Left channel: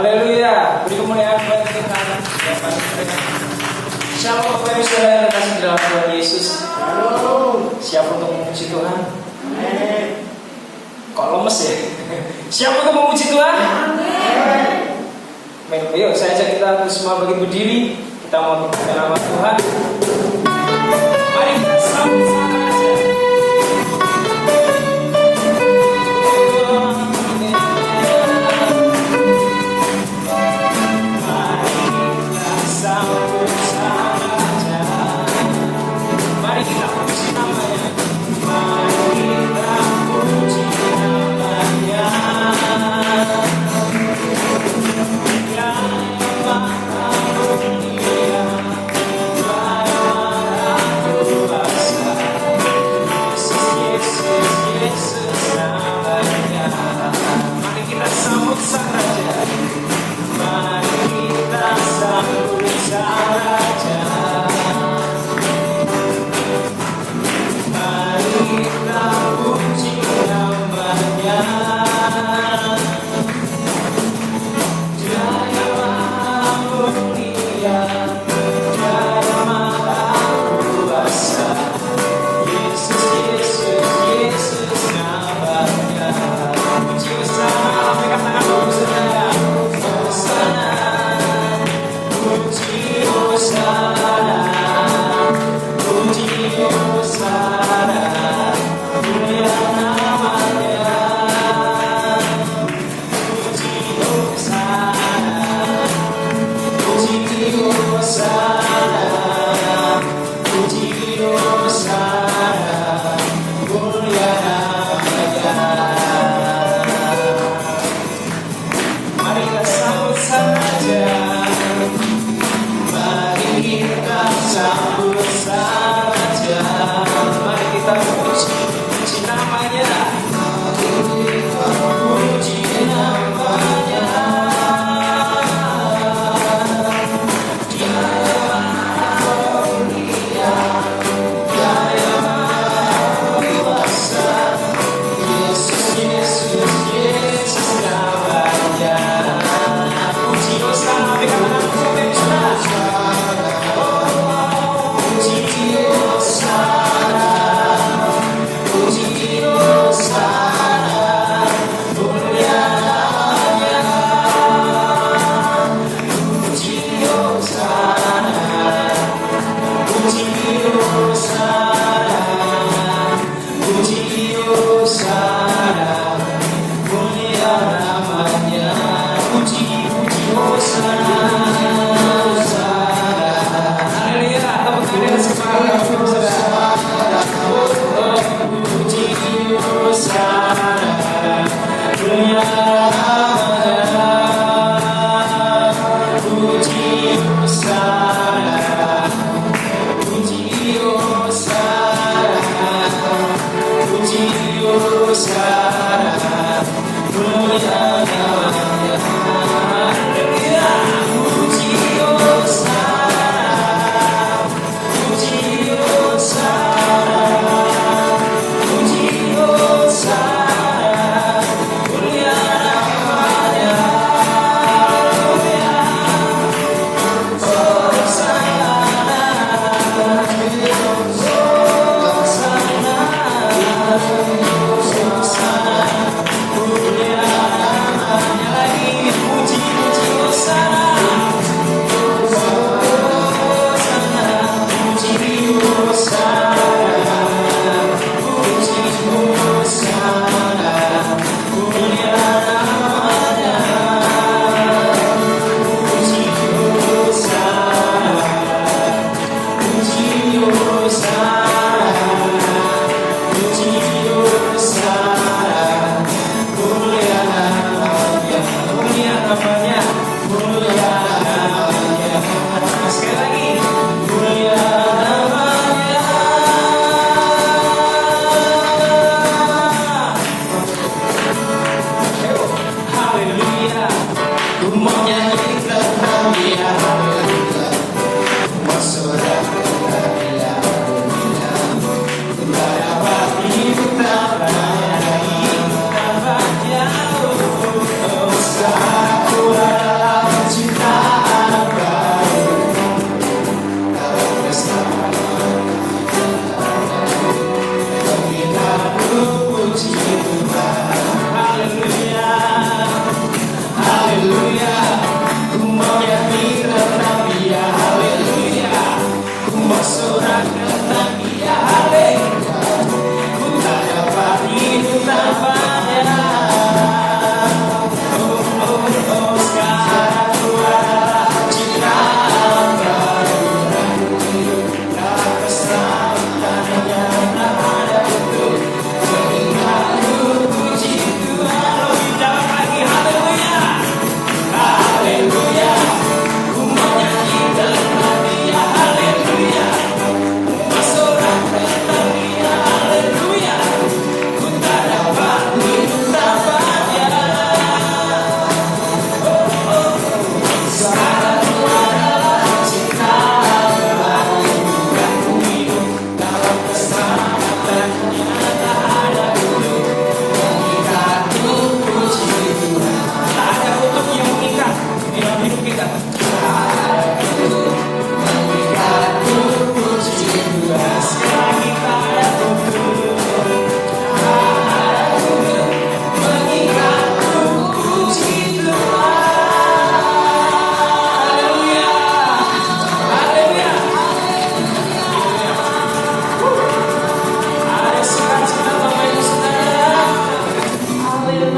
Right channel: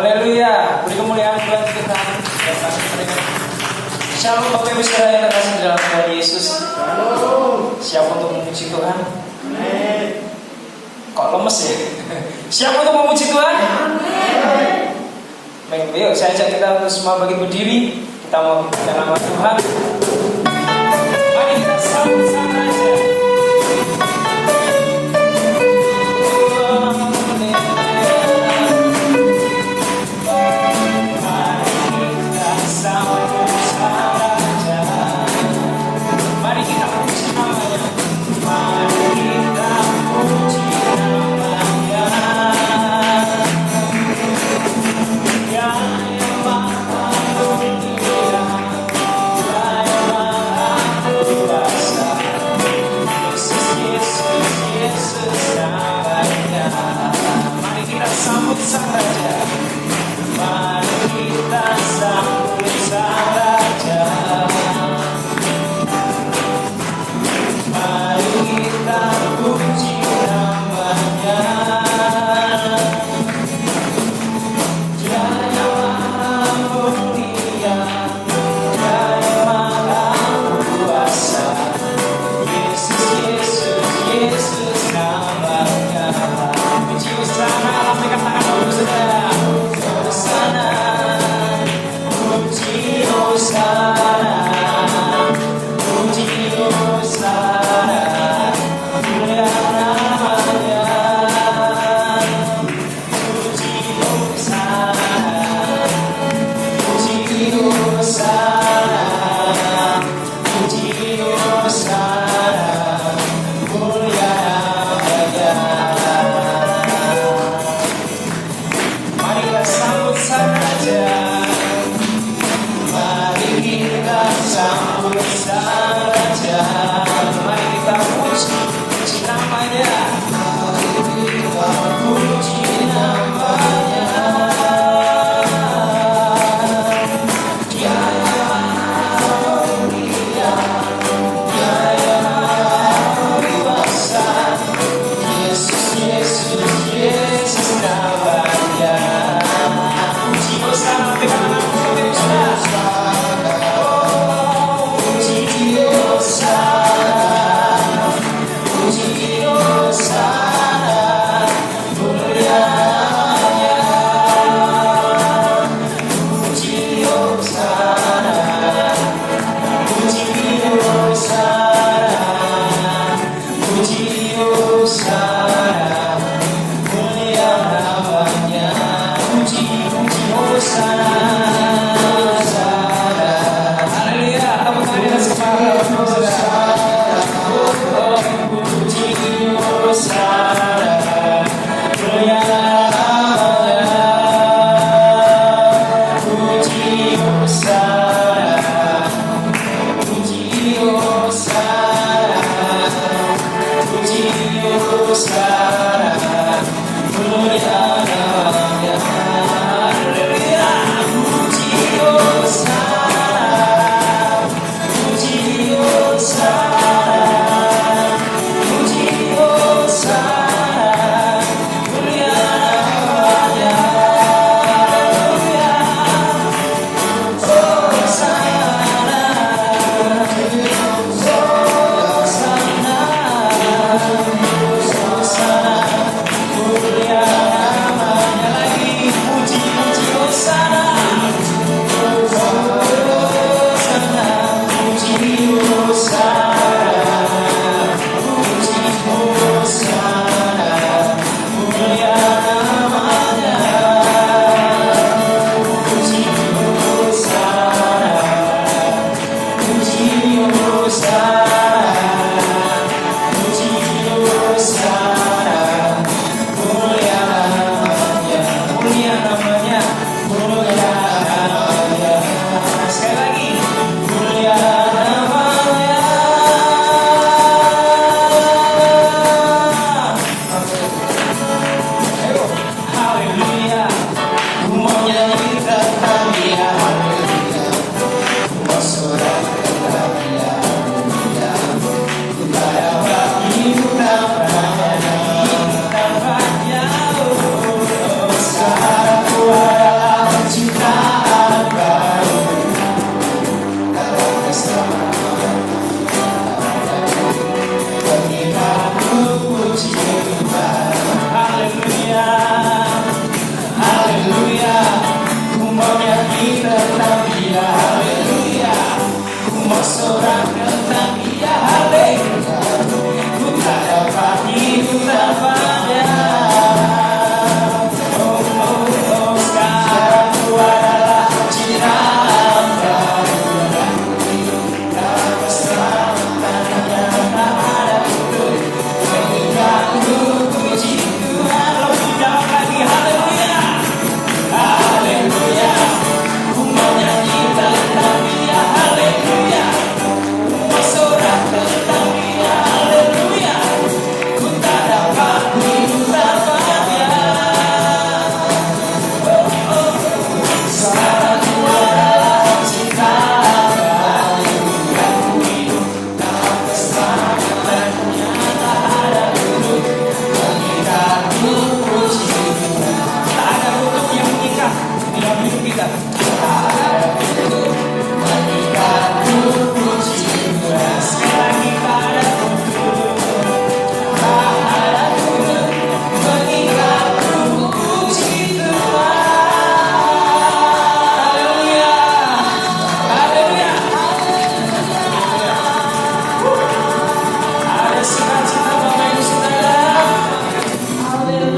Haleluya. Beri kemuliaan buat Tuhan. Shalom Bapak Ibu Saudara yang terkasih dalam Tuhan Yesus. Siap untuk memuji Tuhan? Kok lemes ya? Siap untuk memuji Tuhan? Baik, yuk saya ajak kita untuk semua bagi berdiri. Kita mau berdoa nama Tuhan. Mari kita sama-sama aja.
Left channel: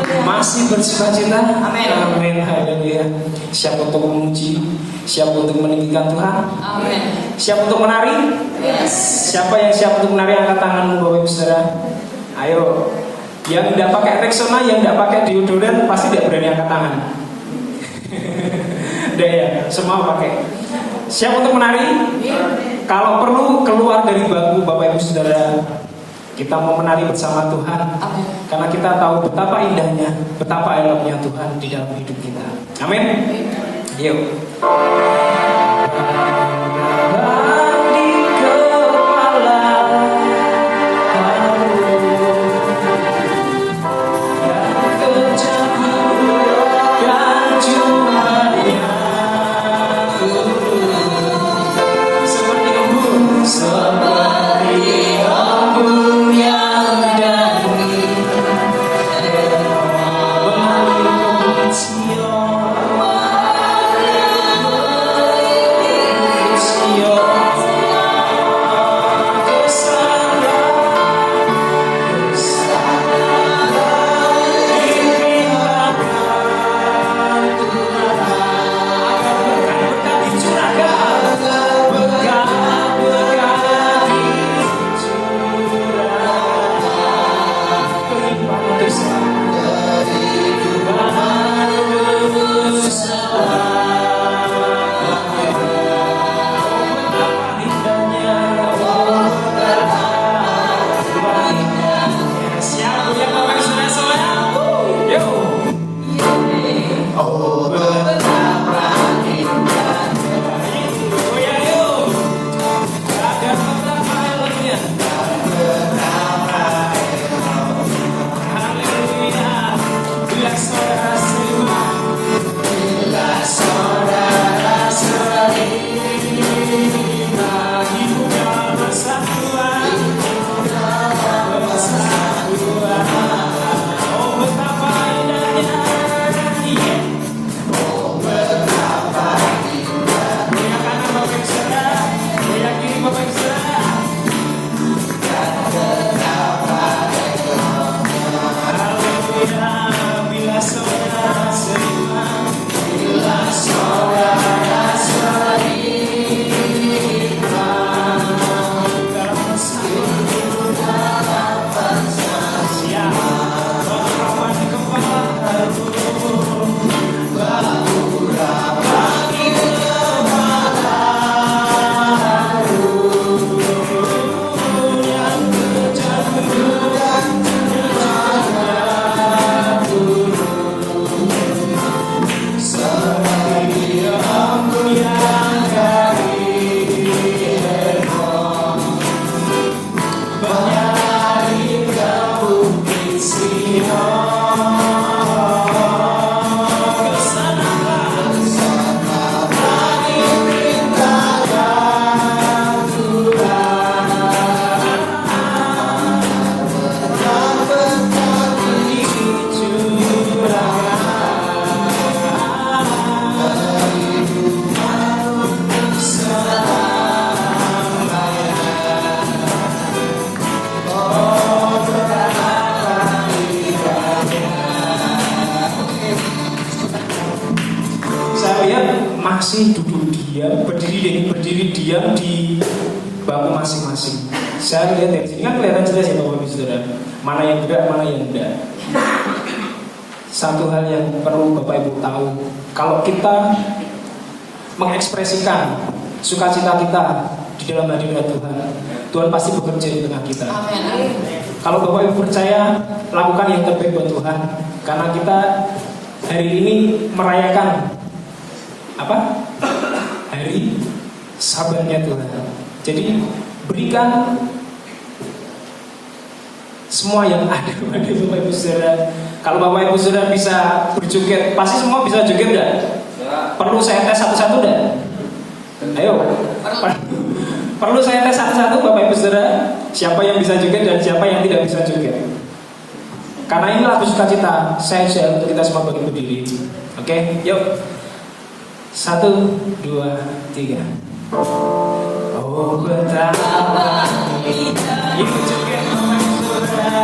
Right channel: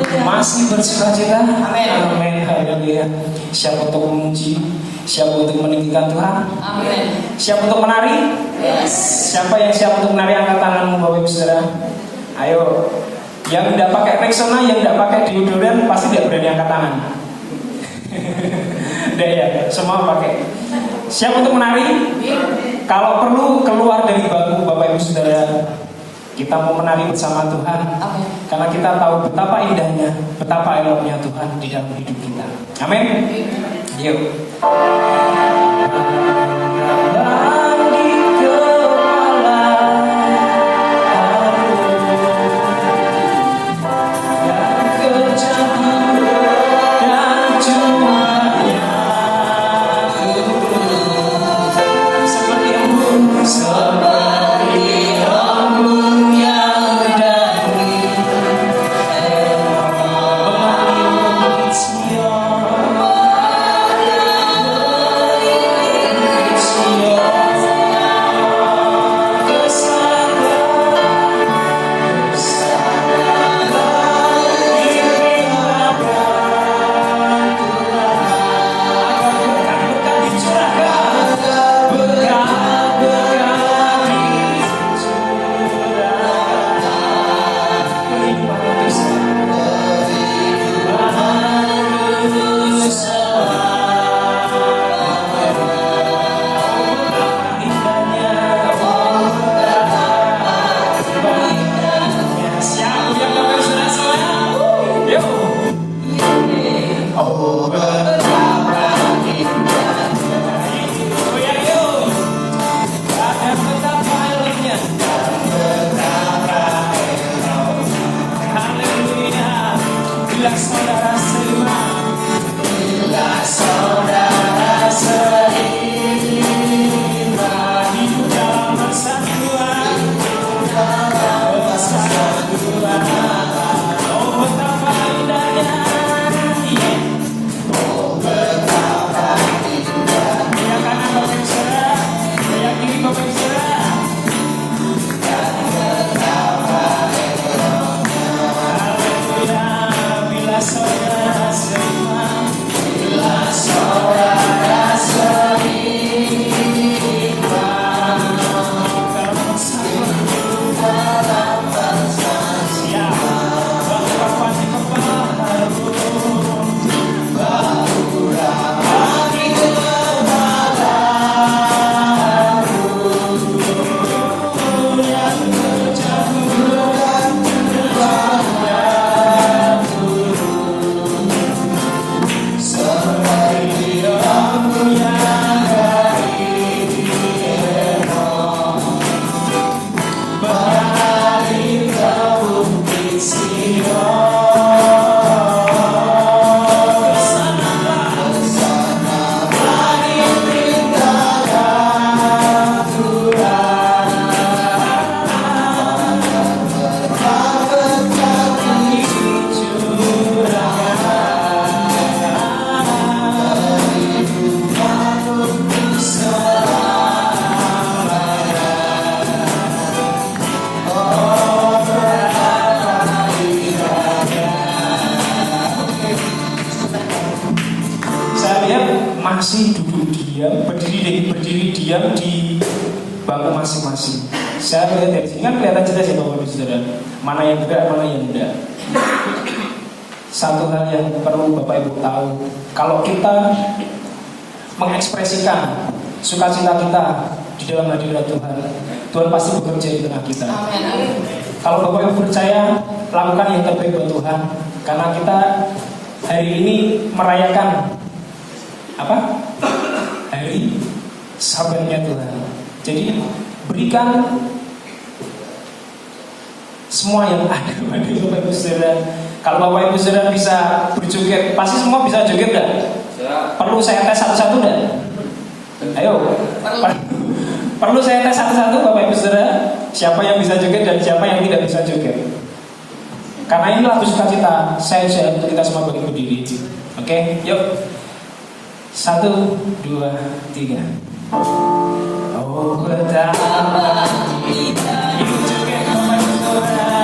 Masih bersukacita. Amin. Haleluya. Siap untuk memuji, siap untuk meninggikan Tuhan. Amin. Siap untuk menari? Yes. Siapa yang siap untuk menari, angkat tanganmu Bapak Ibu Saudara. Ayo. Yang tidak pakai Rexona, yang tidak pakai deodoran pasti tidak berani angkat tangan. Udah ya, semua pakai. Siap untuk menari? Kalau perlu keluar dari bangku Bapak Ibu Saudara. Kita mau menari bersama Tuhan. Karena kita tahu betapa indahnya, betapa eloknya Tuhan di dalam hidup kita. Amin. Yuk. Masih duduk diam, berdiri diam di bangku masing-masing. Saya melihat dari sini kan kelihatan jelas ya Bapak Ibu Saudara, mana yang benar, mana yang tidak. Satu hal yang perlu Bapak Ibu tahu, kalau kita mengekspresikan sukacita kita di dalam hadirat Tuhan, Tuhan pasti bekerja di tengah kita. Kalau Bapak Ibu percaya, lakukan yang terbaik buat Tuhan, karena kita hari ini merayakan apa? Hari sabarnya Tuhan. Jadi berikan semua yang ada kepada Bapak Ibu Saudara. Kalau Bapak Ibu Saudara bisa berjoget, pasti semua bisa joget ya? Perlu saya tes satu-satu enggak? Ayo. Perlu saya tes satu-satu Bapak Ibu Saudara, siapa yang bisa joget dan siapa yang tidak bisa joget. Karena ini lagu sukacita, saya ajak kita semua berdiri. Oke, yuk. 1, 2, 3. Oh betapa indah. Yuk joget Bapak Ibu Saudara.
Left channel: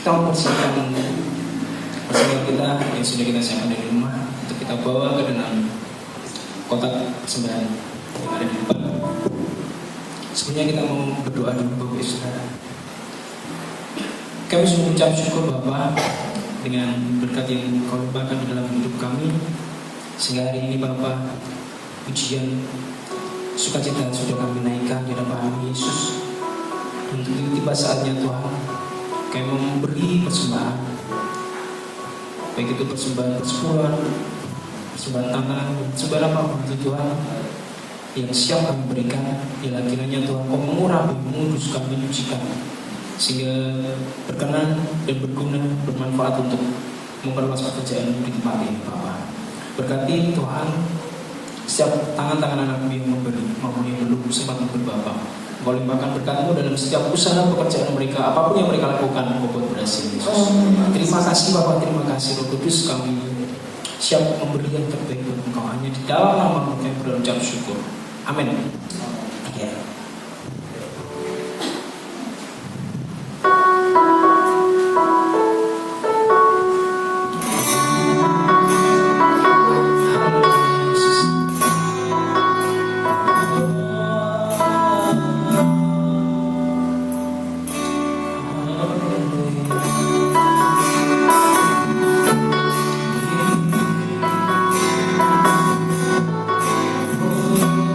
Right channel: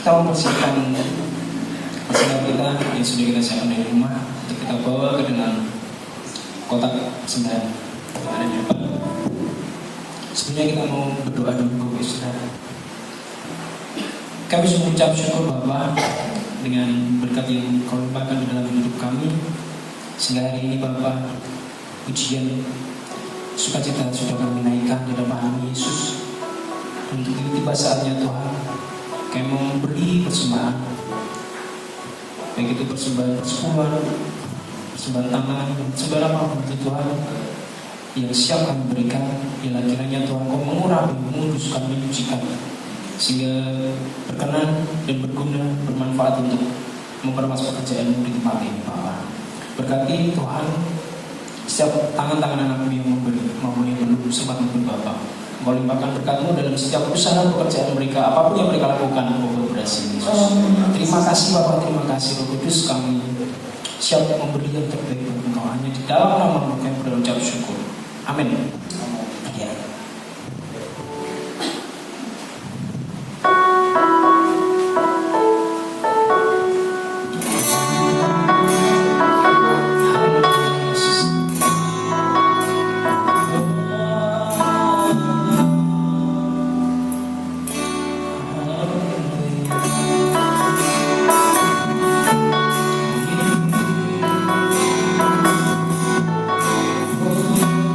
kita mempersiapkan persiapan kita yang sudah kita siapkan dari rumah untuk kita bawa ke dalam kotak persembahan yang ada di depan. Sebenarnya kita mau berdoa dulu, saudara. Kami sungguh mengucap syukur Bapa dengan berkat yang Kau limpahkan di dalam hidup kami, sehingga hari ini Bapa, pujian sukacita sudah kami naikkan di dalam kami Yesus. Untuk ini tiba saatnya Tuhan, kami memberi persembahan, baik itu persembahan persepuluhan, persembahan tangan, persembahan apapun itu Tuhan yang siap kami berikan. Ialah kiranya Tuhan Kau mengurang dan mengutus kami menyucikan, sehingga berkenan dan berguna, bermanfaat untuk memperluas pekerjaan di tempat ini Bapak. Berkati Tuhan setiap tangan-tangan anak-Mu yang memberi maupun yang belum sempat memberi Bapak. Kau limpahkan berkat-Mu dalam setiap usaha pekerjaan mereka, apapun yang mereka lakukan, Kau berhasil Yesus. Terima kasih Bapak, terima kasih Roh Kudus, kami siap memberi yang terbaik untuk hanya di dalam nama-Mu kami berucap syukur. Amin. Ya. Oh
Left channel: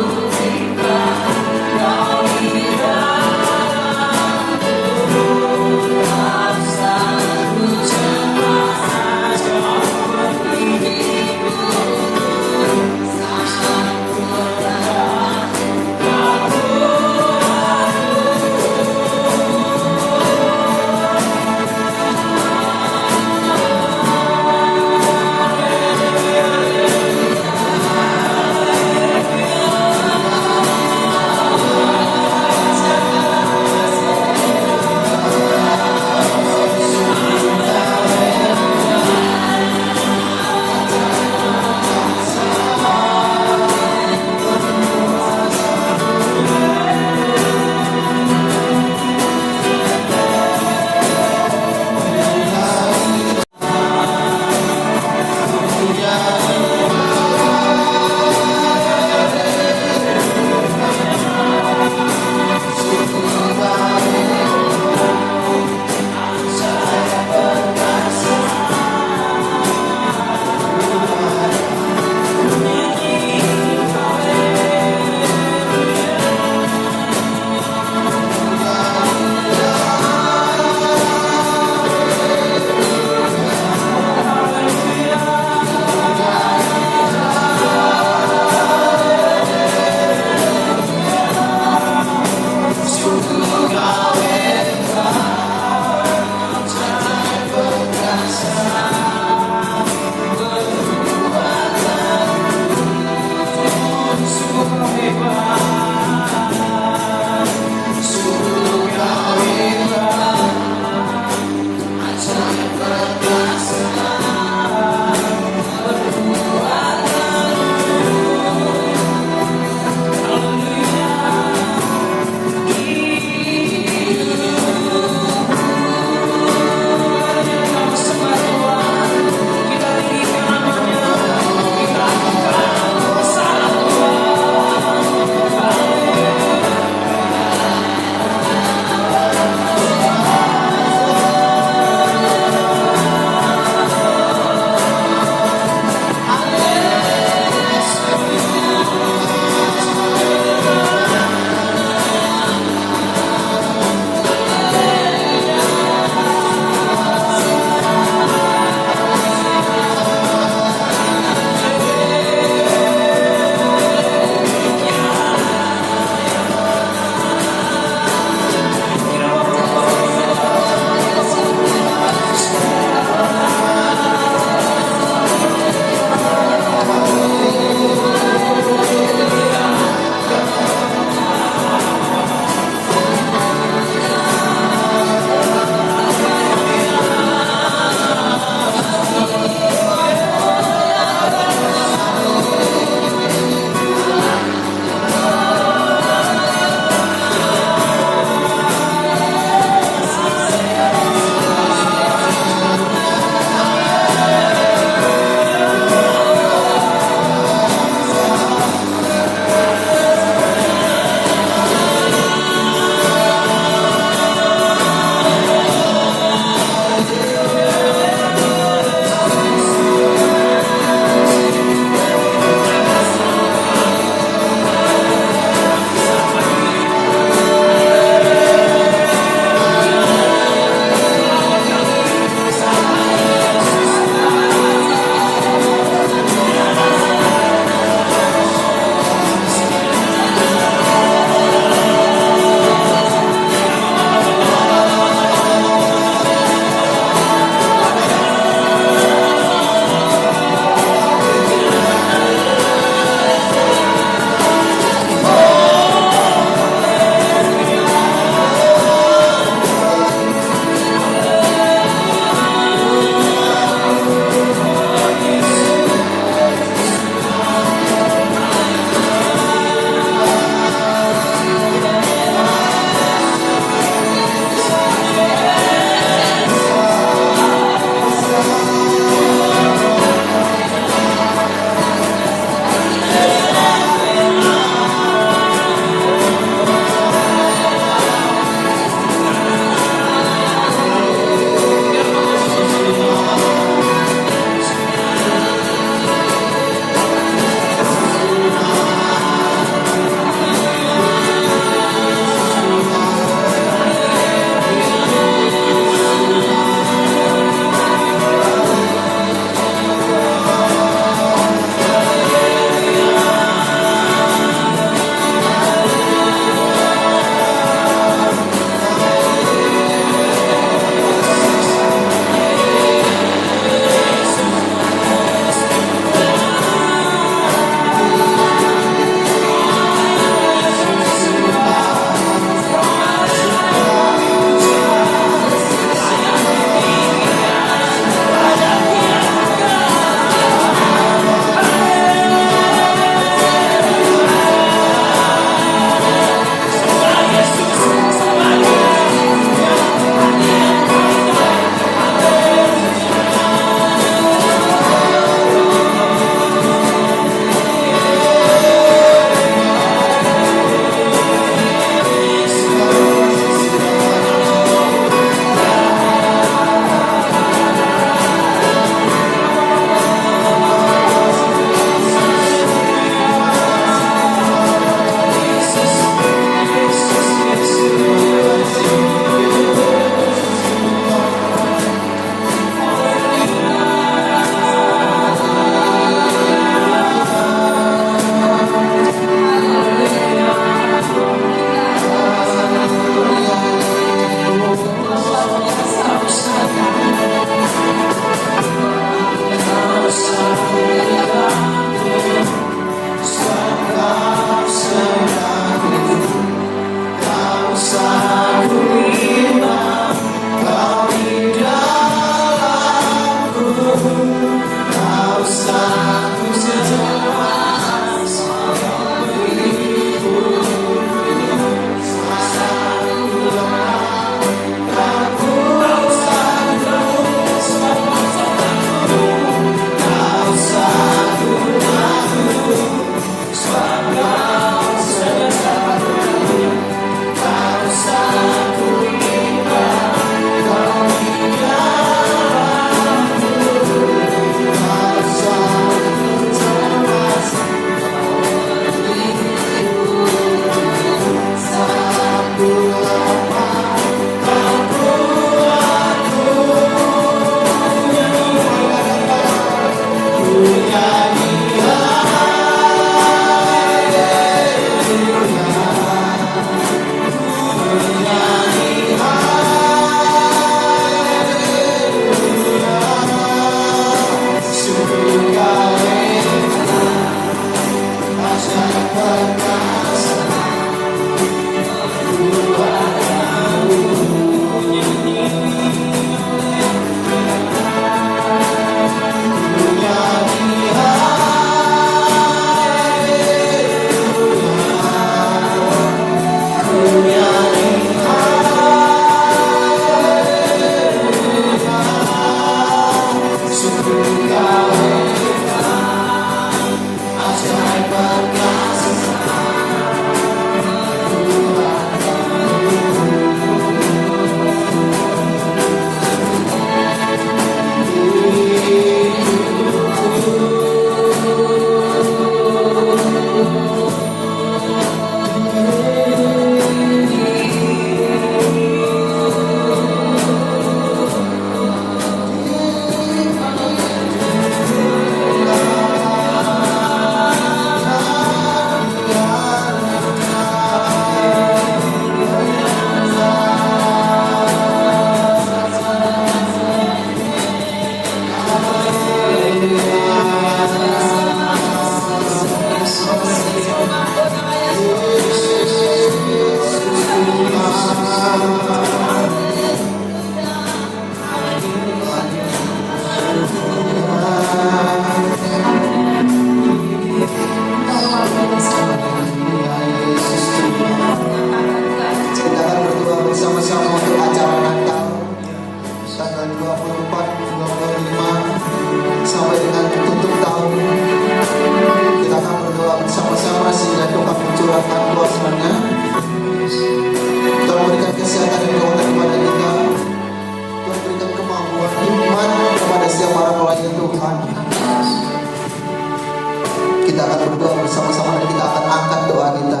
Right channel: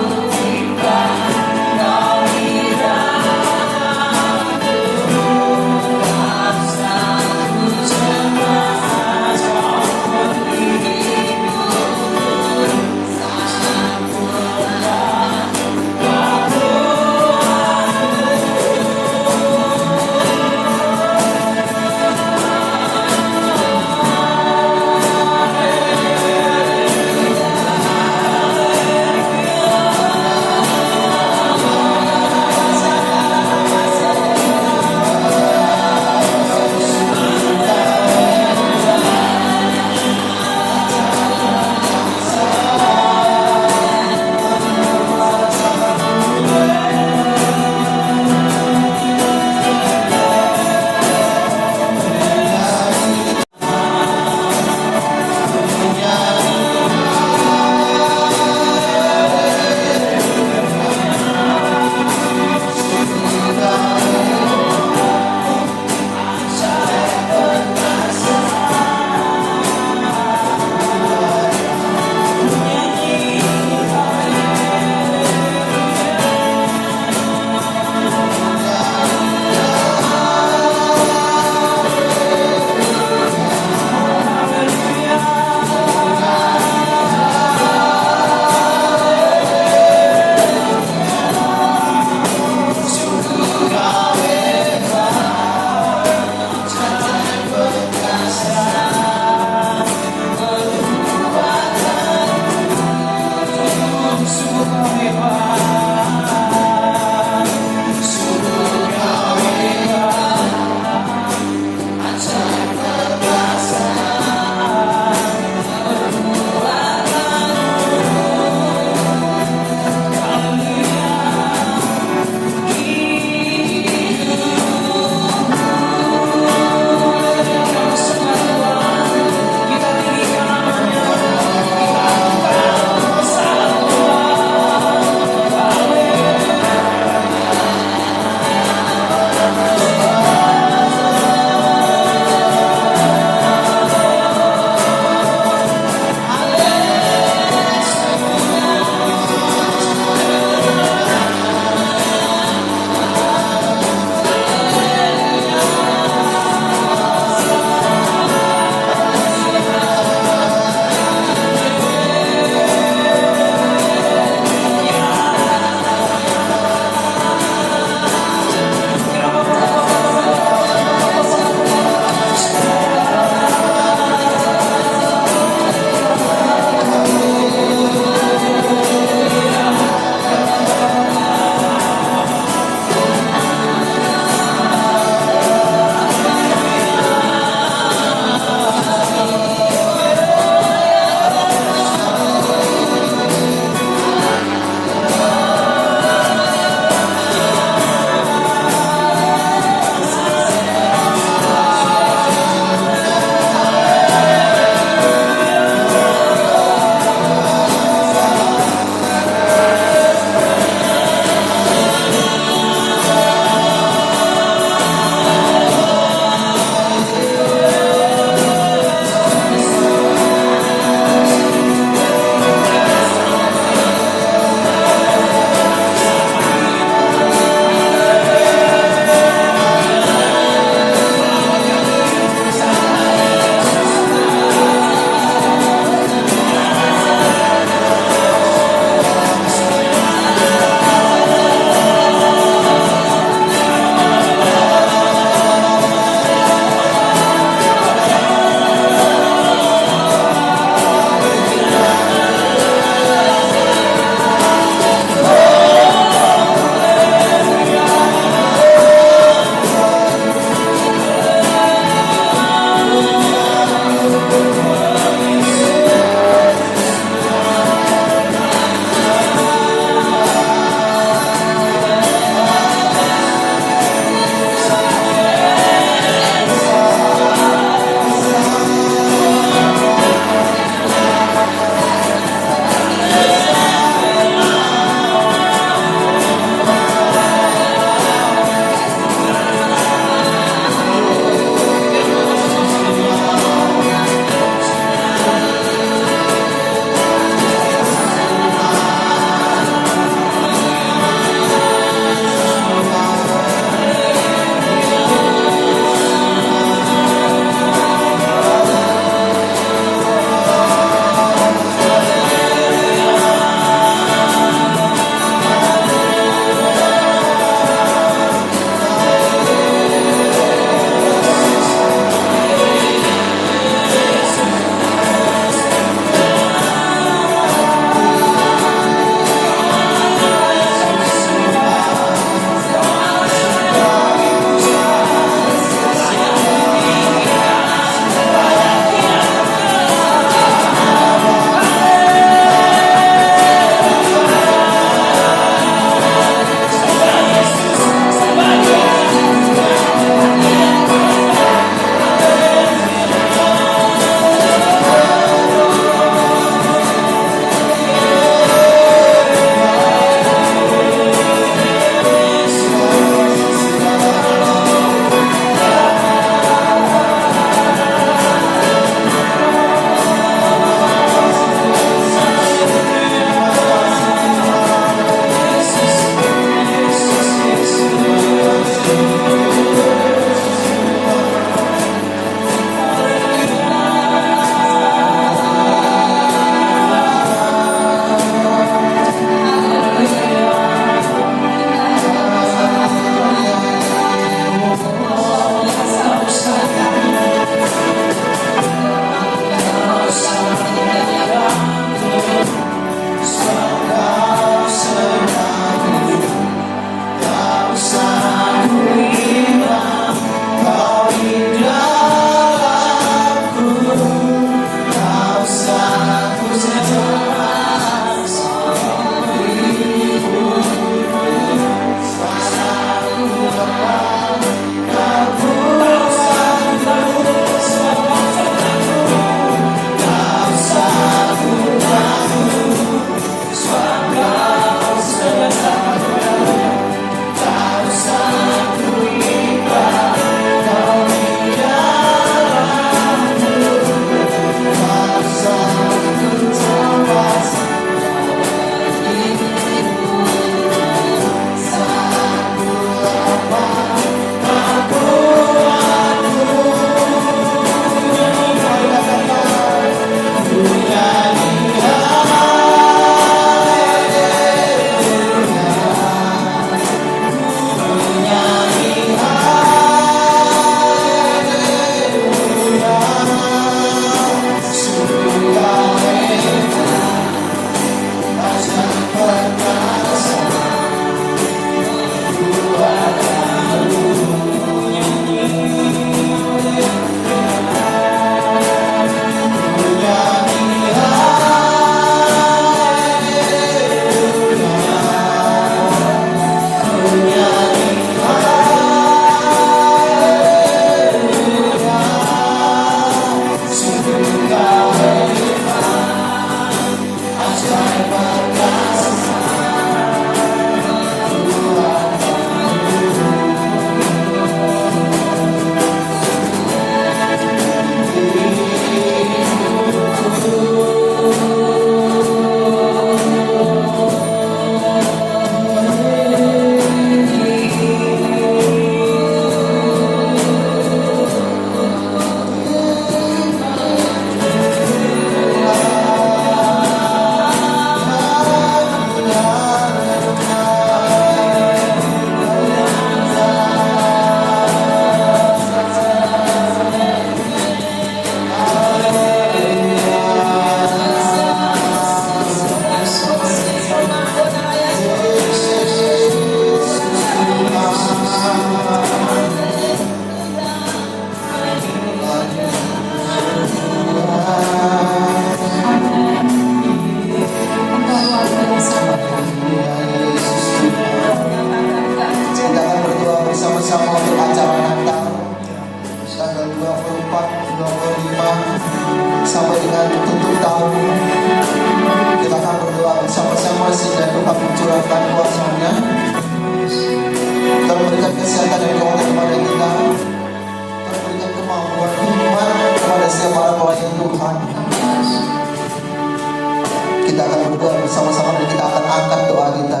Kita akan berdoa bersama-sama dan kita akan angkat doa kita.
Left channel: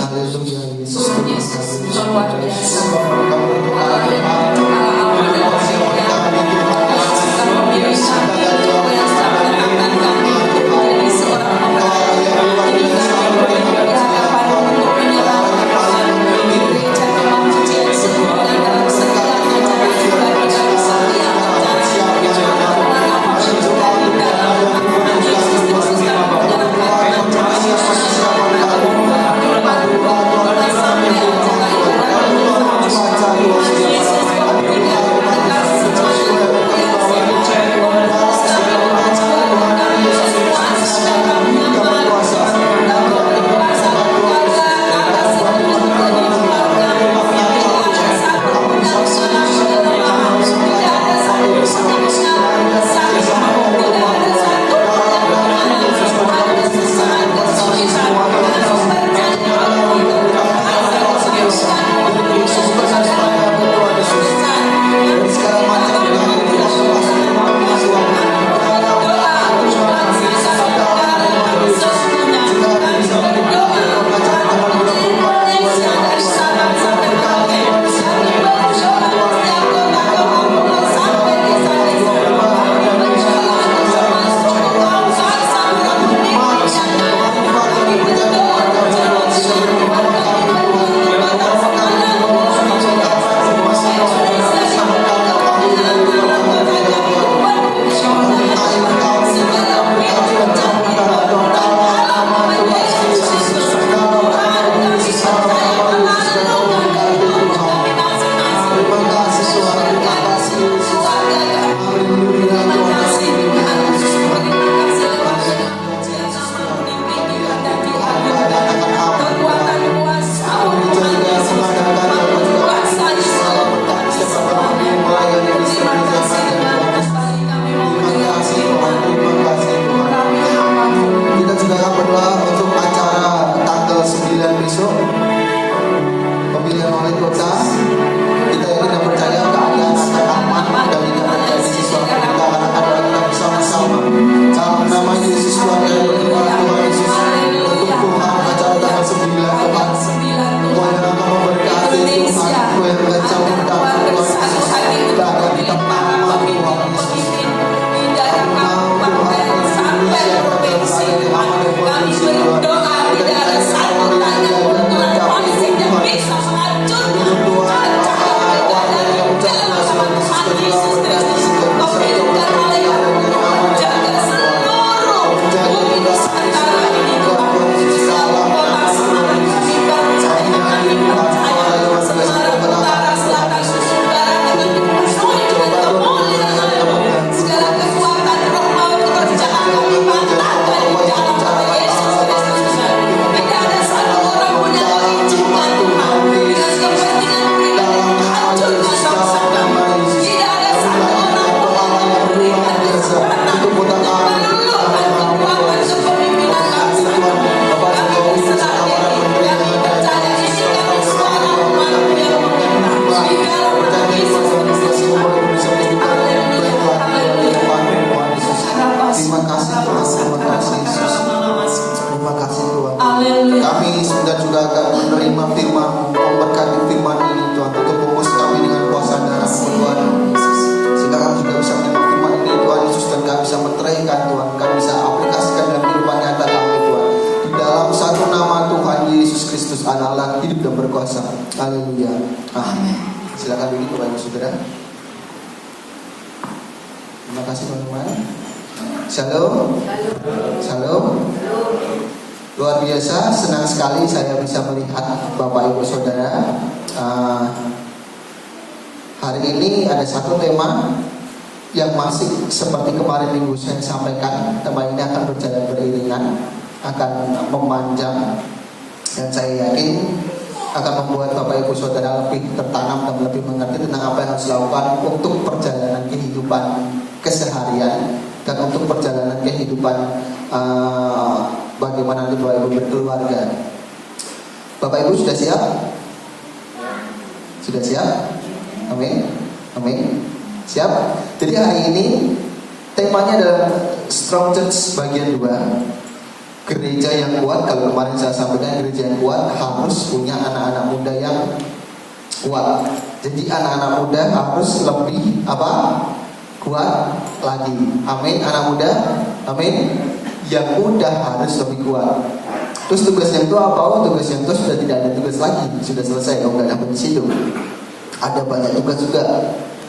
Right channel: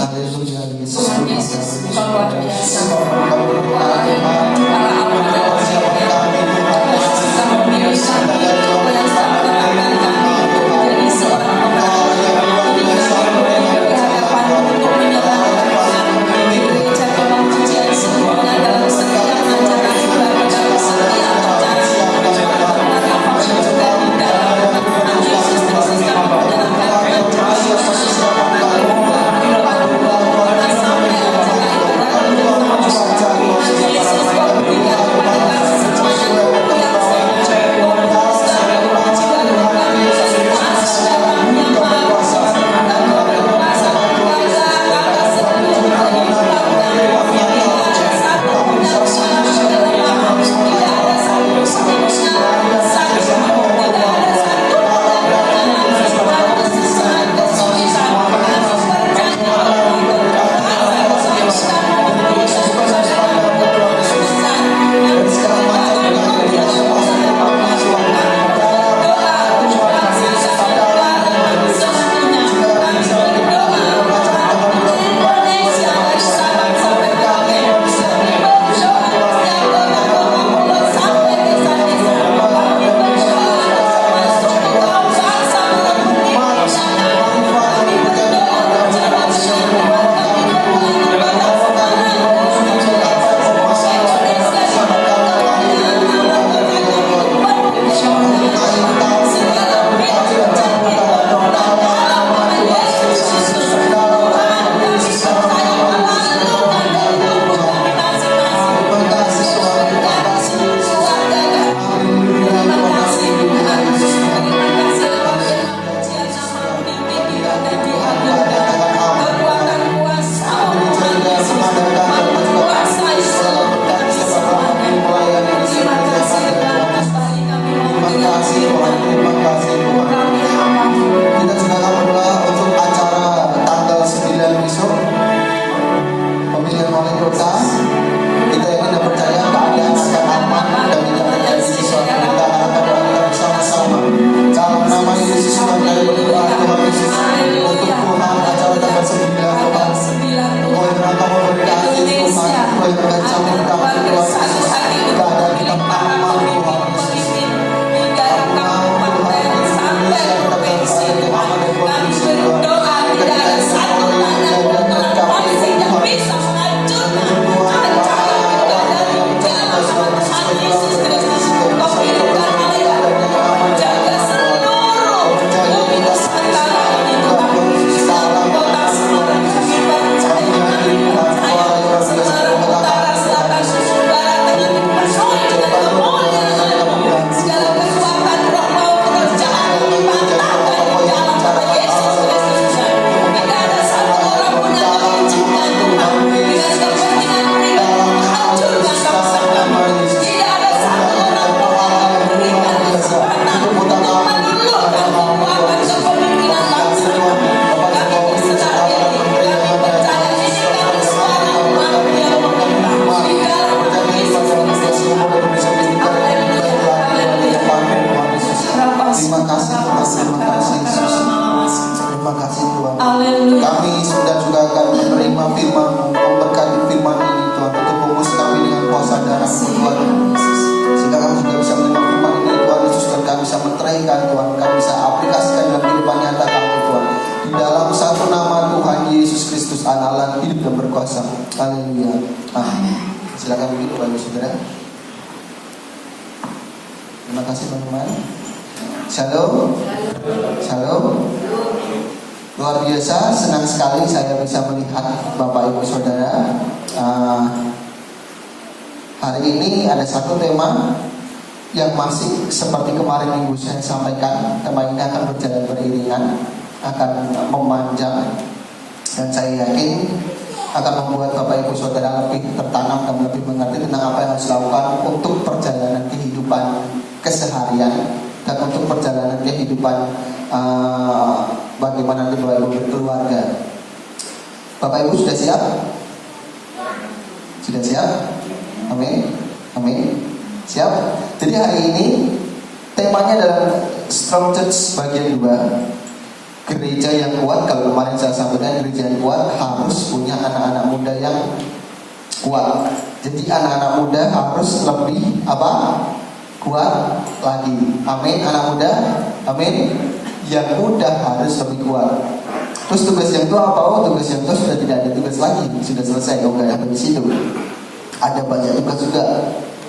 Haleluya, Yesus. Terima kasih teman-teman. Shalom. Shalom. Luar biasa, senang sekali saya bisa melihat Bapak Ibu Saudara. Hari ini ada satu tema yang masih seperti kemarin minggu saya sampaikan. Tema ini akan berjalan beriringan, akan memanjang, dan saya yakin akan membuat Bapak Ibu Saudara lebih tertanam dan lebih mengerti tentang apa yang harus dilakukan untuk perjalanan kehidupan keseharian dan untuk perjalanan kehidupan bagaimana nanti berkeluarga. Bapak Ibu sudah siap? Sudah siap? Amin. Amin. Siap? Jadi hari ini temanya adalah Strong Church bagian 2. gereja yang kuat, kalau kemarin saya sampaikan gereja yang kuat harus punya anak-anak muda yang kuat. Jadi anak-anak muda harus lebih apa? Kuat lagi. Amin. Anak muda, amin. Yang muda harus lebih kuat. Terus tugas yang tua apa? Oh, tugas yang tua sudah tidak ada tugas lagi, sudah selesai. Kalau nggak ada di situ, ada banyak tugas juga.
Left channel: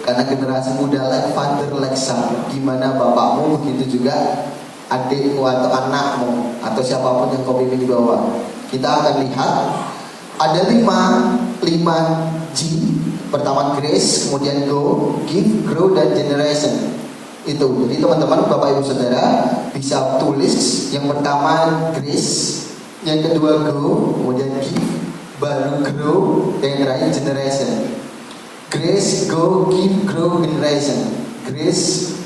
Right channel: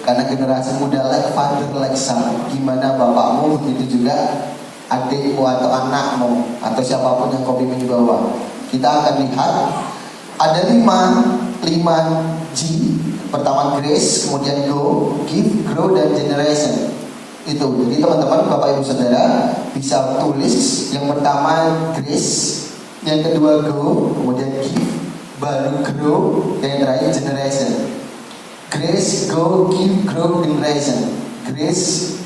Karena generasi muda like father like son. Gimana bapakmu, begitu juga adikmu atau anakmu atau siapapun yang kau pimpin di bawah. Kita akan lihat ada 5 G. Pertama grace, kemudian go, give, grow, dan generation. Itu. Jadi teman-teman, Bapak Ibu Saudara bisa tulis yang pertama grace, yang kedua go, kemudian give, baru grow, yang terakhir generation. Grace, go, give, grow, generation. Grace,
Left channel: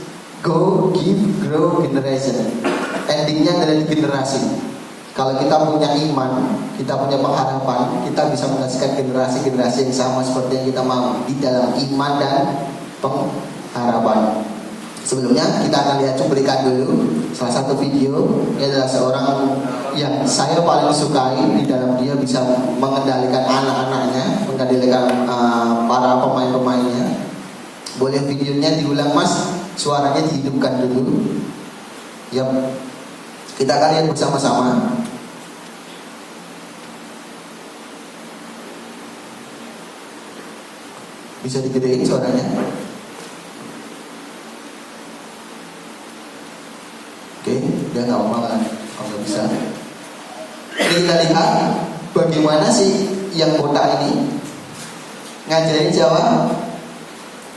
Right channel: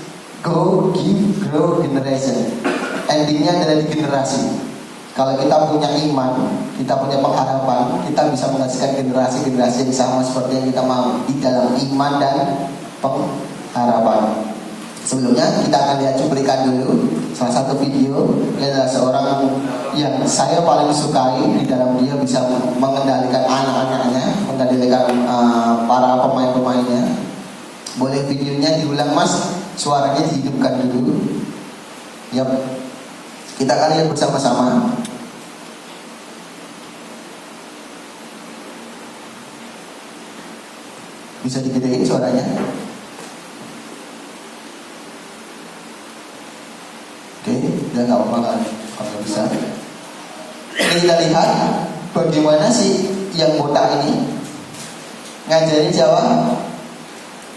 go, give, grow, generation. Endingnya adalah generasi. Kalau kita punya iman, kita punya pengharapan, kita bisa menghasilkan generasi-generasi yang sama seperti yang kita mau di dalam iman dan pengharapan. Sebelumnya kita akan lihat cuplikan dulu salah satu video. Ini adalah seorang yang saya paling sukai di dalam dia bisa mengendalikan anak-anaknya, mengendalikan para pemain-pemainnya. Boleh videonya diulang mas, suaranya dihidupkan dulu. Yap. Kita akan lihat bersama-sama. Bisa digedein suaranya. Oke, dia nggak apa-apa kalau bisa. Ini kita lihat bagaimana sih yang botak ini ngajarin Jawa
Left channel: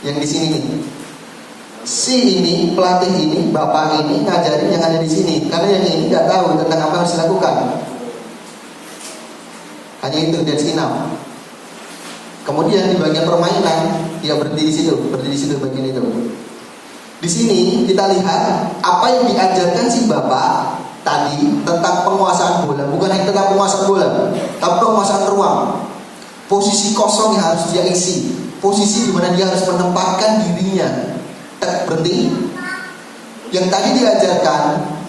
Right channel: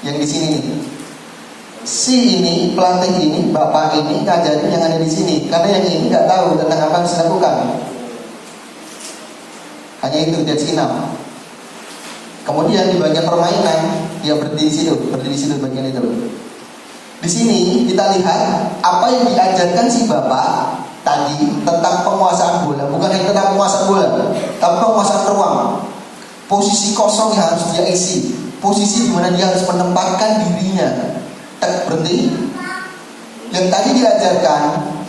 yang di sini nih. Si ini, pelatih ini, bapak ini ngajarin yang ada di sini. Karena yang ini nggak tahu tentang apa yang harus dilakukan. Hanya itu dia enough. Kemudian di bagian permainan dia berdiri di situ bagian itu. Di sini kita lihat apa yang diajarkan si bapak tadi tentang penguasaan bola. Bukan hanya tentang penguasaan bola, tapi penguasaan ruang. Posisi kosong yang harus dia isi. Posisi di mana dia harus menempatkan dirinya. Berhenti. Yang tadi diajarkan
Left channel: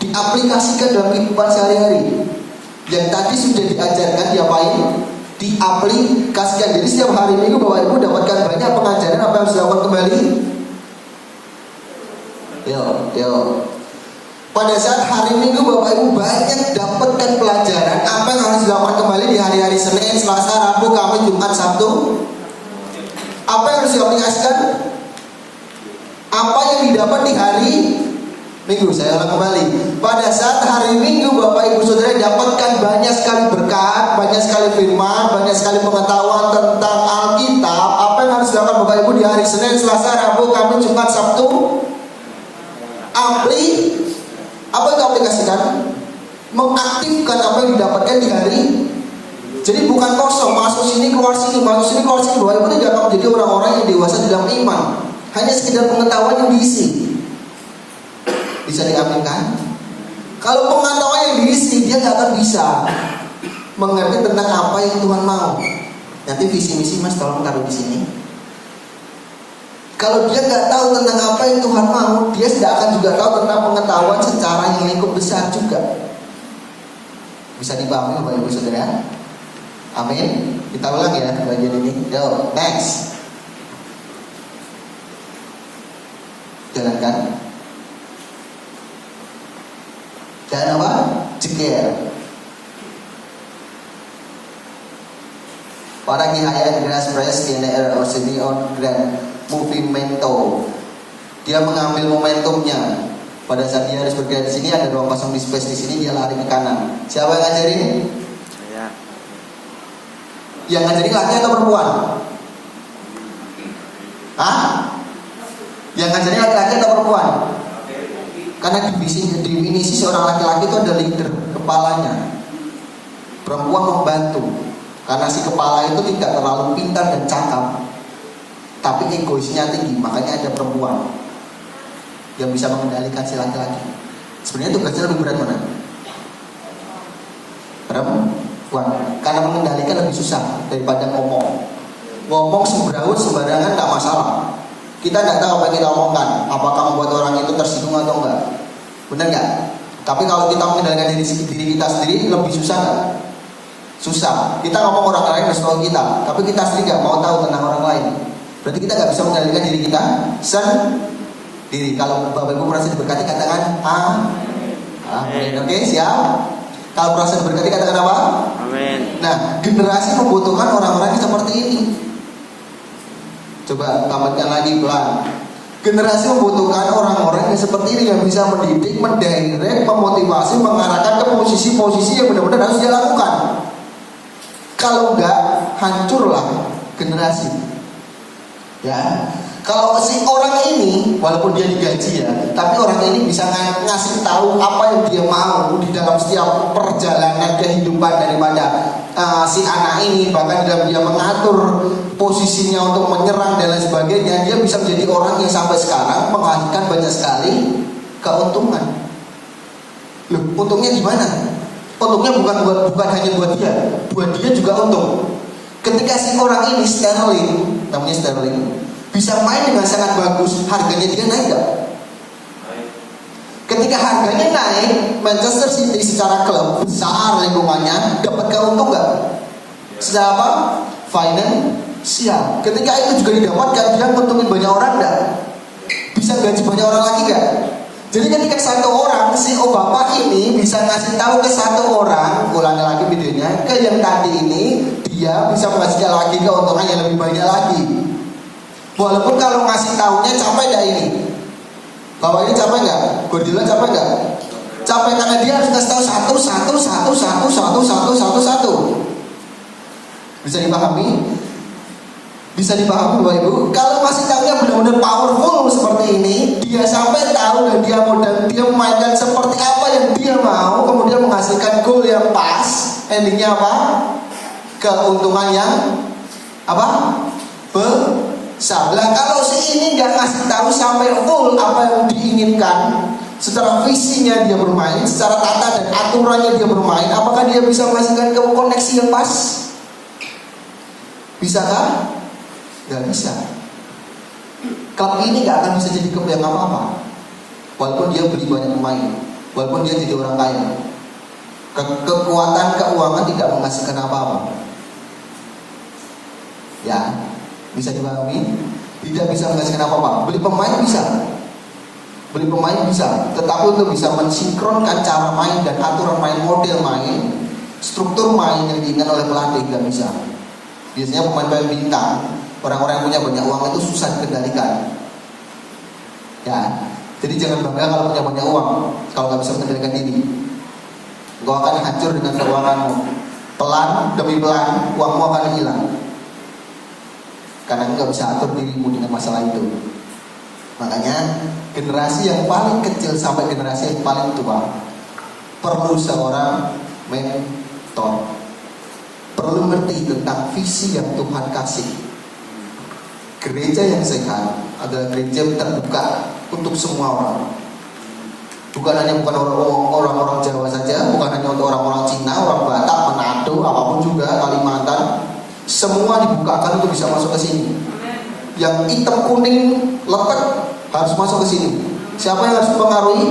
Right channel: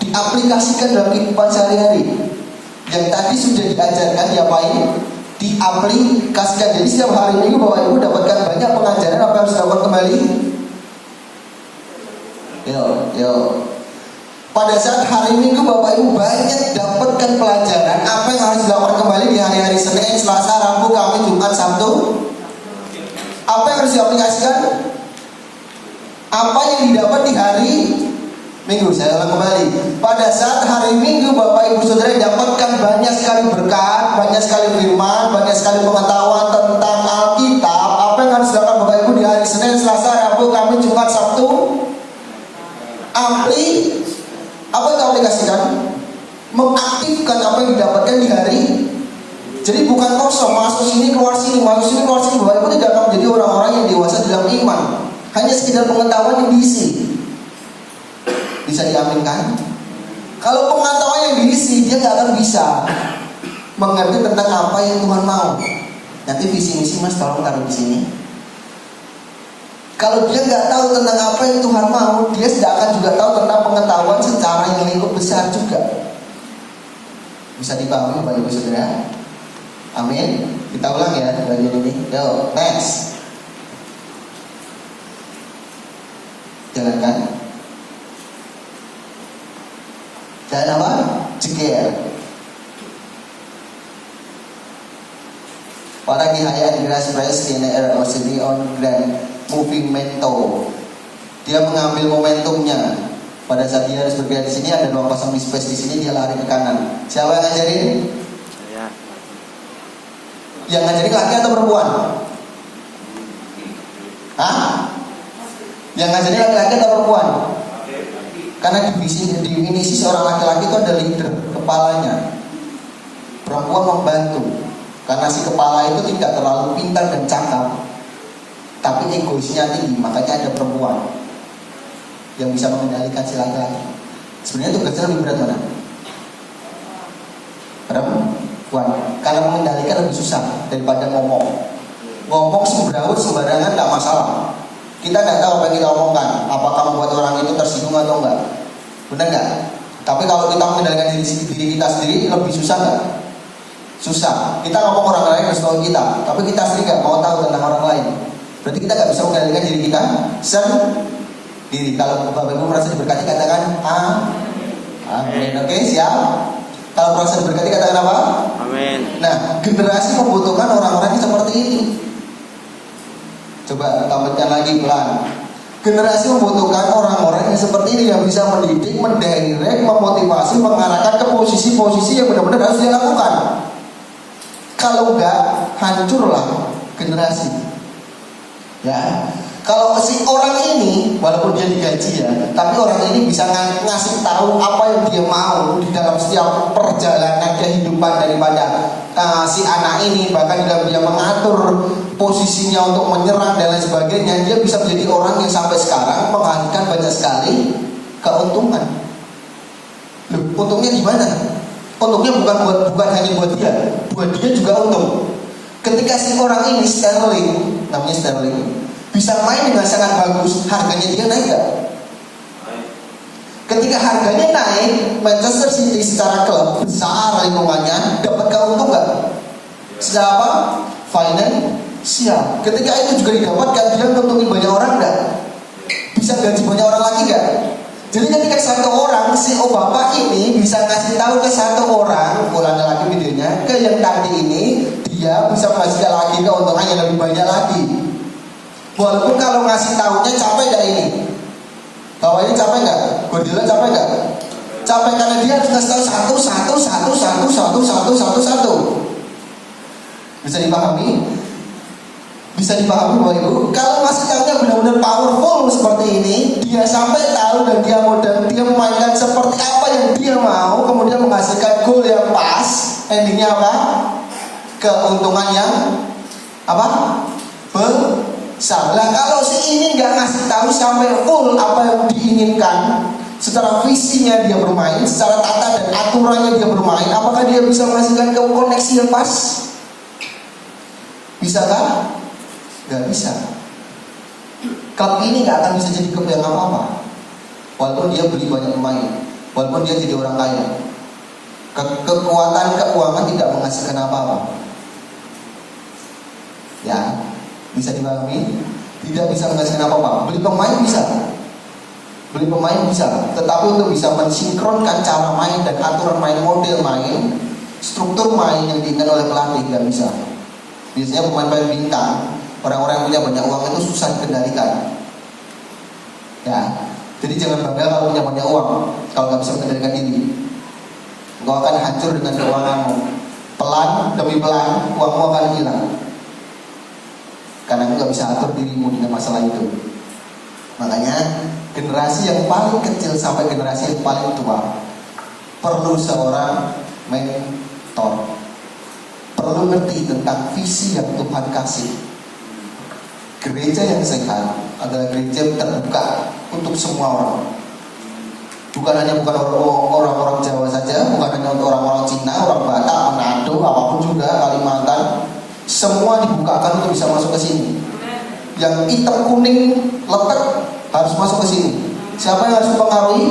diaplikasikan dalam kehidupan sehari-hari. Yang tadi sudah diajarkan diapain? Diaplikasikan. Jadi setiap hari Minggu Bapak Ibu dapatkan banyak pengajaran apa yang harus dilakukan kembali. Yo. Pada saat hari Minggu Bapak Ibu banyak dapatkan pelajaran apa yang harus dilakukan kembali di hari-hari Senin, Selasa, Rabu, Kamis, Jumat, Sabtu. Apa yang harus diaplikasikan? Apa yang didapat di hari Minggu? Saya ulang kembali. Pada saat hari Minggu Bapak Ibu Saudara dapatkan banyak sekali berkat, banyak sekali firman, banyak sekali pengetahuan tentang Alkitab. Apa yang harus dilakukan Bapak Ibu di hari Senin, Selasa, Rabu, Kamis, Jumat, Sabtu? Apa yang diaplikasikan? Mengaktifkan apa yang didapatkan di hari. Jadi bukan kosong, masuk sini keluar sini, masuk sini keluar sini. Bapak Ibu tidak akan menjadi orang-orang yang dewasa dalam iman. Hanya sekedar pengetahuan yang diisi. Bisa diaminkan? Kalau pengetahuan yang diisi, dia nggak akan bisa mengerti tentang apa yang Tuhan mau. Nanti visi misi mas tolong taruh di sini. Kalau dia nggak tahu tentang apa yang Tuhan mau, dia tidak akan juga tahu tentang pengetahuan secara yang lingkup besar juga. Bisa dipahami Bapak Ibu Saudara? Amin. Kita ulang ya bagian ini. Yo, next. Jalankan. Dan apa? Jeger. Orang dihayat Grace Press tiene el on grand movimento. Dia mengambil momentumnya. Pada saat dia harus bergerak di sini ada 2-0 di space di sini dia lari ke kanan. Siapa yang ngajarin? Saya. Yang ngajarin laki atau perempuan? Hah? Yang ngajarin laki-laki atau perempuan? Karena definisi seorang laki-laki itu ada leader, kepalanya. Perempuan membantu. Karena si kepala itu tidak terlalu pintar dan cakap, tapi egoisnya tinggi, makanya ada perempuan yang bisa mengendalikan si laki-laki. Sebenarnya tugasnya lebih berat mana? Perempuan. Karena mengendalikan lebih susah daripada ngomong. Ngomong sembarangan tak masalah. Kita nggak tahu apa yang kita omongkan, apakah membuat orang itu tersinggung atau enggak. Benar nggak? Tapi kalau kita mengendalikan diri kita sendiri lebih susah nggak? Susah. Kita ngomong orang lain harus tahu kita, tapi kita sendiri nggak mau tahu tentang orang lain. Berarti kita nggak bisa mengendalikan diri kita sendiri. Kalau Bapak Ibu merasa diberkati katakan amin. Oke, siap. Kalau merasa diberkati katakan apa? Amin. Nah, generasi membutuhkan orang-orang yang seperti ini. Coba tambahkan lagi pelan. Generasi membutuhkan orang-orang yang seperti ini, yang bisa mendidik, mendirect, memotivasi, mengarahkan ke posisi-posisi yang benar-benar harus dilakukan. Kalau enggak, hancurlah generasi. Ya, kalau si orang ini, walaupun dia digaji ya, tapi orang ini bisa ngasih tahu apa yang dia mau di dalam setiap perjalanan kehidupan daripada si anak ini, bahkan dalam dia mengatur posisinya untuk menyerang dan lain sebagainya, dia bisa menjadi orang yang sampai sekarang menghasilkan banyak sekali keuntungan. Loh, untungnya di mana? Untungnya bukan hanya buat dia juga untung. Ketika si orang ini Sterling, namanya Sterling, bisa main dengan sangat bagus, harganya dia naik gak? Ketika harganya naik, Manchester City secara klub besar lingkungannya dapat keuntungan gak? Secara apa? Finansial. Ketika itu juga didapatkan, dia menguntungin banyak orang gak? Bisa gaji banyak orang lagi gak? Jadi ketika satu orang, si bapak ini bisa ngasih tahu ke satu orang, ulangi lagi videonya, ke yang tadi ini, dia bisa menghasilkan lagi keuntungan yang lebih banyak lagi. Walaupun kalau ngasih tahunya capek gak ini? Bapak ini capek gak? Guardiola capek gak? Capek karena dia harus ngasih tahu satu. Bisa dipahami? Bisa dipahami Bapak Ibu? Kalau ngasih tahunya benar-benar powerful seperti ini, dia sampai tahu dan dia memainkan seperti apa yang dia mau, kemudian menghasilkan gol yang pas. Endingnya apa? Keuntungan yang apa? Besar. Nah, kalau si ini nggak ngasih tahu sampai full apa yang diinginkan, secara visinya dia bermain, secara tata dan aturannya dia bermain, apakah dia bisa menghasilkan koneksi yang pas? Bisakah? Gak bisa. Klub ini gak akan bisa jadi klub yang apa-apa, walaupun dia beli banyak pemain, walaupun dia jadi orang kaya. Kekuatan keuangan tidak menghasilkan apa-apa. Ya, bisa dipahami? Tidak bisa menghasilkan apa-apa. Beli pemain bisa, tetapi untuk bisa mensinkronkan cara main dan aturan main, model main, struktur main yang diinginkan oleh pelatih gak bisa. Biasanya pemain-pemain bintang, orang-orang yang punya banyak uang itu susah dikendalikan. Ya, jadi jangan bangga kalau punya banyak uang, kalau nggak bisa mengendalikan diri. Engkau akan hancur dengan keuanganmu. Pelan demi pelan, uangmu akan hilang. Karena engkau nggak bisa atur dirimu dengan masalah itu. Makanya generasi yang paling kecil sampai generasi yang paling tua perlu seorang mentor. Perlu ngerti tentang visi yang Tuhan kasih. Gereja yang sehat adalah gereja yang terbuka untuk semua orang. Bukan hanya orang-orang Jawa saja, bukan hanya untuk orang-orang Cina, orang Batak, Manado, apapun juga, Kalimantan. Semua dibukakan untuk bisa masuk ke sini. Yang hitam kuning letak harus masuk ke sini. Siapa yang harus mempengaruhi?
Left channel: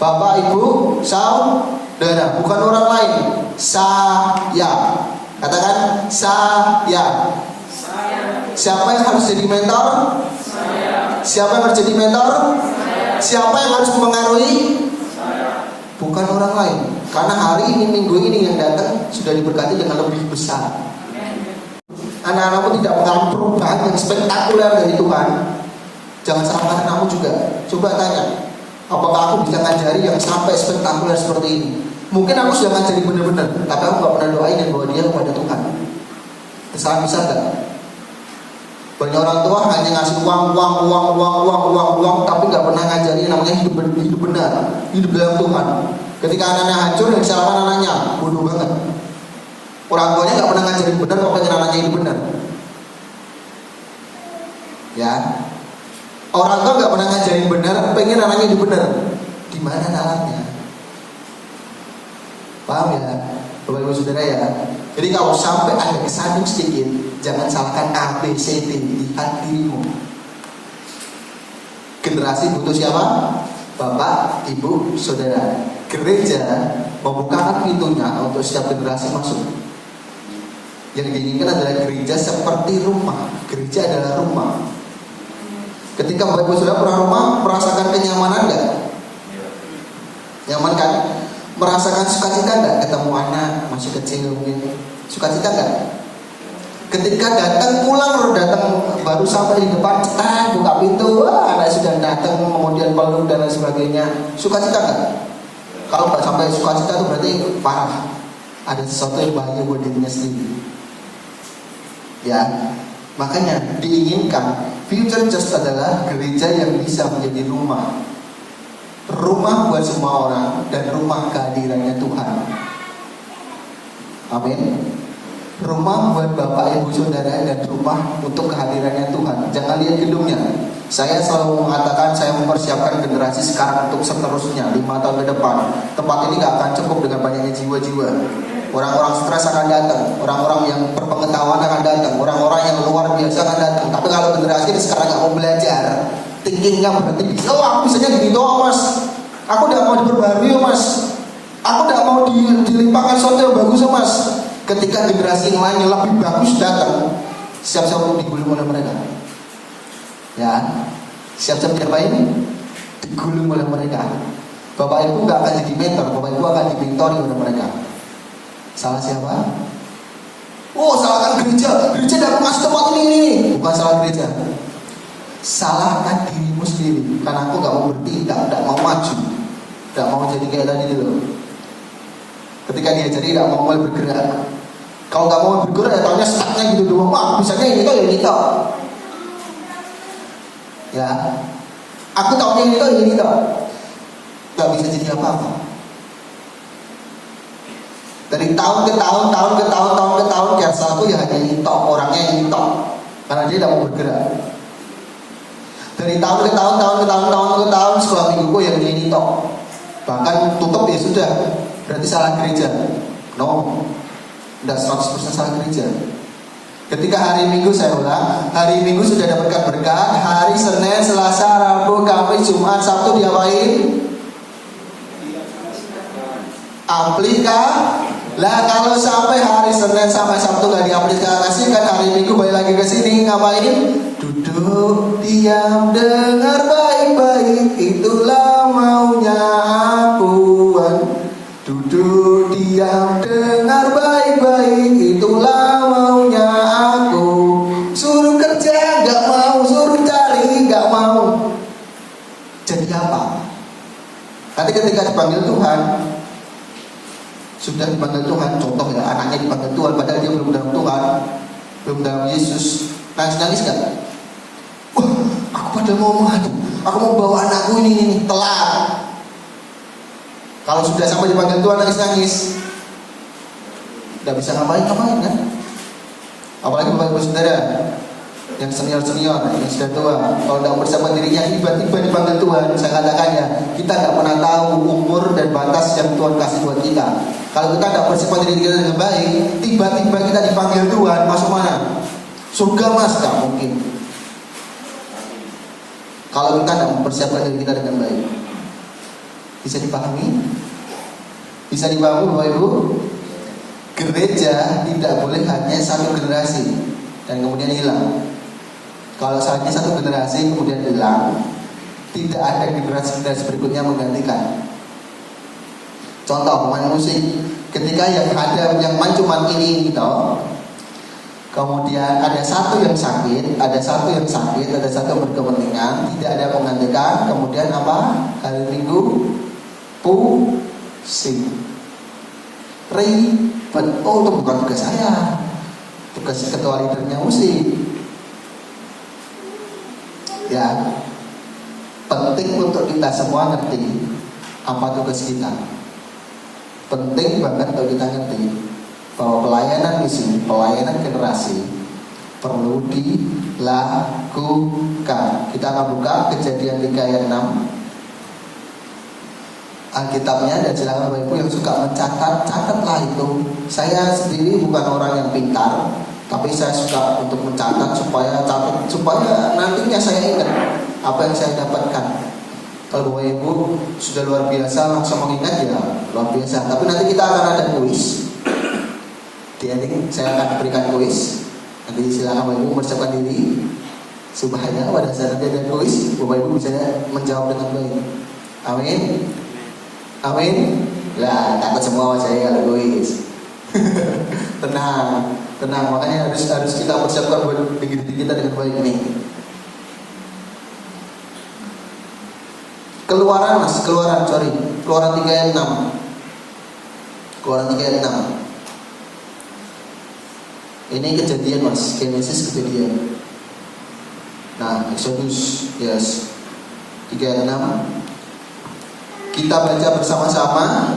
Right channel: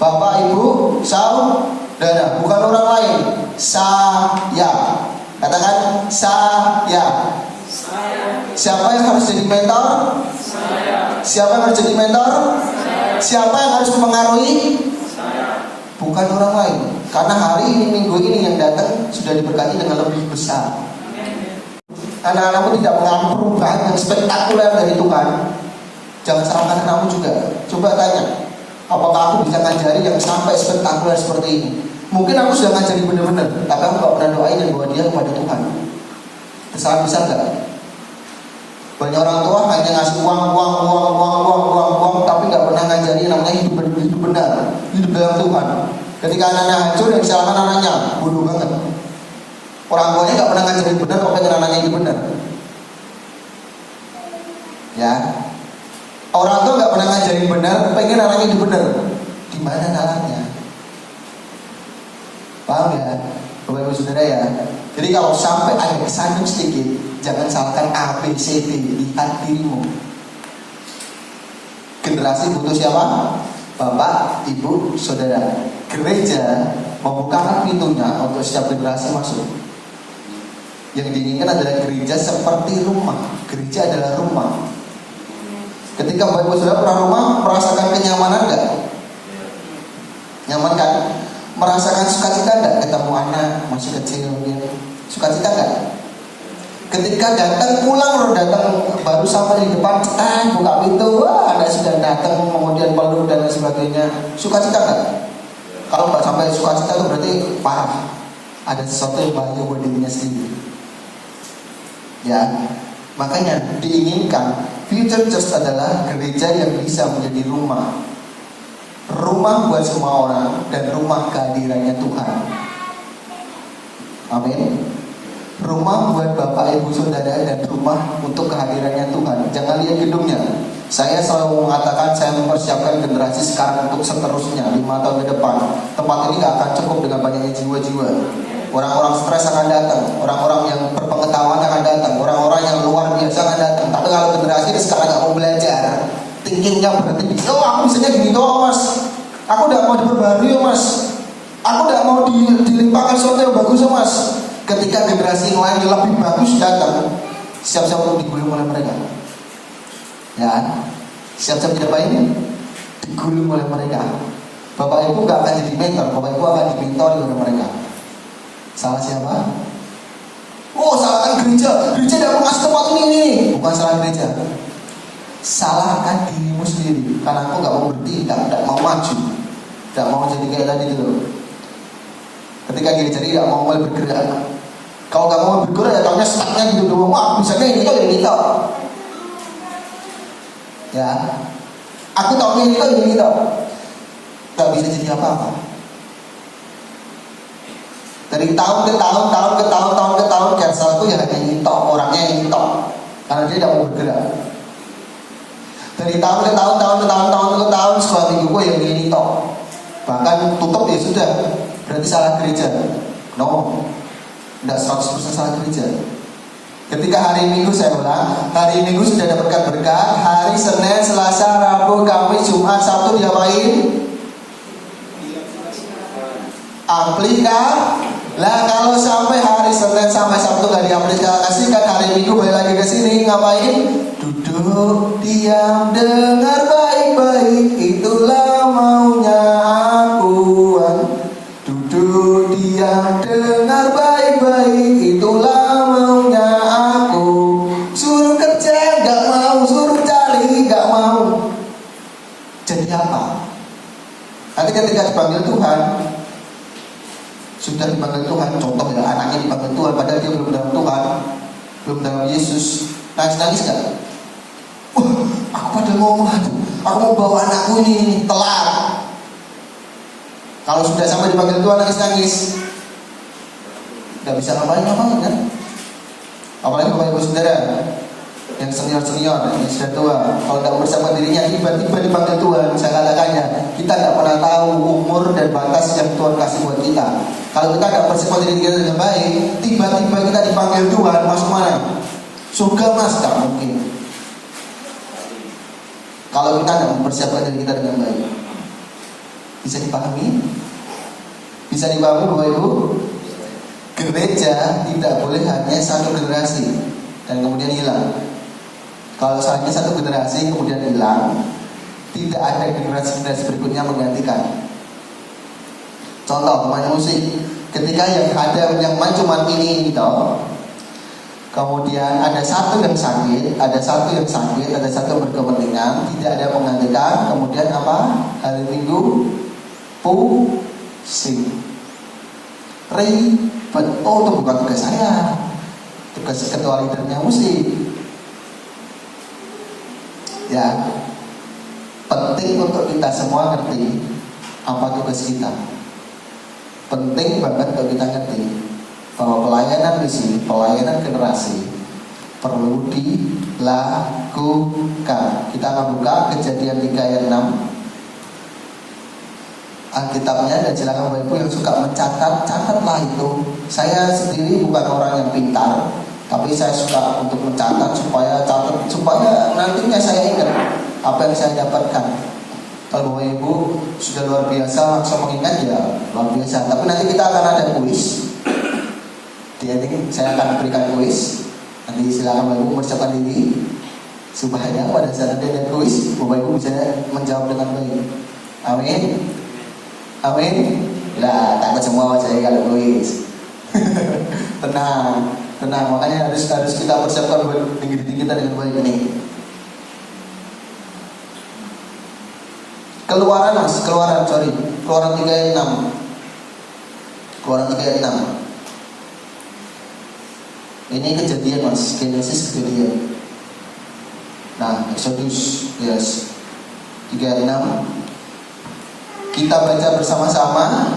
Bapak, Ibu, saudara, bukan orang lain. Saya. Katakan saya. Siapa yang harus jadi mentor? Siapa yang harus jadi mentor? Siapa yang harus mempengaruhi? Bukan orang lain. Karena hari ini, minggu ini yang datang sudah diberkati dengan lebih besar. Anak-anakmu tidak mengalami perubahan yang spektakuler dari Tuhan. Jangan salahkan kamu juga. Coba tanya, apakah aku bisa ngajari yang sampai spektakuler seperti ini? Mungkin aku sudah ngajari benar-benar, tapi aku gak pernah doain dan bawa dia kepada Tuhan. Kesalahan besar gak? Banyak orang tua hanya ngasih uang, tapi gak pernah ngajari yang namanya hidup benar, hidup dalam Tuhan. Ketika anaknya hancur, yang disalahkan anaknya, bodoh banget. Orang tuanya gak pernah ngajarin benar, makanya anaknya hidup benar. Ya, orang tua gak pernah ngajarin benar, pengen anaknya hidup benar. Gimana caranya? Paham ya, Bapak Ibu Saudara ya. Jadi kalau sampai ada kesandung sedikit, jangan salahkan A, B, C, D. Lihat dirimu. Generasi butuh siapa? Bapak, Ibu, Saudara, gereja membukakan pintunya untuk setiap generasi masuk. Yang diinginkan adalah gereja seperti rumah. Gereja adalah rumah. Ketika Bapak Ibu Saudara pernah rumah, merasakan kenyamanan enggak? Nyaman kan? Merasakan sukacita enggak? Ketemu anak masih kecil mungkin. Sukacita enggak? Ketika datang pulang, baru sampai di depan, buka pintu, wah anak sudah datang, kemudian peluk dan lain sebagainya. Sukacita enggak? Kalau enggak sampai sukacita itu berarti parah. Ada sesuatu yang bahaya buat dirinya sendiri. Ya, makanya diinginkan future church adalah gereja yang bisa menjadi rumah. Rumah buat semua orang dan rumah kehadirannya Tuhan. Amin. Rumah buat Bapak Ibu Saudara dan rumah untuk kehadirannya Tuhan. Jangan lihat gedungnya. Saya selalu mengatakan saya mempersiapkan generasi sekarang untuk seterusnya 5 tahun ke depan. Tempat ini gak akan cukup dengan banyaknya jiwa-jiwa. Orang-orang stres akan datang, orang-orang yang berpengetahuan akan datang, orang-orang yang luar biasa akan datang. Tapi kalau generasi ini sekarang gak mau belajar, thinkingnya berarti aku bisanya gini doang mas. Aku gak mau diperbarui mas. Aku gak mau dilimpahkan sesuatu yang bagus mas. Ketika generasi lain yang lebih bagus datang, siap-siap untuk digulung oleh mereka. Ya, siap-siap diapain? Digulung oleh mereka. Bapak Ibu gak akan jadi mentor, Bapak Ibu akan dimentori oleh mereka. Salah siapa? Oh, salahkan gereja. Gereja tidak masuk tempat ini. Bukan salah gereja. Salahkan dirimu sendiri. Karena aku gak mau bertindak, gak mau maju, gak mau jadi kayak tadi dulu. Ketika dia jadi gak mau mulai bergerak. Kalau gak mau bergerak, datangnya setangnya gitu dulu. Misalnya ini kan yang kita. Ya, aku tahu ini kan yang kita. Gak bisa jadi apa-apa. Dari tahun ke tahun, Kersa itu ya hanya nyitok, orangnya yang nyitok. Karena dia tidak mau bergerak. Dari tahun ke tahun, suamiku yang nyitok. Bahkan tutup ya sudah, berarti salah gereja. No, tidak 100% salah gereja. Ketika hari Minggu saya ulang, hari Minggu sudah dapatkan berkat, hari Senin, Selasa, Rabu, Kamis, Jumat, Sabtu diapain? Aplikasi. Lah kalau sampai hari Senin sampai Sabtu gak diaplikasikan, hari Minggu balik lagi ke sini ngapain? Duduk diam dengar baik-baik, itulah maunya Tuhan. Duduk diam dengar baik-baik, itulah maunya aku. Suruh kerja gak mau, suruh cari gak mau. Jadi apa? Nanti ketika dipanggil Tuhan, sudah dipanggil Tuhan, contoh ya anaknya dipanggil Tuhan padahal dia belum dalam Tuhan, belum dalam Yesus, nangis kan? Aku pada mau maju, aku mau bawa anakku ini telat. Kalau sudah sampai dipanggil Tuhan nangis, tidak bisa ngapain kan? Apalagi Bapak Ibu Saudara yang senior, yang sudah tua, kalau tidak bersama dirinya tiba-tiba dipanggil Tuhan, saya katakannya kita tidak pernah tahu umur dan batas yang Tuhan kasih buat kita. Kalau kita tidak bersama diri kita dengan baik, tiba-tiba kita dipanggil Tuhan, masuk mana? Surga mas, tak mungkin. Kalau kita tidak mempersiapkan diri kita dengan baik. Bisa dipahami? Bisa dipahami Bapak Ibu? Gereja tidak boleh hanya satu generasi dan kemudian hilang. Kalau hanya satu generasi kemudian hilang, tidak ada generasi berikutnya menggantikan. Contoh main musik, ketika yang ada yang main cuma ini toh, kemudian ada satu yang sakit, ada satu yang berkepentingan, tidak ada penggantikan, kemudian apa? Hari Minggu pusing, ribet. Oh itu bukan tugas saya, tugas ketua leadernya musik. Ya, penting untuk kita semua ngerti apa tugas kita. Penting banget kalau kita ngerti bahwa pelayanan misi, pelayanan generasi perlu dilakukan. Kita akan buka Kejadian 3 ayat 6 Alkitabnya, dan silakan Bapak Ibu yang suka mencatat, catatlah itu. Saya sendiri bukan orang yang pintar, tapi saya suka untuk mencatat supaya nantinya saya ingat apa yang saya dapatkan. Kalau Bapak Ibu sudah luar biasa langsung mengingat ya luar biasa. Tapi nanti kita akan ada kuis. Di ending saya akan berikan kuis. Nanti silakan Bapak Ibu mempersiapkan diri supaya pada saat nanti ada kuis Bapak Ibu bisa menjawab dengan baik. Amin. Amin. Lah takut semua saya kalau kuis. Tenang, makanya harus kita persiapkan buat diri kita dengan baik ini. Keluaran 3 ayat 6. Keluaran 3 ayat 6. Ini kejadian Mas, Genesis kejadian. Nah, Exodus, yes. 3 ayat 6. Kita baca bersama-sama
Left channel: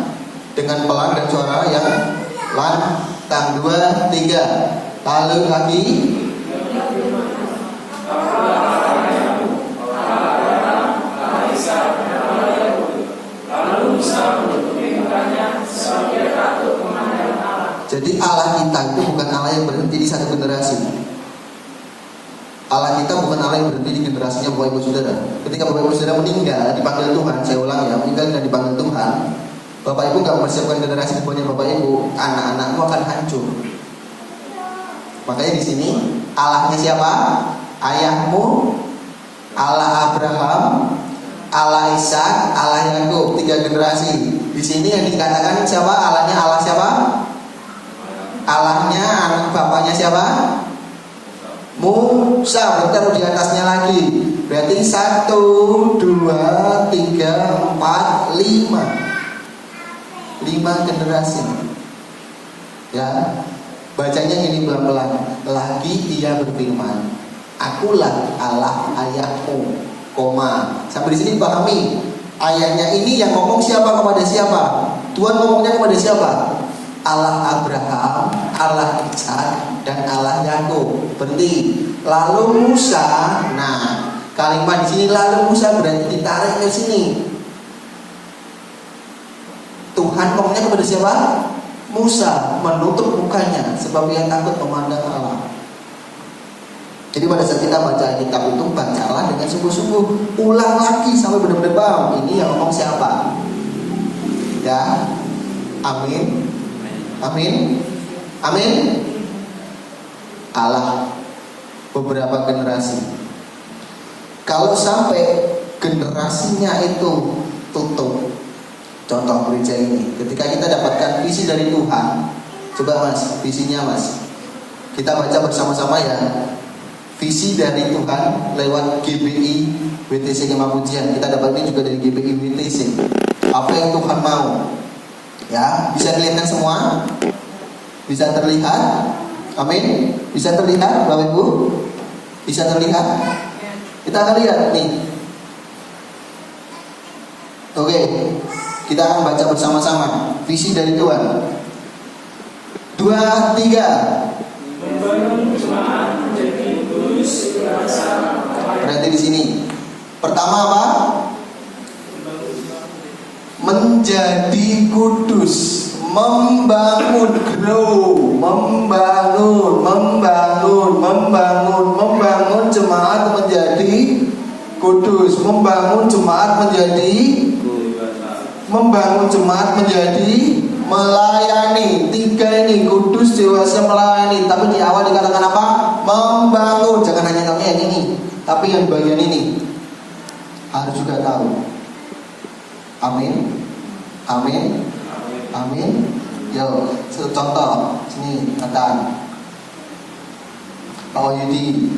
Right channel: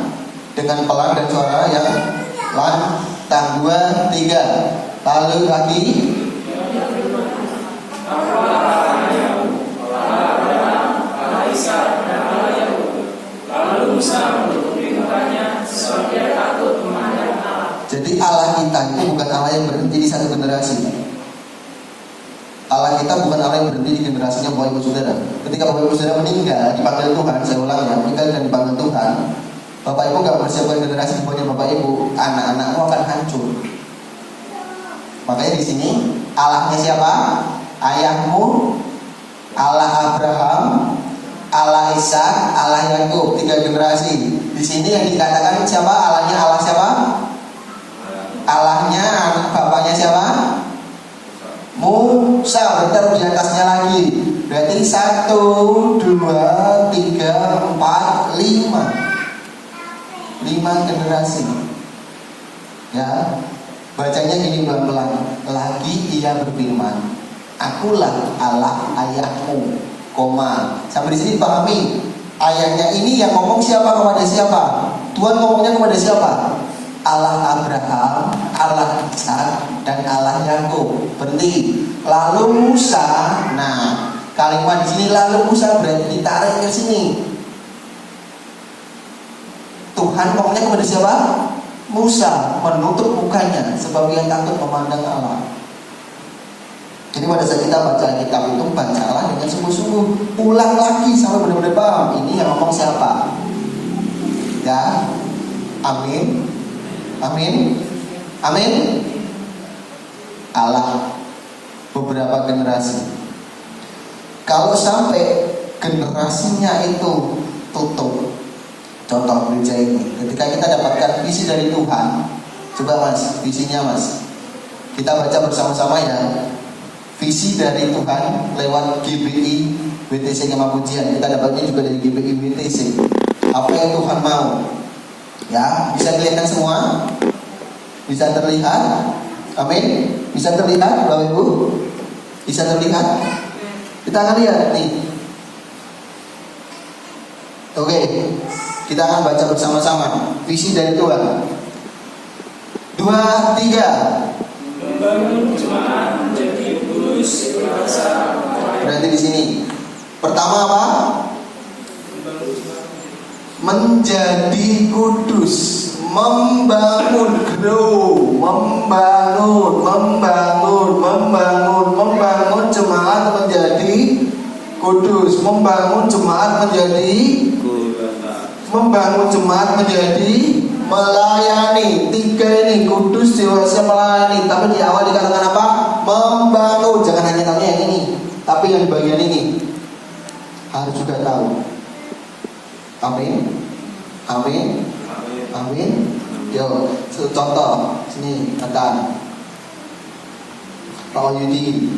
dengan pelan dan suara yang lantang. 2, 3. Lalu lagi jadi Allah kita itu bukan Allah yang berhenti di satu generasi. Allah kita bukan Allah yang berhenti di generasinya Bapak Ibu Saudara. Ketika Bapak Ibu Saudara meninggal, dipanggil Tuhan, saya ulang ya, meninggal dan dipanggil Tuhan, Bapak Ibu gak mempersiapkan generasi kepada Bapak Ibu, anak-anakmu akan hancur. Makanya di sini Allahnya siapa? Ayahmu, Allah Abraham, Allah Ishak, Allah Yakub, 3 generasi. Di sini yang dikatakan siapa? Allahnya Allah siapa? Allahnya anak bapaknya siapa? Musa. Bentar di atasnya lagi. Berarti 1, 2, 3, 4, 5. 5 generasi. Ya. Bacanya gini pelan-pelan. Lagi ia berfirman, Akulah Allah ayahmu, koma. Sampai di sini pahami. Ayahnya ini yang ngomong siapa kepada siapa? Tuhan ngomongnya kepada siapa? Allah Abraham, Allah Ishak, dan Allah Yakub. Berarti lalu Musa. Nah, kalimat di sini lalu Musa berarti ditarik ke sini. Tuhan ngomongnya kepada siapa? Musa, menutup mukanya sebab yang takut memandang Allah. Jadi pada saat kita baca kitab itu, bacalah dengan sungguh-sungguh. Ulang lagi sampai benar-benar paham. Ini yang ngomong siapa? Ya, amin. Amin. Amin. Allah beberapa generasi. Kalau sampai generasinya itu tutup, contoh gereja ini, ketika kita dapatkan visi dari Tuhan, coba Mas, visinya Mas, kita baca bersama-sama ya. Visi dari Tuhan lewat GBI WTC Kemapujian. Kita dapatnya juga dari GBI WTC. Apa yang Tuhan mau? Ya, bisa kelihatan semua? Bisa terlihat? Amin. Bisa terlihat Bapak Ibu? Bisa terlihat? Kita akan lihat nih. Oke, kita akan baca bersama-sama visi dari Tuhan. 2, 3. Membangun jemaat menjadi kudus dewasa. Berarti di sini pertama apa? Menjadi kudus, membangun, grow, membangun jemaat menjadi kudus, membangun jemaat menjadi melayani. 3 ini kudus, dewasa, melayani. Tapi di awal dikatakan apa? Membangun. Jangan hanya tahu yang ini, tapi yang bagian ini harus juga tahu. Amin. Amin. Amin. Yo, contoh sini datang Pak Wahyudi,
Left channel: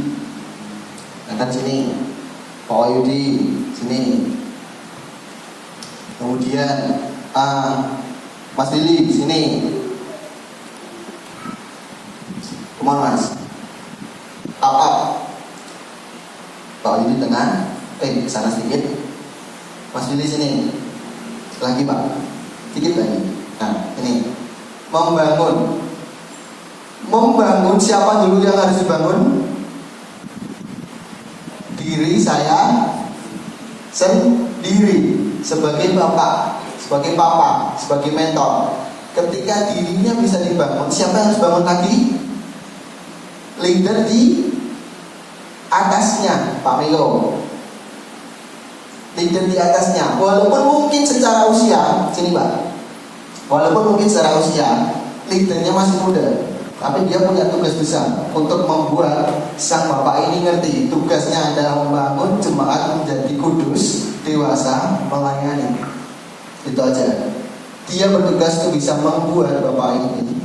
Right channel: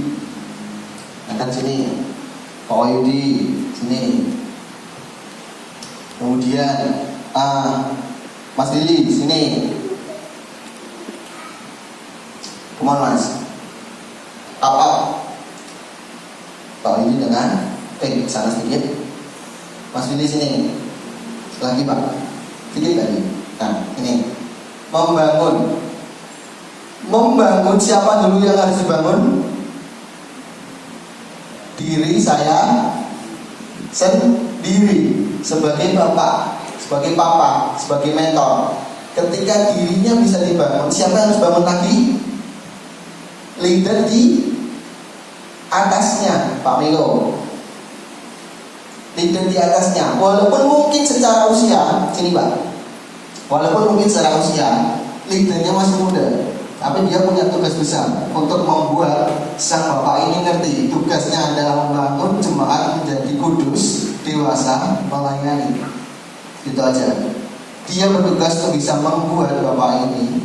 datang sini. Pak Wahyudi sini. Kemudian Mas Willy sini. Kemana Mas? Apa? Pak Wahyudi tengah. Sana sedikit. Mas Willy sini. Lagi Pak, sedikit lagi. Nah, ini membangun siapa dulu yang harus dibangun? Diri saya sendiri sebagai bapak, sebagai papa, sebagai mentor. Ketika dirinya bisa dibangun, siapa yang harus bangun lagi? Leader di atasnya, Pak Milo. leader di atasnya. Walaupun mungkin secara usia, sini Pak, walaupun mungkin secara usia leadernya masih muda, tapi dia punya tugas besar untuk membuat sang bapak ini ngerti tugasnya adalah membangun jemaat menjadi kudus, dewasa, melayani. Itu aja. Dia bertugas untuk bisa membuat bapak ini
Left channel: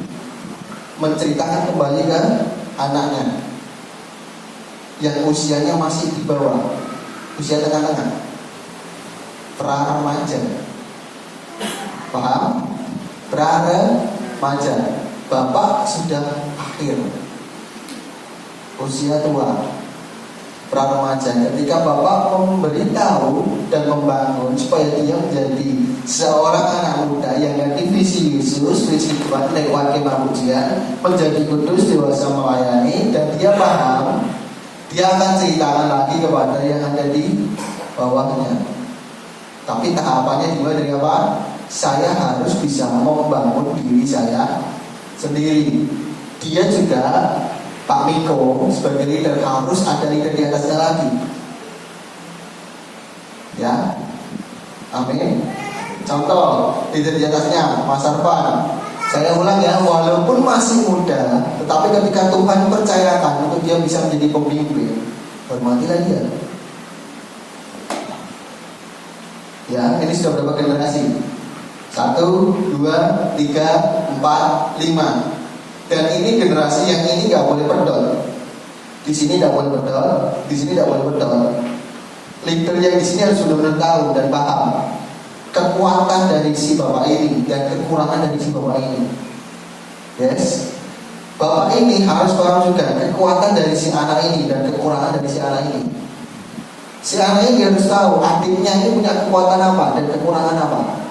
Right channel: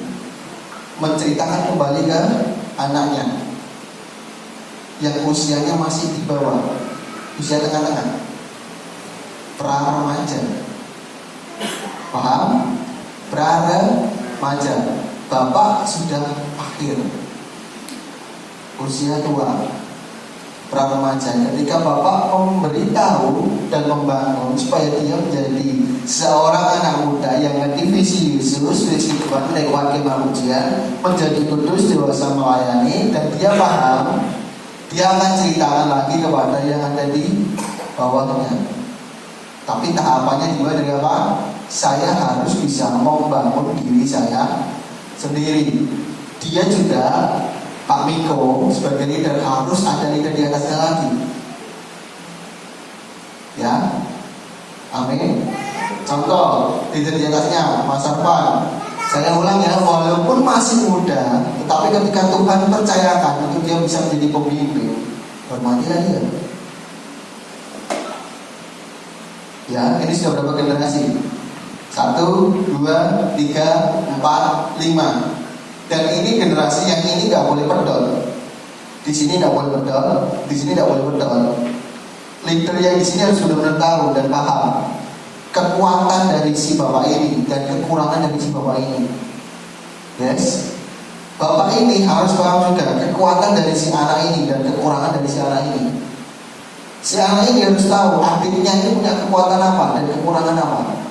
menceritakan kembali ke anaknya yang usianya masih di bawah, usia tengah-tengah, pra-remaja. Paham? Pra-remaja. Bapak sudah akhir, usia tua, pra-remaja. Ketika bapak memberitahu dan membangun supaya dia menjadi seorang anak muda yang mengerti visi Yesus, visi Tuhan lewat kemanusiaan, menjadi kudus, dewasa, melayani, dan dia paham, dia akan ceritakan lagi kepada yang ada di bawahnya. Tapi tahapannya dimulai dari apa? Saya harus bisa membangun diri saya sendiri. Dia juga, Pak Miko sebagai leader harus ada leader di atasnya lagi. Ya, amin. Contoh leader di atasnya, Mas Arfan. Saya ulang ya, walaupun masih muda, tetapi ketika Tuhan percayakan untuk dia bisa menjadi pemimpin, hormatilah dia. Ya, ini sudah berapa generasi? 1, 2, 3, 4, 5. Dan ini generasi yang ini gak boleh pedol. Di sini gak boleh pedol, di sini gak boleh pedol. Leader yang di sini harus benar-benar tahu dan paham kekuatan dari si bapak ini dan kekurangan dari si bapak ini. Yes. Bapak ini harus paham juga kekuatan dari si anak ini dan kekurangan dari si anak ini. Si anak ini harus tahu adiknya ini punya kekuatan apa dan kekurangan apa.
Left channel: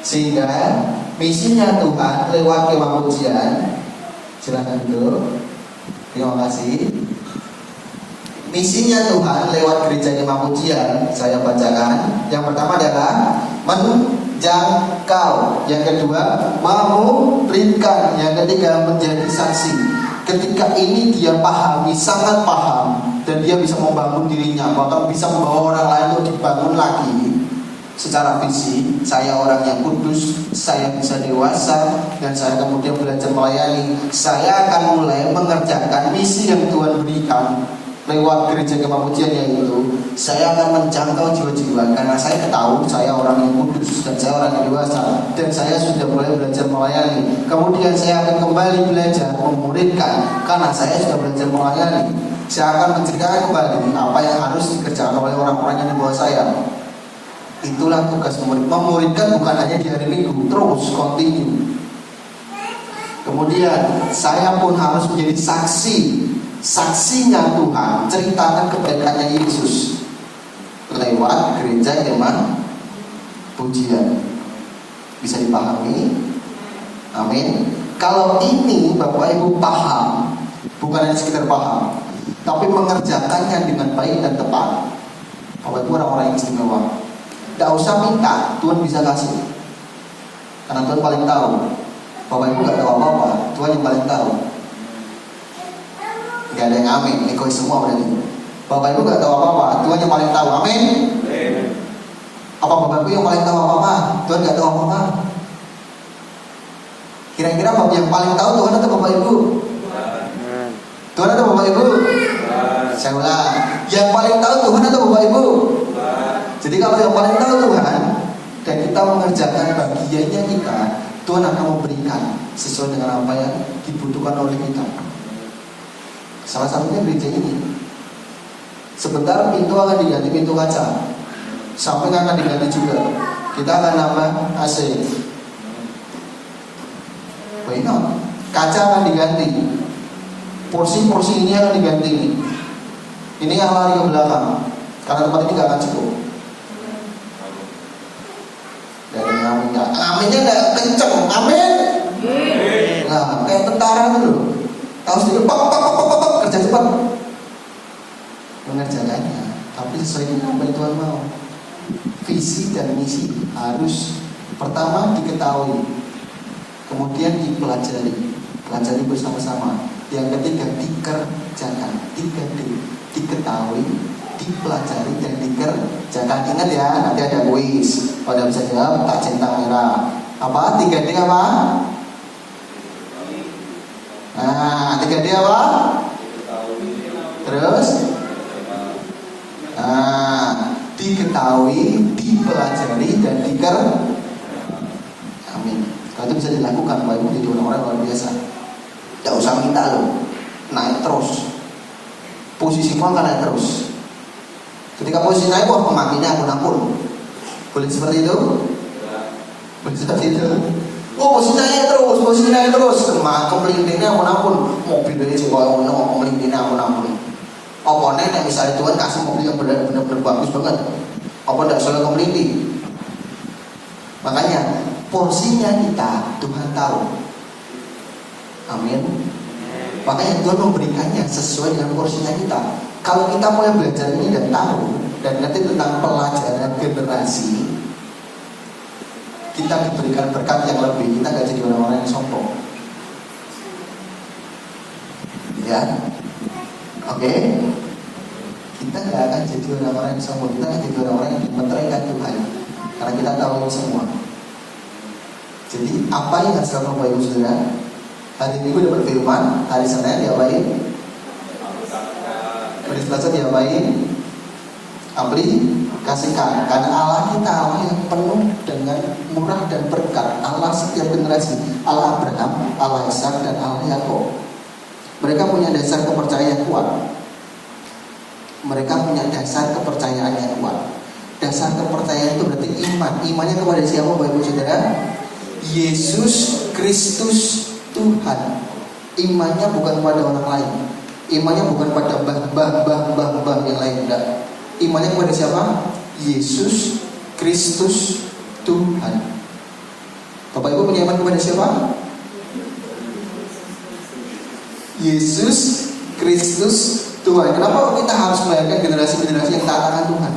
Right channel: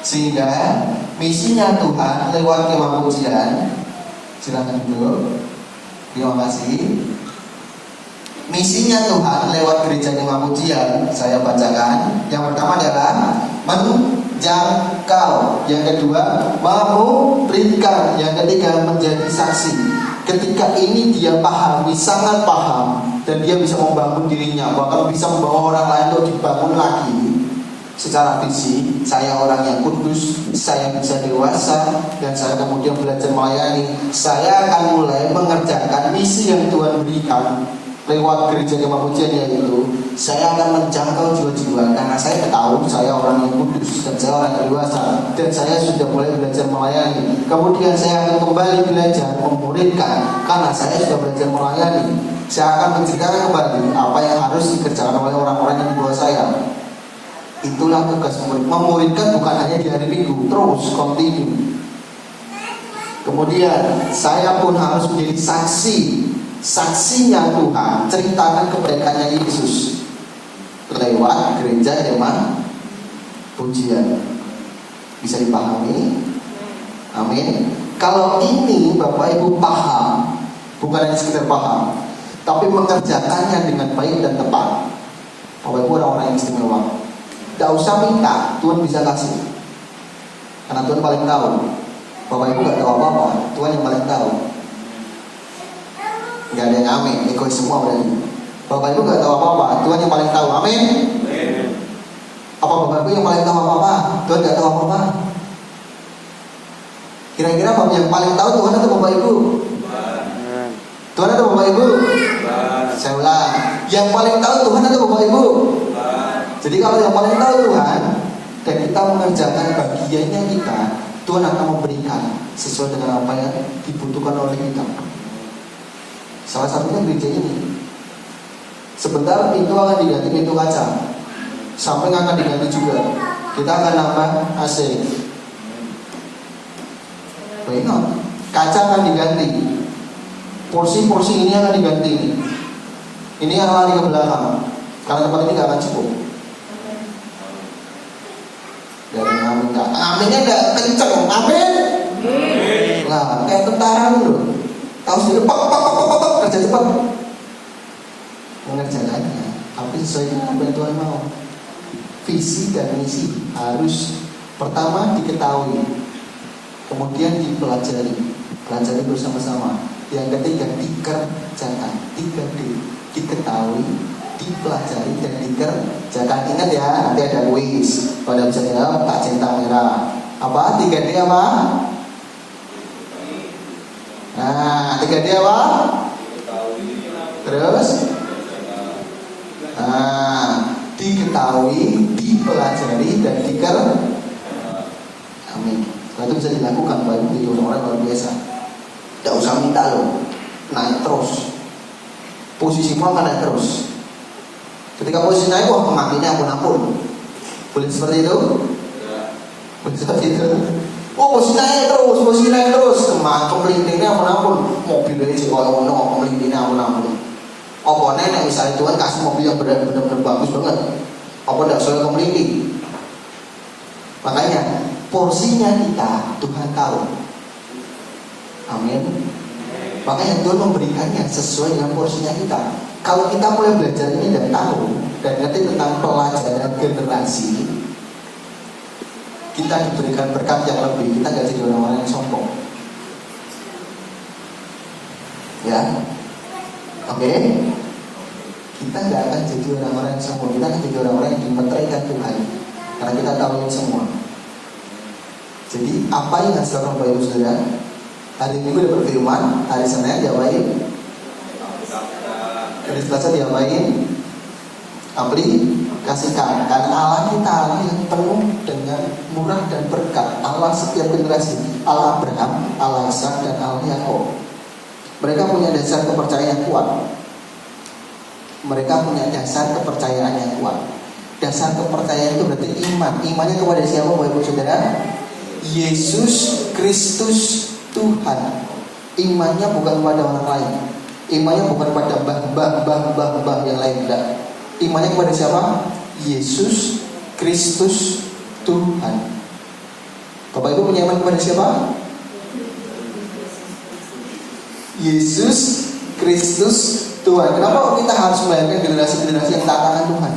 Sehingga misinya Tuhan lewat kemah pujian. Silakan dulu. Terima kasih. Misinya Tuhan lewat gereja kemah pujian, saya bacakan. Yang pertama adalah menjangkau. Yang kedua, memberikan. Yang ketiga, menjadi saksi. Ketika ini dia pahami, sangat paham, dan dia bisa membangun dirinya, bahkan bisa membawa orang lain untuk dibangun lagi secara visi. Saya orang yang kudus, saya bisa dewasa, dan saya kemudian belajar melayani. Saya akan mulai mengerjakan misi yang Tuhan berikan lewat gereja kemah pujian, yaitu saya akan menjangkau jiwa-jiwa karena saya tahu saya orang yang kudus dan saya orang yang dewasa dan saya sudah mulai belajar melayani. Kemudian saya akan kembali belajar memuridkan karena saya sudah belajar melayani. Saya akan menceritakan kembali apa yang harus dikerjakan oleh orang-orang yang di bawah saya. Itulah tugas memurid. Memuridkan bukan hanya di hari Minggu, terus continue. Kemudian saya pun harus menjadi saksinya Tuhan, ceritakan kebaikannya Yesus lewat gereja kemah pujian. Bisa dipahami? Amin. Kalau ini Bapak Ibu paham, bukan hanya sekedar paham, tapi mengerjakannya dengan baik dan tepat, Bapak Ibu orang-orang yang istimewa. Tidak usah minta, Tuhan bisa kasih, karena Tuhan paling tahu. Bapak Ibu gak tahu apa-apa, Tuhan yang paling tahu. Gak ada yang amin, egois semua berarti. Bapak Ibu gak tahu apa-apa, Tuhan yang paling tahu. Amin. Apa Bapak Ibu yang paling tahu apa-apa? Tuhan gak tahu apa-apa. Kira-kira Bapak yang paling tahu Tuhan atau Bapak Ibu? Tuhan atau Bapak Ibu? Saya ulang, yang paling tahu Tuhan atau Bapak Ibu? Jadi kalau yang paling tahu Tuhan dan kita mengerjakan bagiannya kita, Tuhan akan memberikan sesuai dengan apa yang dibutuhkan oleh kita. Salah satunya gereja ini. Sebentar pintu akan diganti pintu kaca, samping akan diganti juga. Kita akan nambah AC. Benar. Kaca akan diganti. Porsi-porsi ini akan diganti. Ini yang lari ke belakang, karena tempat ini gak akan cukup. Dari amin, aminnya gak kenceng, amin. Nah, kayak tentara dulu. Tahu sendiri, pak, kerja cepat. Mengerjakannya, tapi sesuai dengan apa yang Tuhan mau. Visi dan misi harus pertama diketahui, kemudian pelajari bersama-sama. Yang ketiga dikerjakan, 3D, diketahui, dipelajari dan dikerjakan. Ingat ya, nanti ada kuis. Kalau bisa jawab, tak centang merah. Apa? 3D apa? Nah, 3D apa? Terus? Nah, diketahui, dipelajari dan amin. Kalau itu bisa dilakukan, Bapak Ibu, itu orang luar biasa. Tidak usah minta loh, naik terus. Posisimu akan naik terus. Ketika posisi naik, wah pengaminnya aku nampun. Boleh seperti itu? Boleh seperti itu? Oh, posisi naik terus. Semacam melindingnya aku nampun. Mobil ini sih kalau mau melindingnya aku nampun. Apa nih, misalnya Tuhan kasih mobil yang benar-benar bagus banget, apa tidak soalnya melinding? Makanya porsinya kita Tuhan tahu. Amin. Makanya Tuhan memberikannya sesuai dengan porsinya kita. Kalau kita mulai belajar ini dan tahu dan ngerti tentang pelajaran generasi, kita diberikan berkat yang lebih. Kita gak jadi orang-orang yang sombong. Ya, oke. Kita gak akan jadi orang-orang yang sombong. Kita akan jadi orang-orang yang dimenterikan Tuhan, karena kita tahu semua. Jadi apa yang harus dilakukan Bapak Ibu Saudara? Hari Minggu dapat firman, hari Senin diapain? Hari Selasa diapain? Aplikasikan. Karena Allah kita Allah yang penuh dengan murah dan berkat. Allah setiap generasi, Allah Abraham, Allah Ishak, dan Allah Yakub. Mereka punya dasar kepercayaan yang kuat. Mereka punya dasar kepercayaan yang kuat. Dasar kepercayaan itu berarti iman. Imannya kepada siapa Bapak Ibu Saudara? Yesus Kristus Tuhan. Imannya bukan pada orang lain. Imannya bukan pada bah yang lain, tidak. Imannya kepada siapa? Yesus Kristus Tuhan. Bapak Ibu punya iman kepada siapa? Yesus Kristus Tuhan. Kenapa kita harus melahirkan generasi-generasi yang taat akan Tuhan?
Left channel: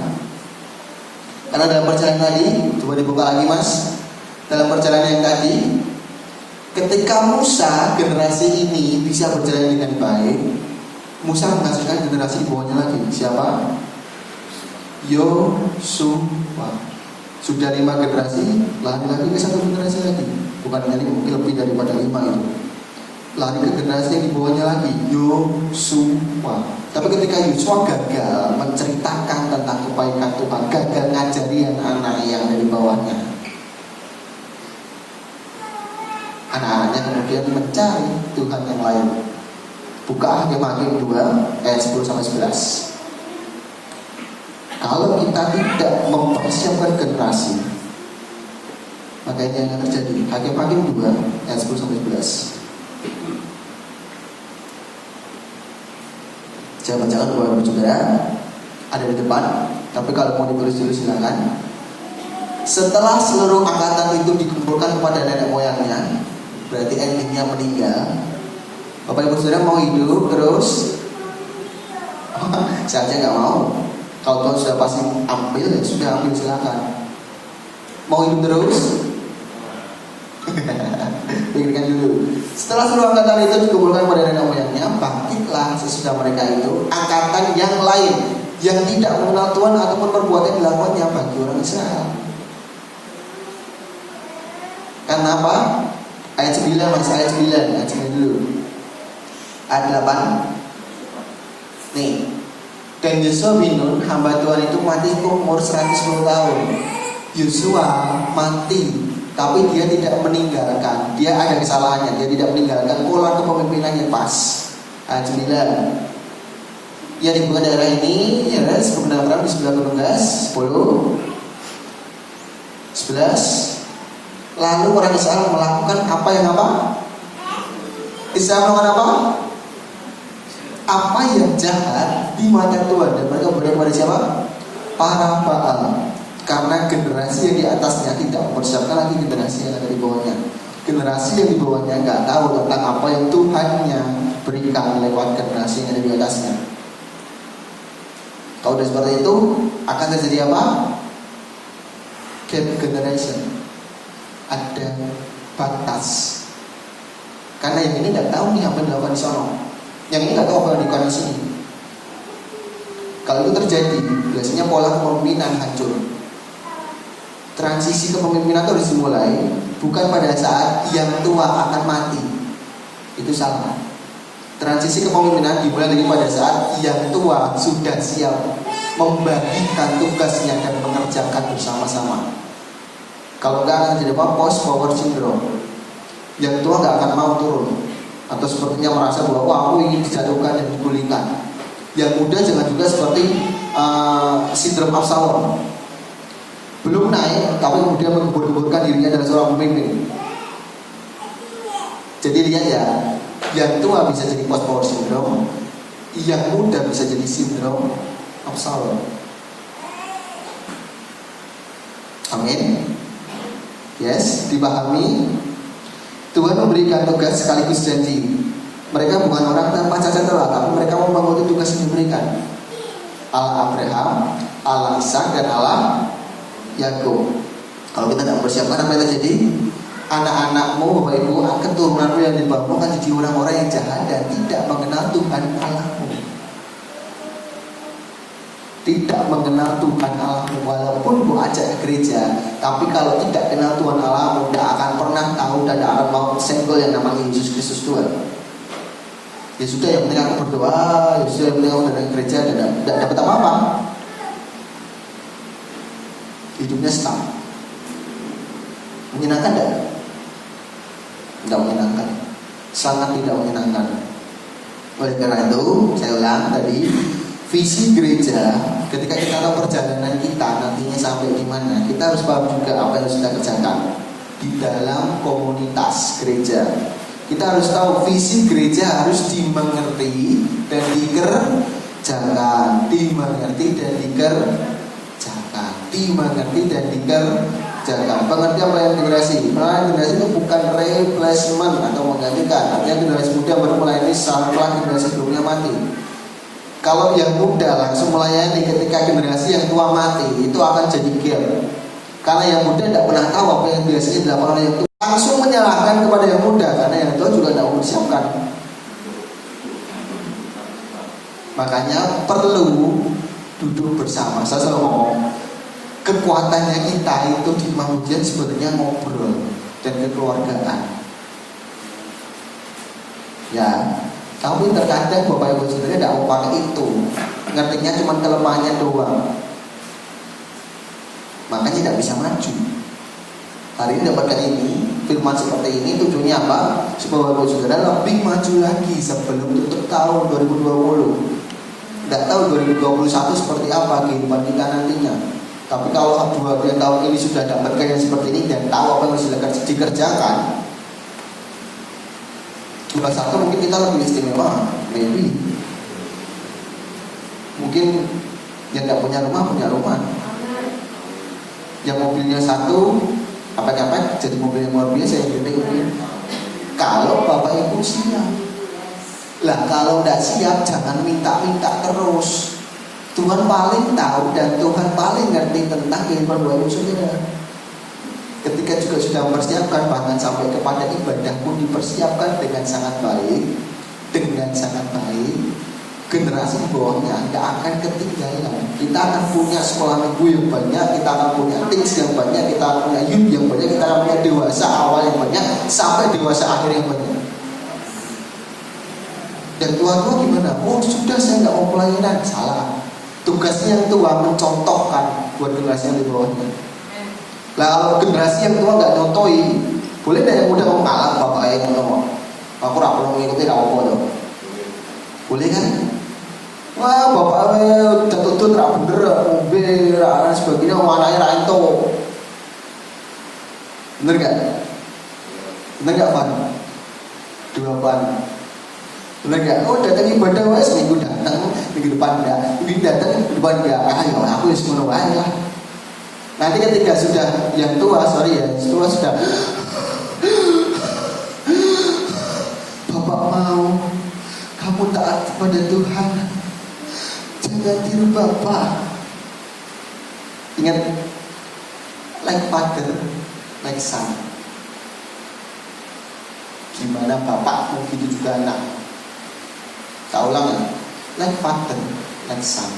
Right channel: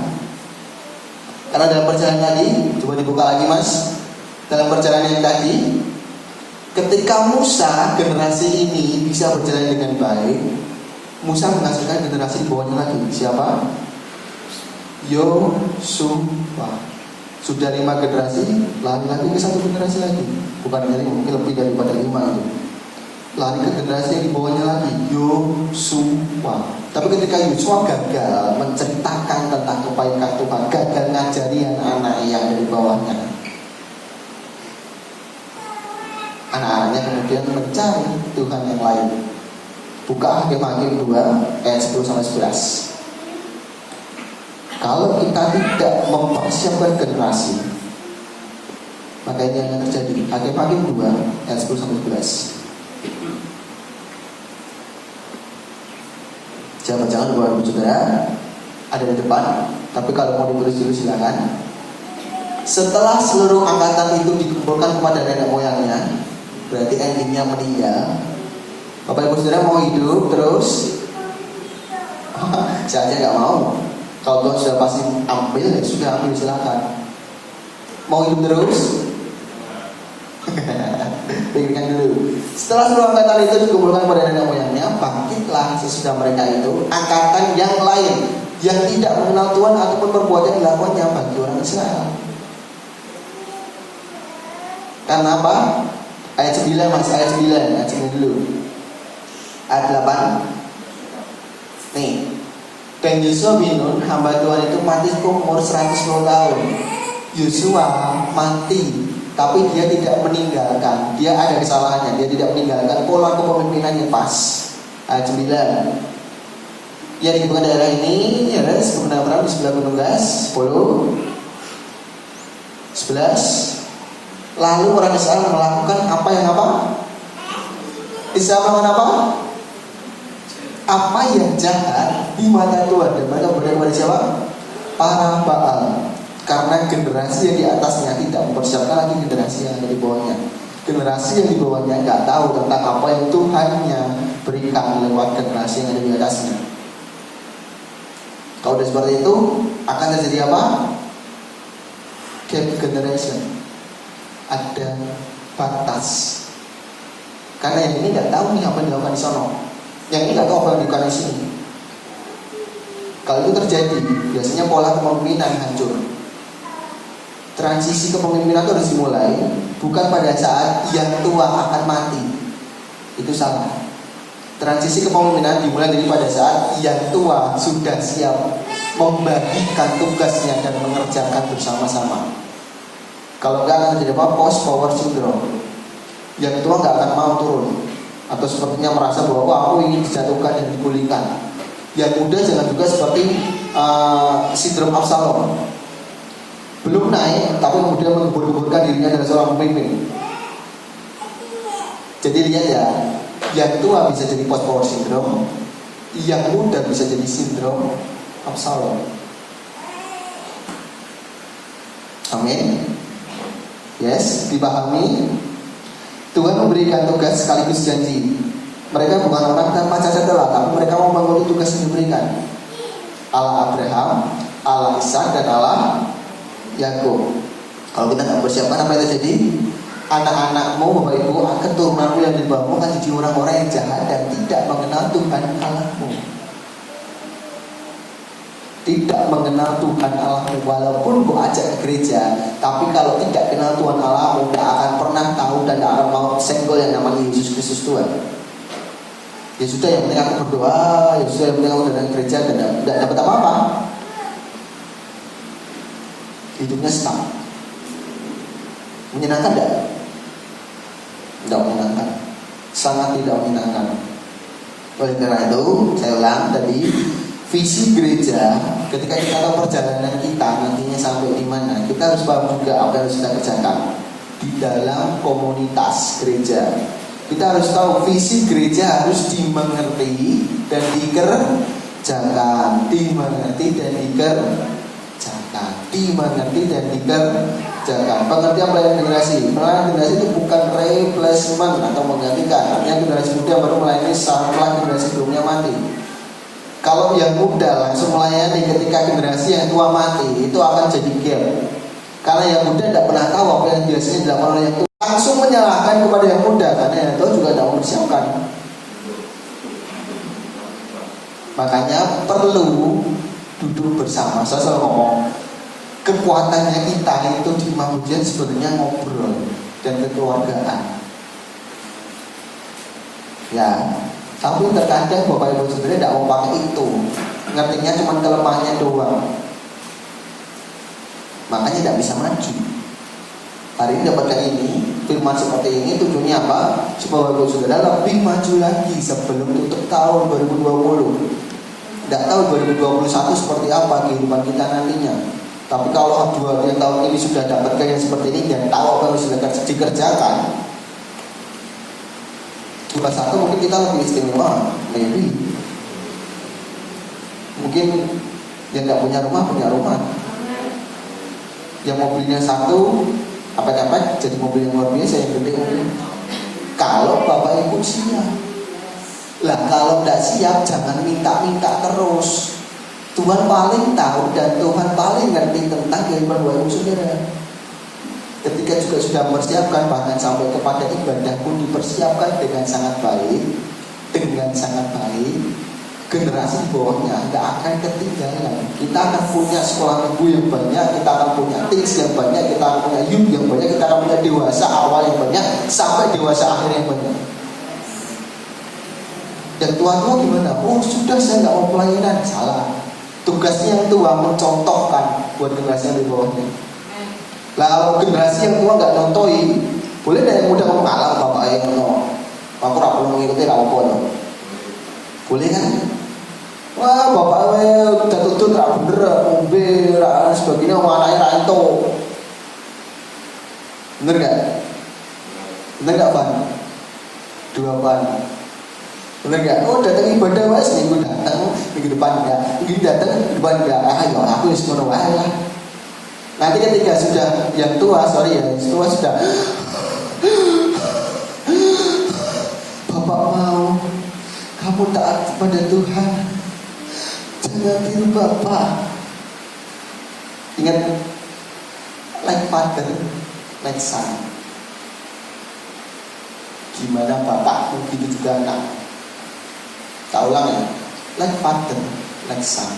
Karena dalam perjalanan tadi, coba dibuka lagi Mas. Dalam perjalanan yang tadi, ketika Musa generasi ini bisa berjalan dengan baik, Musa menghasilkan generasi di bawahnya lagi. Siapa? Yosua. Sudah 5 generasi, lari lagi ke 1 generasi lagi. Bukan hanya mungkin lebih daripada 5 itu. Lari ke generasi yang di bawahnya lagi, Yosua. Tapi ketika Yosua gagal menceritakan tentang kebaikan Tuhan, gagal ngajari anak-anak yang ada di bawahnya, anak-anaknya kemudian mencari Tuhan yang lain. Buka Hakim-Hakim 2 ayat 10-11. Kalau kita tidak mempersiapkan generasi, maka ini yang akan terjadi. Hakim-Hakim 2 ayat 10-11. Jangan-jangan Bapak Saudara ada di depan, tapi kalau mau ditulis dulu silakan. Setelah seluruh angkatan itu dikumpulkan kepada nenek moyangnya, berarti endingnya meninggal. Bapak Ibu Saudara mau hidup terus? Saya aja nggak mau. Kalau Tuhan sudah pasti ambil, ya sudah ambil silakan. Mau hidup terus? Pikirkan dulu. Setelah seluruh angkatan itu dikumpulkan pada nenek moyangnya, bangkitlah sesudah mereka itu angkatan yang lain yang tidak mengenal Tuhan ataupun perbuatan yang dilakukannya bagi orang Israel. Karena apa? Ayat 9 Mas, ayat 9 dulu. Ayat 8. Nih. Dan Yosua bin Nun, hamba Tuhan itu mati umur 110 tahun. Yosua mati, tapi dia tidak meninggalkan. Dia ada kesalahannya, dia tidak meninggalkan pola kepemimpinan yang pas. Ayat 9. Ya di daerah ini, ya sebenarnya di sebelah Gunung Gas 10, 11. Lalu orang Israel melakukan apa yang apa? Israel melakukan apa? Apa yang jahat di mata Tuhan, dan mereka berdoa kepada siapa? Para Baal. Karena generasi yang di atasnya tidak mempersiapkan lagi generasi yang ada di bawahnya. Generasi yang di bawahnya nggak tahu tentang apa yang Tuhannya berikan lewat generasi yang ada di atasnya. Kalau sudah seperti itu, akan terjadi apa? Gap generation. Ada batas. Karena yang ini nggak tahu nih apa yang dilakukan di sana. Yang ini nggak tahu apa yang dilakukan di sini. Kalau itu terjadi, biasanya pola kepemimpinan hancur. Transisi kepemimpinan itu harus dimulai bukan pada saat yang tua akan mati. Itu salah. Transisi kepemimpinan dimulai dari pada saat yang tua sudah siap membagikan tugasnya dan mengerjakan bersama-sama. Kalau enggak akan terjadi apa? Post power syndrome. Yang tua enggak akan mau turun, atau sepertinya merasa bahwa aku ingin dijatuhkan dan digulingkan. Yang muda jangan juga seperti sindrom Absalom, belum naik tapi kemudian menggembur-gemburkan dirinya adalah seorang pemimpin. Jadi lihat ya, yang tua bisa jadi post power syndrome, yang muda bisa jadi sindrom Absalom. Amin. Yes, dipahami. Tuhan memberikan tugas sekaligus janji. Mereka bukan orang tanpa cacat celah, tapi mereka mau memenuhi tugas yang diberikan. Allah Abraham, Allah Ishak, dan Allah Yakub. Kalau kita tidak persiapkan, apa yang terjadi? Anak-anakmu, bapak ibu, keturunanmu yang dibawamu akan jadi orang-orang yang jahat dan tidak mengenal Tuhan Allahmu. Tidak mengenal Tuhan Allahmu. Walaupun bu ajak ke gereja, tapi kalau tidak kenal Tuhan Allahmu, tidak akan pernah tahu dan tidak akan mau senggol yang namanya Yesus Kristus Tuhan. Ya sudah, yang penting aku berdoa, ya sudah, yang penting aku datang ke gereja dan tidak dapat apa-apa. Hidupnya stuck. Menyenangkan tidak? Tidak menyenangkan. Sangat tidak menyenangkan. Oleh karena itu, saya ulang tadi, visi gereja ketika kita tahu perjalanan kita nantinya sampai di mana, kita harus paham juga apa yang harus kita kerjakan di dalam komunitas gereja. Kita harus tahu visi gereja harus dimengerti dan dikerjakan, dimengerti dan dikerjakan, dimengerti dan dikerjakan. Pengertian pelayanan generasi. Pelayanan generasi itu bukan replacement atau menggantikan. Artinya generasi muda baru melayani setelah generasi sebelumnya mati. Kalau yang muda langsung melayani ketika generasi yang tua mati, itu akan jadi gap. Karena yang muda tidak pernah tahu apa yang biasanya dilakukan oleh yang tua, langsung menyalahkan kepada yang muda, karena yang tua juga tidak mempersiapkan. Makanya perlu duduk bersama. Saya selalu ngomong, kekuatannya kita itu di Mamujian sebenarnya ngobrol dan kekeluargaan. Ya, tapi terkadang Bapak Ibu sendiri tidak mau pakai itu, ngertinya cuma kelemahannya doang. Makanya tidak bisa maju. Hari ini dapatkan ini, firman seperti ini tujuannya apa? Supaya Bapak Ibu Saudara lebih maju lagi sebelum tutup tahun 2020. Tidak tahu 2021 seperti apa kehidupan kita nantinya. Tapi kalau 2 tahun ini sudah ada kerja yang seperti ini dan tahu apa yang sudah dikerjakan, 21 mungkin kita lebih istimewa, maybe. Mungkin yang tidak punya rumah. Yang mobilnya satu, apa-apa jadi mobil yang luar biasa yang gede. Kalau Bapak Ibu siap. Lah kalau tidak siap jangan minta-minta terus. Tuhan paling tahu dan Tuhan paling ngerti tentang kehidupan Bapak Ibu Saudara. Ketika juga sudah mempersiapkan, bahkan sampai kepada ibadah pun dipersiapkan dengan sangat baik, generasi di bawahnya tidak akan ketinggalan. Kita akan punya sekolah minggu yang banyak, kita akan punya teens yang banyak, kita akan punya youth yang banyak, kita akan punya dewasa awal yang banyak, sampai dewasa akhir yang banyak. Dan tua-tua gimana? Oh sudah, saya nggak mau pelayanan. Salah. Tugasnya yang tua mencontohkan buat generasi yang di bawahnya. Nah kalau generasi yang tua nggak nontoi, boleh deh yang muda mau kalah bapak yang menolak. Aku tak perlu mengikuti apa loh. Boleh kan? Wah bapak udah tuntut tak bener, mobil, dan sebagainya, anaknya ranto. Bener gak? Bener gak Pan? 2 Pan. Bener gak? Oh datang ibadah wes minggu datang, minggu depan enggak, minggu datang, minggu depan enggak. Ayo aku harus menolak lah. Nanti ketika sudah yang tua, tua sudah Bapak mau kamu taat kepada Tuhan, jangan tiru Bapak. Ingat, like father, like son. Gimana bapakmu gitu juga anak. Tak ulang ya, like father, like son.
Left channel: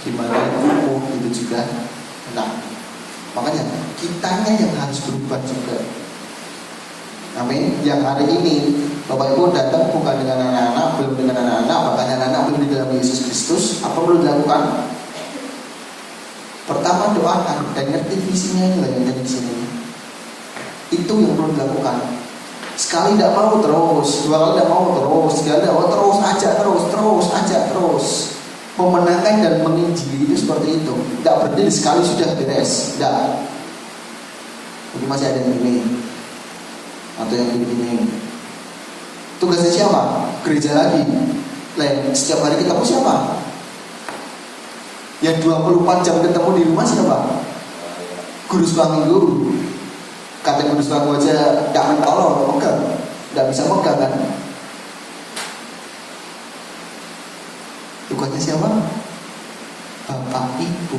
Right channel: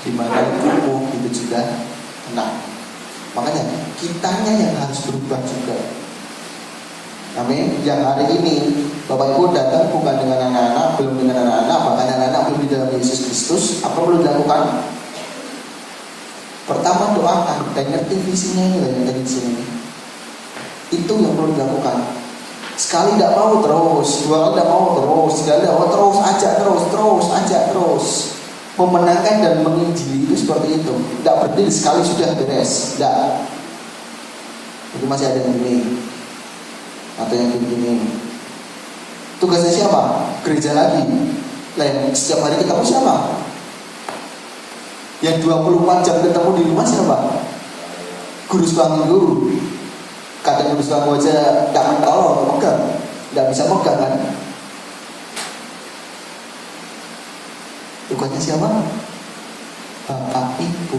dimana kumuh itu juga kena. Makanya kitanya yang harus berubah juga. Amin. Yang hari ini Bapak Ibu datang bukan dengan anak-anak, belum dengan anak-anak, bahkan anak-anak belum di dalam Yesus Kristus. Apa perlu dilakukan? Pertama doakan dan ngerti visinya ini yang ada di sini. Itu yang perlu dilakukan. Sekali tidak mau terus, dua kali tidak mau terus, tiga kali tidak mau terus, ajak terus. Memenangkan dan menginjili itu seperti itu. Tidak berdiri sekali sudah beres. Tidak. Jadi masih ada yang ini atau yang begini. Tugasnya siapa? Gereja lagi. Lain setiap hari ketemu siapa? Yang 24 jam ketemu di rumah siapa? Guru sekolah guru. Kata guru sekolah aja tidak mentolong, megang, tidak bisa megang kan? Tugasnya siapa? Bapak Ibu.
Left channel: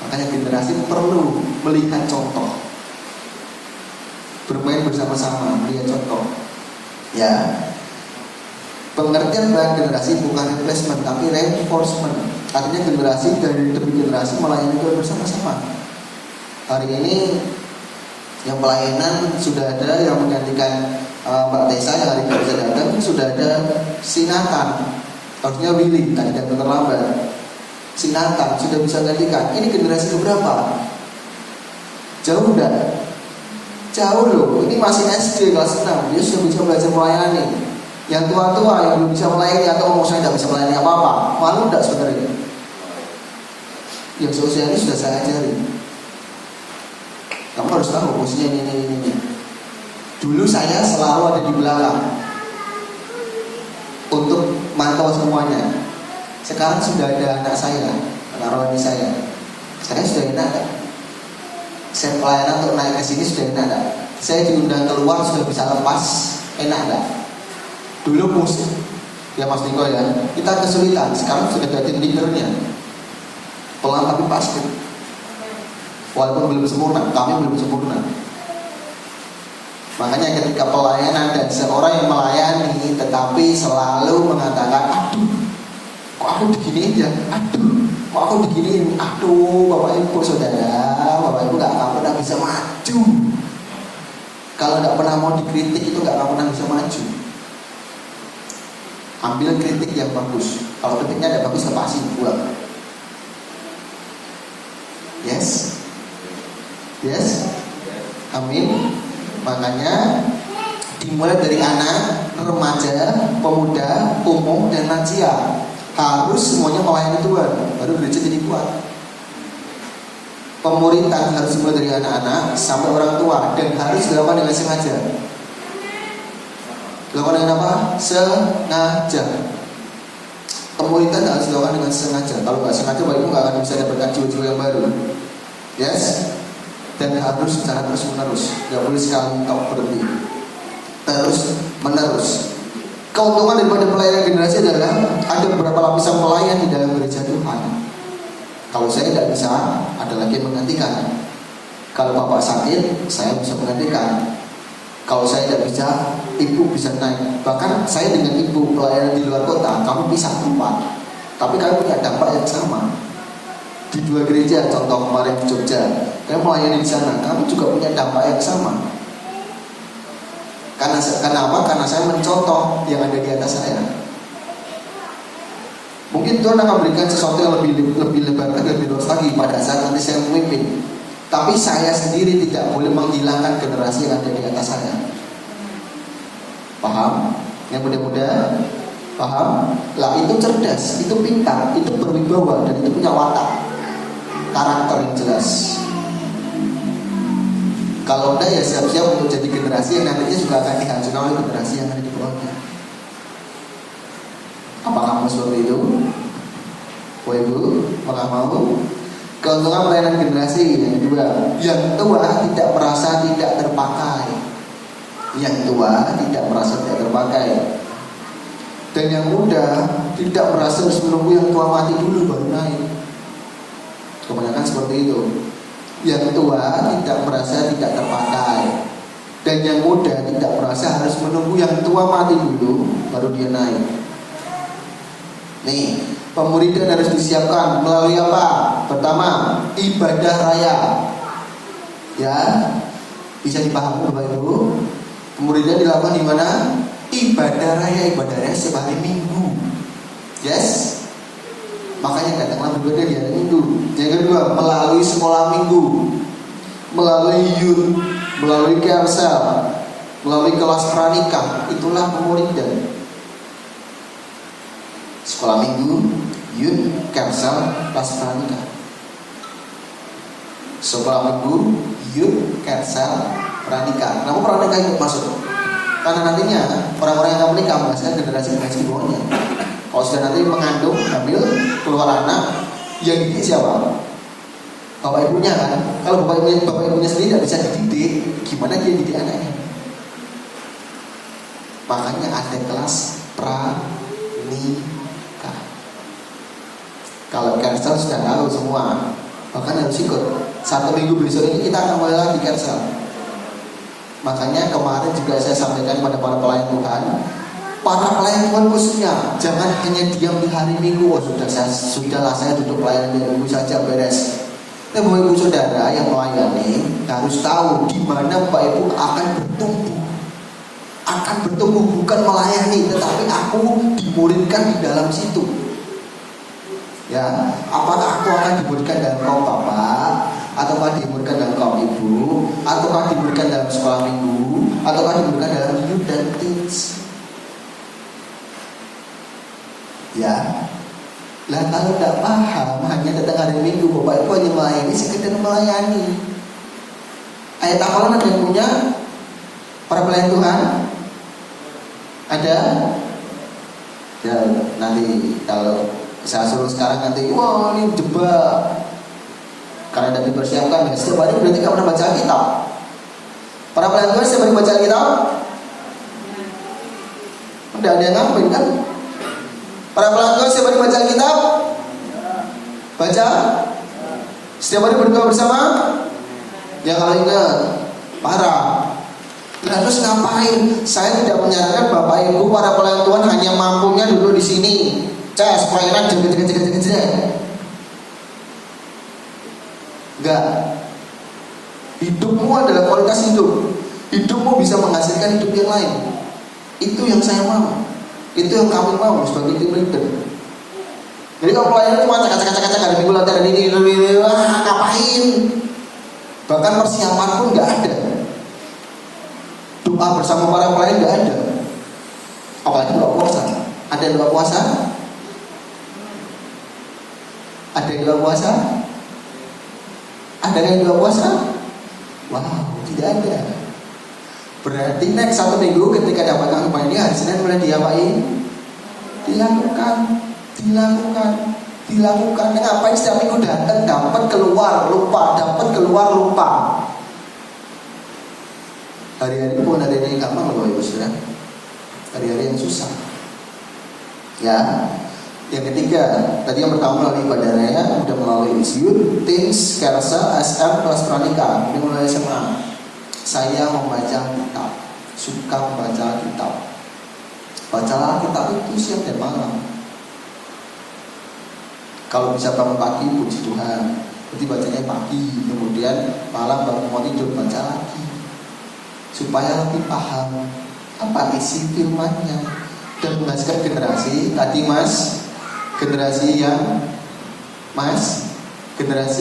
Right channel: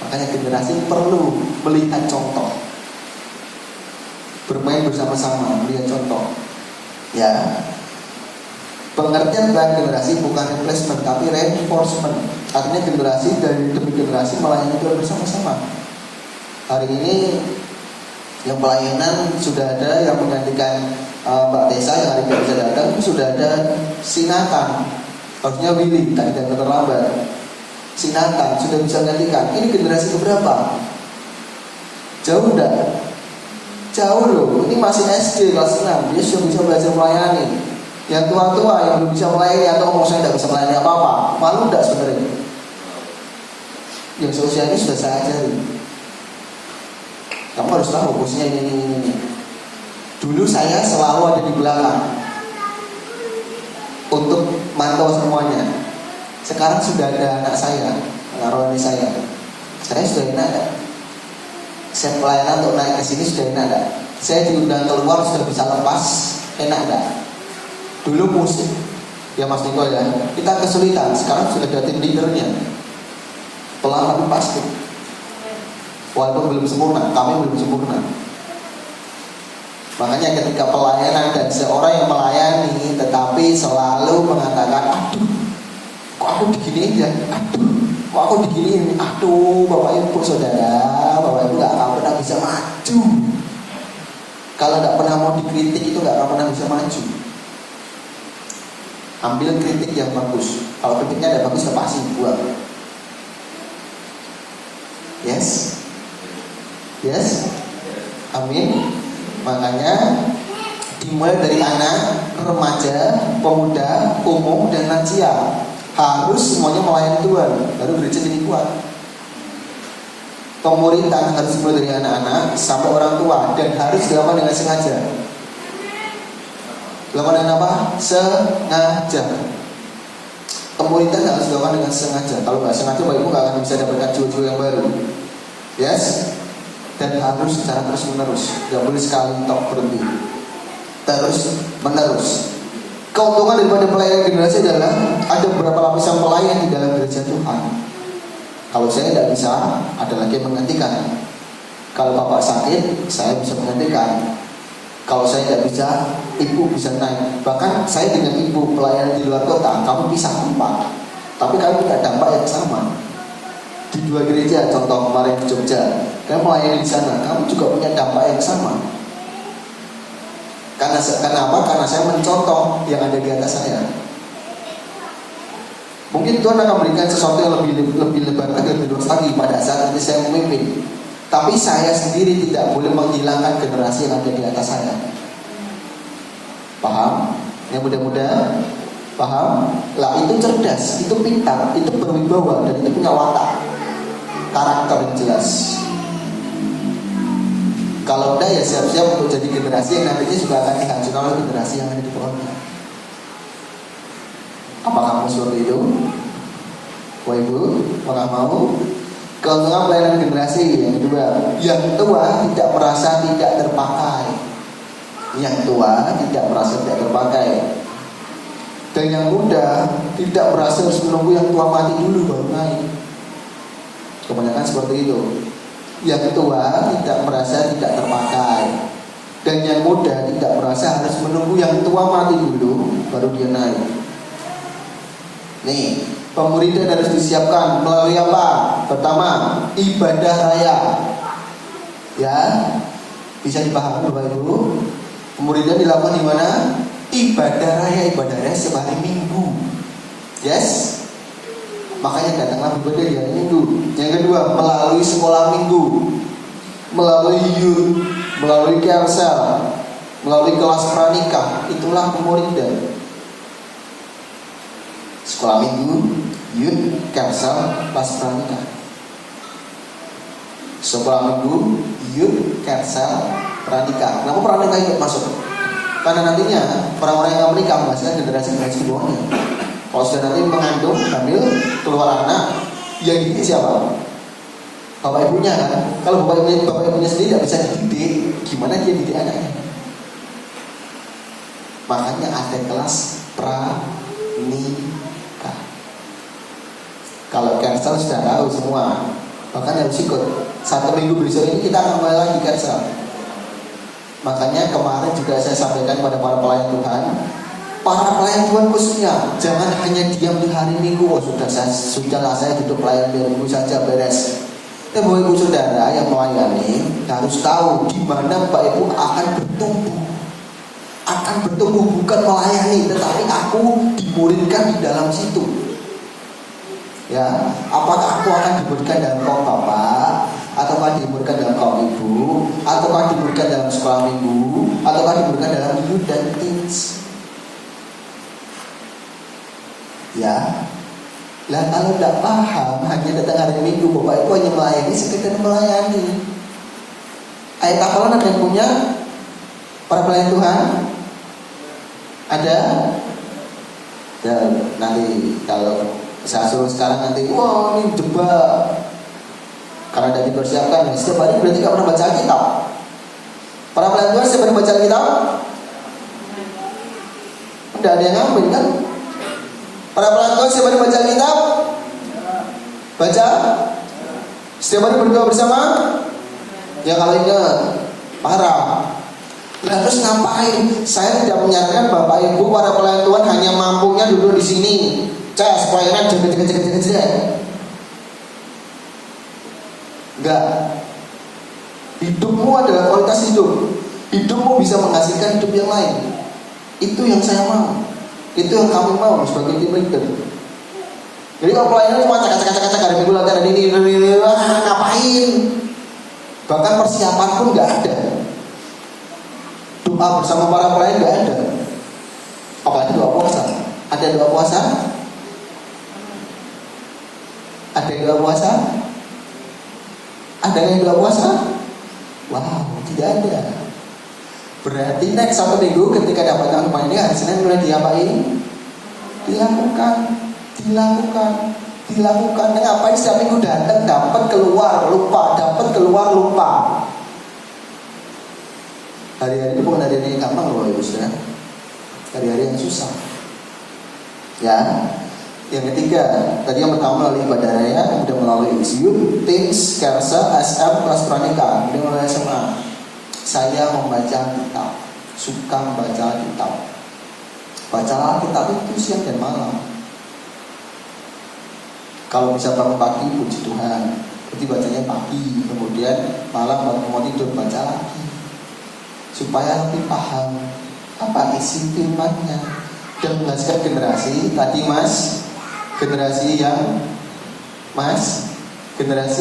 Makanya generasi perlu melihat contoh, bermain bersama-sama, melihat contoh. Ya, pengertian dengan generasi bukan replacement tapi reinforcement. Artinya generasi dari demi generasi melayani Tuhan bersama-sama. Hari ini yang pelayanan sudah ada yang menggantikan Mbak Tessa yang hari ini bisa datang, sudah ada Sinatan. Harusnya Willy, tidak terlambat. Sinatan sudah bisa menggantikan. Ini generasi keberapa? Jauh enggak? Jauh loh. Ini masih SD kelas 6. Dia sudah bisa belajar melayani. Yang tua-tua yang belum bisa melayani atau ngomong saya tidak bisa melayani apa-apa, malu enggak sebenarnya? Yang sosialis sudah saya ajari. Kamu harus tahu posisinya ini. Dulu saya selalu ada di belakang untuk mantau semuanya. Sekarang sudah ada anak saya, anak rohani saya. Saya sudah enak. Saya pelayanan untuk naik ke sini sudah enak. Saya diundang keluar sudah bisa lepas, enak enggak? Dulu musik, ya Mas Niko ya, kita kesulitan. Sekarang sudah ada tindikernya, pelan tapi pasti. Walaupun belum sempurna, kami belum sempurna. Makanya ketika pelayanan dan seorang yang melayani tetapi selalu mengatakan, aduh, kok aku begini aja, kok aku beginiin, Bapak Ibu saudara, Bapak Ibu nggak pernah bisa maju. Kalau nggak pernah mau dikritik itu nggak pernah bisa maju. Ambil kritik yang bagus. Kalau kritiknya tidak bagus, lepasin, buat. Yes. Amin. Makanya dimulai dari anak, remaja, pemuda, umum, dan lansia. Harus semuanya melayani Tuhan, baru gereja jadi kuat. Pemuritan harus dimulai dari anak-anak sampai orang tua, dan harus dilakukan dengan sengaja. Dilakukan dengan apa? Sengaja. Pemuritan harus dilakukan dengan sengaja. Kalau nggak sengaja, baru nggak akan bisa dapatkan jiwa-jiwa yang baru. Yes. Dan harus secara terus menerus, tidak boleh sekali top berhenti, terus menerus. Keuntungan daripada pelayanan generasi adalah ada beberapa lapisan pelayan di dalam gereja Tuhan. Kalau saya tidak bisa, ada lagi yang menggantikan. Kalau bapak sakit, saya bisa menggantikan. Kalau saya tidak bisa, ibu bisa naik. Bahkan saya dengan ibu pelayanan di luar kota, kamu bisa tempat, tapi kami punya dampak yang sama. Di dua gereja, contoh kemarin di Jogja, kami melayani di sana, kami juga punya dampak yang sama. Kenapa? Karena saya mencontoh yang ada di atas saya. Mungkin Tuhan akan berikan sesuatu yang lebih lebar lagi, lebih luas lagi pada saat nanti saya memimpin. Tapi saya sendiri tidak boleh menghilangkan generasi yang ada di atas saya. Paham? Yang mudah-mudahan paham? Lah itu cerdas, itu pintar, itu berwibawa, dan itu punya watak, karakter yang jelas. Kalau udah ya siap-siap untuk jadi generasi yang nantinya juga akan dihancurkan oleh generasi yang ada di bawahnya. Apakah kamu seperti itu? Bapak Ibu, apakah mau? Keuntungan pelayanan generasi yang kedua, yang tua tidak merasa tidak terpakai. Yang tua tidak merasa tidak terpakai. Dan yang muda tidak merasa harus menunggu yang tua mati dulu baru naik. Kebanyakan seperti itu. Yang tua tidak merasa tidak terpakai, dan yang muda tidak merasa harus menunggu yang tua mati dulu baru dia naik. Nih, Pemuridan harus disiapkan melalui apa? Pertama, ibadah raya. Ya, bisa dipahami Bapak Ibu. Pemuridan dilakukan di mana? Ibadah raya setiap hari Minggu. Yes. Makanya datanglah beribadah di hari Minggu. Yang kedua, melalui sekolah Minggu, melalui youth, melalui Kersel, melalui kelas pranikah. Itulah pemuridan. Sekolah Minggu, youth, Kersel, kelas pranikah. Sekolah Minggu, youth, Kersel, pranikah. Kenapa pranikah ikut masuk? Karena nantinya orang-orang yang akan menikah biasanya generasi di bawahnya. Kalau sudah nanti mengandung, hamil, keluar anak, yang dididik siapa? Bapak ibunya kan. Kalau bapak ibunya sendiri tidak bisa dididik, gimana dia didik anaknya? Makanya ada kelas pranikah. Kalau Kersel sudah tahu semua, bahkan harus ikut. 1 minggu besok ini kita akan mulai lagi Kersel. Makanya kemarin juga saya sampaikan kepada para pelayan Tuhan, para pelayan Tuhan khususnya jangan hanya diam di hari Minggu. Oh, sudahlah saya duduk pelayan di hari Minggu saja beres. Dan Bapak Ibu Saudara yang melayani harus tahu di mana Bapak Ibu akan bertumbuh bukan melayani, tetapi aku dimuridkan di dalam situ. Ya, apakah aku akan dimuridkan dalam kaum Bapak, ataukah dimuridkan dalam kaum Ibu, ataukah dimuridkan dalam sekolah Minggu, ataukah dimuridkan dalam youth dan teens? Ya, lah kalau tidak paham hanya datang hari Minggu, Bapak Ibu hanya melayani sekedar melayani. Ayat hafalan ada yang punya? Para pelayan Tuhan ada? Ya, nanti kalau saya suruh sekarang nanti, wah ini debat. Karena tidak dipersiapkan, ya, setiap hari berarti tidak pernah baca kitab. Para pelayan Tuhan setiap hari baca kitab? Tidak ada yang ngambil kan? Para pelayan Tuhan setiap hari baca kitab? Baca? Setiap hari berdoa bersama? Ya kali ini parah. Nah, terus ngapain? Saya tidak menyarankan Bapak Ibu para pelayan Tuhan hanya mampunya duduk di sini. Cas, pelayanan jeget. Enggak. Hidupmu adalah kualitas hidup. Hidupmu bisa menghasilkan hidup yang lain. Itu yang saya mau. Itu yang kami mau sebagai tim leader. Jadi kalau pelayanan cuma cakap-cakap ada minggu latihan ada ini, ngapain? Bahkan persiapan pun nggak ada. Doa bersama para pelayan nggak ada. Apa itu doa puasa? Ada yang doa puasa? Ada yang doa puasa? Ada yang doa puasa? Wow, tidak ada. Berarti next 1 minggu ketika dapat anggapan ini hari Senin mulai diapain? Dilakukan. Ngapain setiap minggu datang dapat keluar lupa, Hari-hari itu bukan hari-hari yang gampang loh Ibu Saudara. Hari-hari yang susah. Ya. Yang ketiga, tadi yang pertama melalui ibadah raya, kemudian melalui youth, teens, Kersa, SM, kelas pranikah, kemudian melalui SMA. Saya membaca kitab, suka membaca kitab. Bacalah kitab itu siang dan malam. Kalau bisa bangun pagi, puji Tuhan. Jadi bacanya pagi, kemudian malam baru mau tidur baca lagi, supaya lebih paham apa isi firman-Nya dan menghasilkan generasi tadi generasi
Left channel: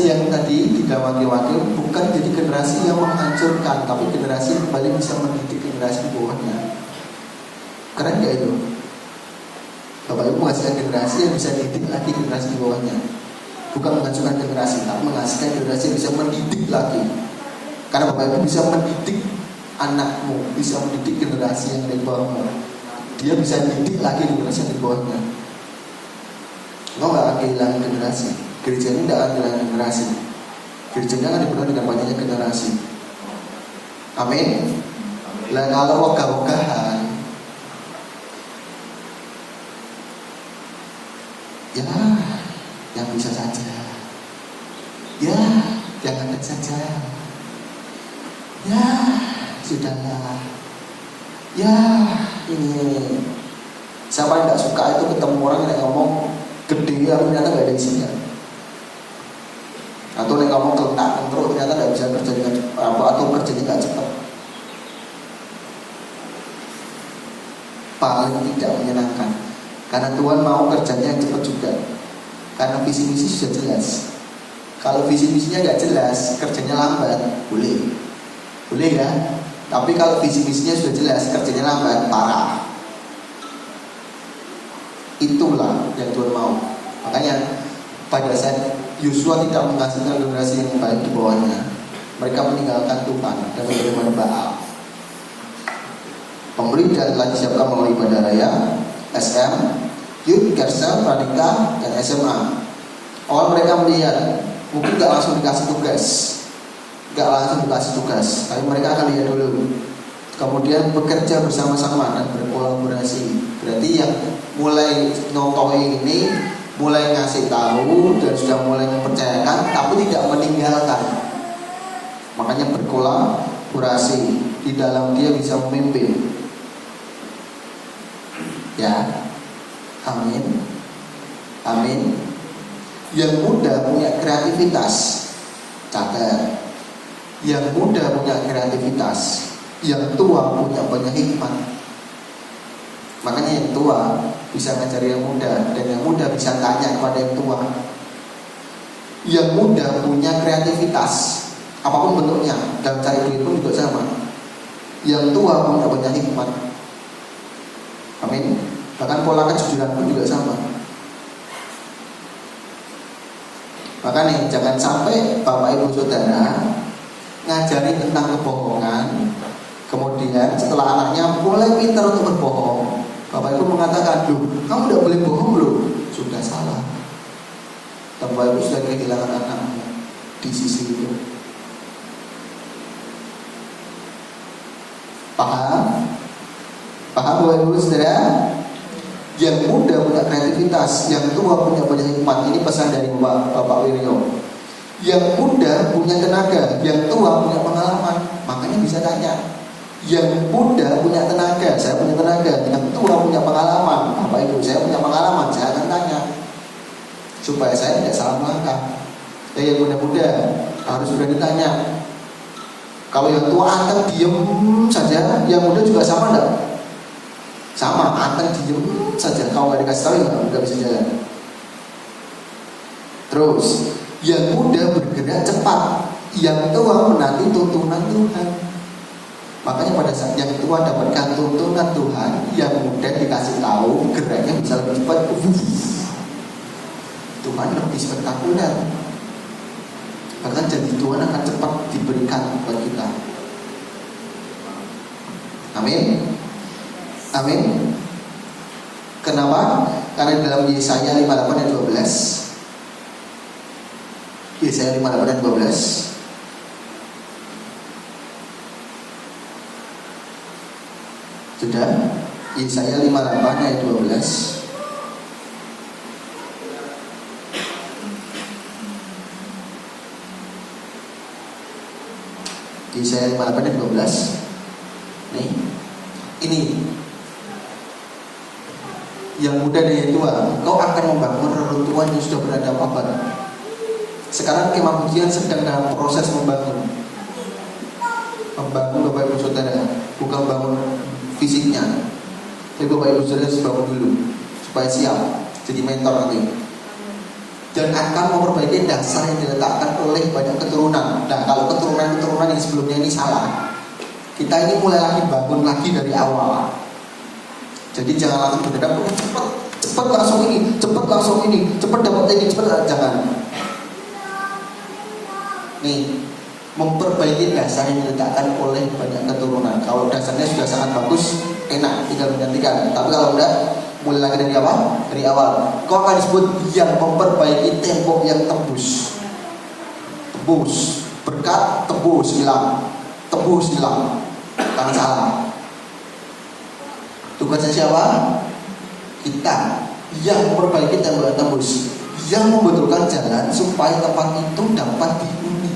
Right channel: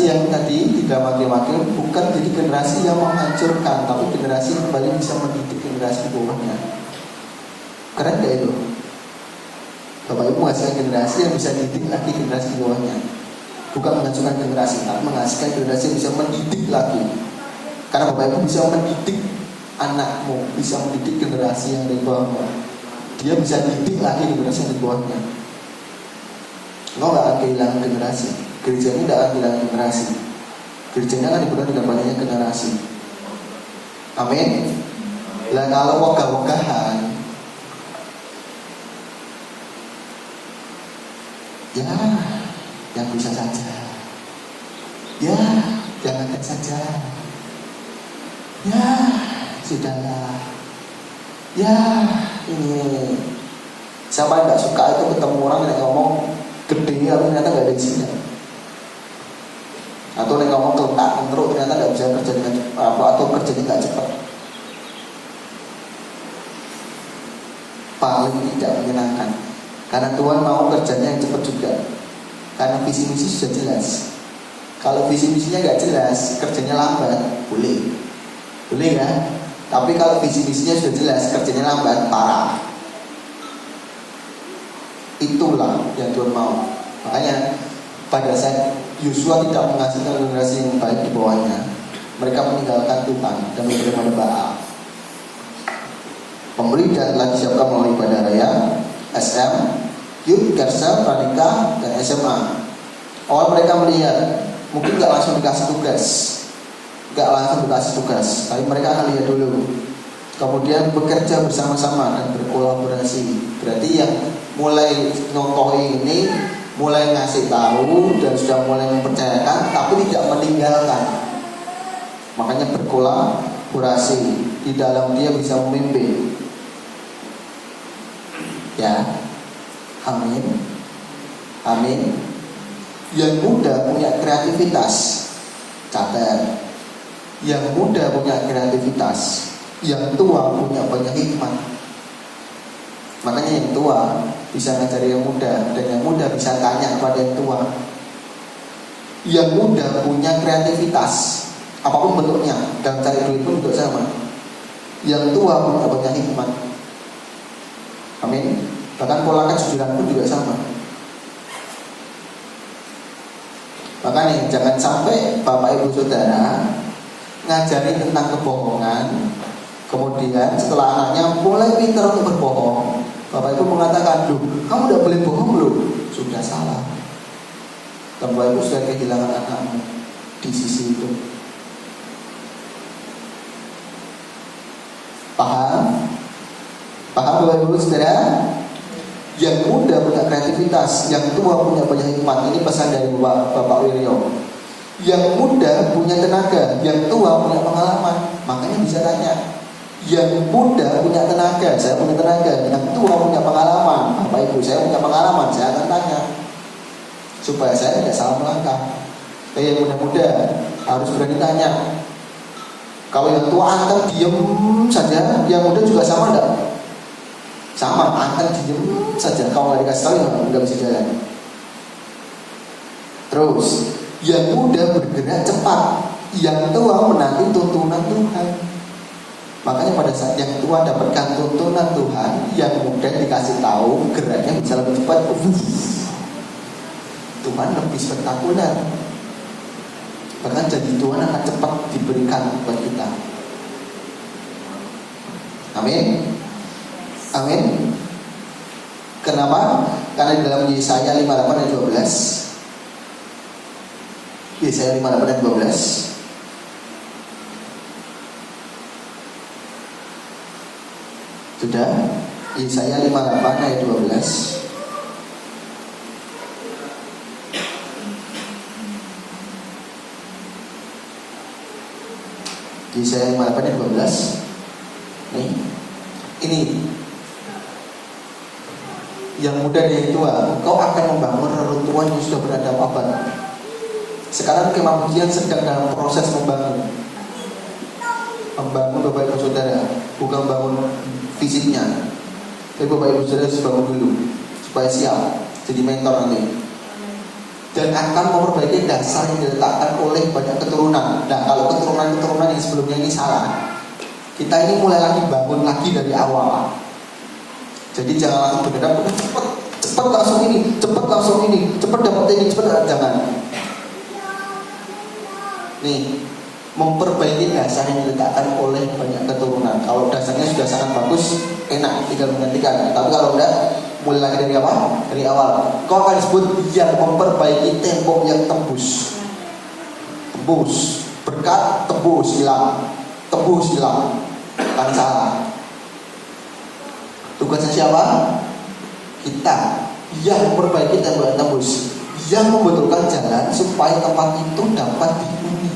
yang tadi tidak wakil-wakil, bukan jadi generasi yang menghancurkan, tapi generasi yang kembali bisa mendidik generasi di bawahnya. Keren gak itu? Bapak Ibu menghasilkan generasi yang bisa didik lagi generasi di bawahnya. Bukan menghancurkan generasi, tapi menghasilkan generasi yang bisa mendidik lagi. Karena Bapak Ibu bisa mendidik anakmu, bisa mendidik generasi yang di bawahmu. Dia bisa didik lagi generasi yang di bawahnya. Lo gak akan kehilangan generasi. Gereja ini tidak akan kehilangan generasi. Gereja ini akan dibuka dengan banyaknya generasi. Amin. Lah kalau wogah-wogahan, ya yang bisa saja, ya yang ada saja, ya sudahlah, ya ini siapa yang nggak suka itu ketemu orang yang ngomong gede tapi ternyata nggak ada isinya. Atau yang kamu terletak terus ternyata nggak bisa kerja dengan apa atau kerjanya nggak cepat. Paling tidak menyenangkan. Karena Tuhan mau kerjanya yang cepat juga. Karena visi misi sudah jelas. Kalau visi misinya nggak jelas, kerjanya lambat, boleh kan? Tapi kalau visi misinya sudah jelas, kerjanya lambat, parah. Itulah yang Tuhan mau. Makanya pada saat Yosua tidak menghasilkan generasi yang baik di bawahnya, mereka meninggalkan Tuhan dan menyembah Baal. Pemerintah telah disiapkan melalui ibadah raya, SM, Youth, Kersel, Radika, dan SMA. Awal mereka melihat, mungkin gak langsung dikasih tugas, tapi mereka akan lihat dulu. Kemudian bekerja bersama-sama dan berkolaborasi. Berarti yang mulai nyontohi ini, mulai ngasih tahu dan sudah mulai mempercayakan, tapi tidak meninggalkan. Makanya berkolaborasi, di dalam dia bisa memimpin. Ya, amin. Yang muda punya kreativitas, catat. Yang muda punya kreativitas, yang tua punya banyak hikmah. Makanya yang tua bisa ngajari yang muda, dan yang muda bisa tanya kepada yang tua. Yang muda punya kreativitas, apapun bentuknya, dan cari duit pun juga sama. Yang tua punya banyak hikmah. Amin. Bahkan pola kejujuran pun juga sama. Makanya jangan sampai Bapak Ibu Saudara ngajarin tentang kebohongan, kemudian setelah anaknya mulai pintar untuk berbohong, Bapak Ibu mengatakan, "Duh, kamu udah boleh bohong loh." Sudah salah. Bapak Ibu sudah kehilangan anakmu di sisi itu. Paham Bapak Ibu Saudara? Yang muda punya kreativitas, yang tua punya banyak hikmat. Ini pesan dari Bapak Wiryo. Yang muda punya tenaga, yang tua punya pengalaman. Makanya bisa tanya. Yang muda punya tenaga, saya punya tenaga. Yang tua punya pengalaman, Bapak Ibu, saya punya pengalaman. Saya akan tanya supaya saya tidak salah melangkah. Yang muda harus berani tanya. Kalau yang tua akan diem saja, yang muda juga sama enggak? Sama, akan diem saja. Kalau nggak dikasih tahu nggak bisa jalan. Terus yang muda bergerak cepat, yang tua menanti tuntunan Tuhan. Makanya pada saat yang tua dapatkan tuntunan Tuhan, yang muda dikasih tahu geraknya bisa lebih cepat. Tuhan lebih spektakuler. Karena jadi Tuhan akan cepat diberikan kepada kita. Amin. Kenapa? Karena dalam Yesaya 58 ayat 12. Yesaya 58 ayat 12. Sudah? Yesaya 58 ayat 12. Yesaya 58 ayat 12. Ini yang muda dan yang tua, kau akan membangun reruntuhan yang sudah berada abad. Sekarang kemah pujian sedang dalam proses membangun Bapak Ibu Saudara, bukan bangun fisiknya. Tapi Bapak Ibu Saudara harus bangun dulu supaya siap jadi mentor nanti. Dan akan memperbaiki dasar yang diletakkan oleh banyak keturunan. Nah, kalau keturunan yang sebelumnya ini salah, kita ini mulai lagi bangun lagi dari awal. Jadi jangan langsung bergerak, cepat langsung ini, cepat dapat ini, cepat, jangan. Nih, memperbaiki dasar yang diletakkan oleh banyak keturunan. Kalau dasarnya sudah sangat bagus, enak, tinggal menggantikan. Tapi kalau enggak, mulai lagi dari apa? Dari awal. Kau akan disebut yang memperbaiki tembok yang tembus. Berkat tembus hilang. Tangan salah. Tugasnya siapa? Kita yang memperbaiki tembok yang tembus, yang membetulkan jalan supaya tempat itu dapat dihuni,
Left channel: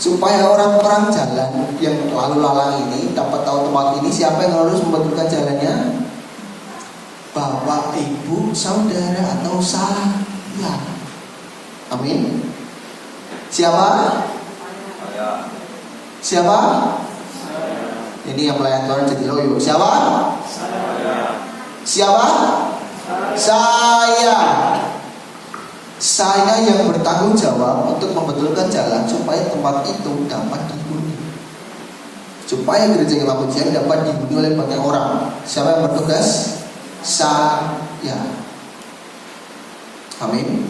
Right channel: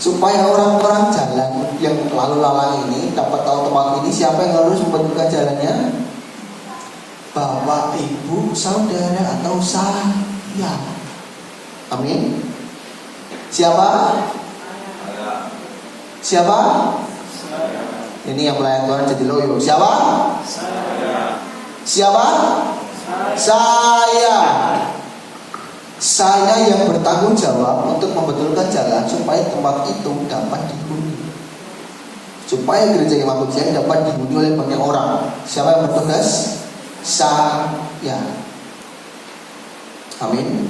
supaya orang-orang jalan yang lalu lalang ini dapat tahu tempat ini. Siapa yang harus membetulkan jalannya? Bapak bapak, ibu, saudara, atau saya. Amin. Siapa? Siapa? Ini yang melayan Tuhan jadi loyo. Siapa? Siapa? Saya. Saya yang bertanggung jawab untuk membetulkan jalan supaya tempat itu dapat dihuni, supaya gereja Kemah Pujian dapat dihuni oleh banyak orang. Siapa yang bertugas? Saya. Amin.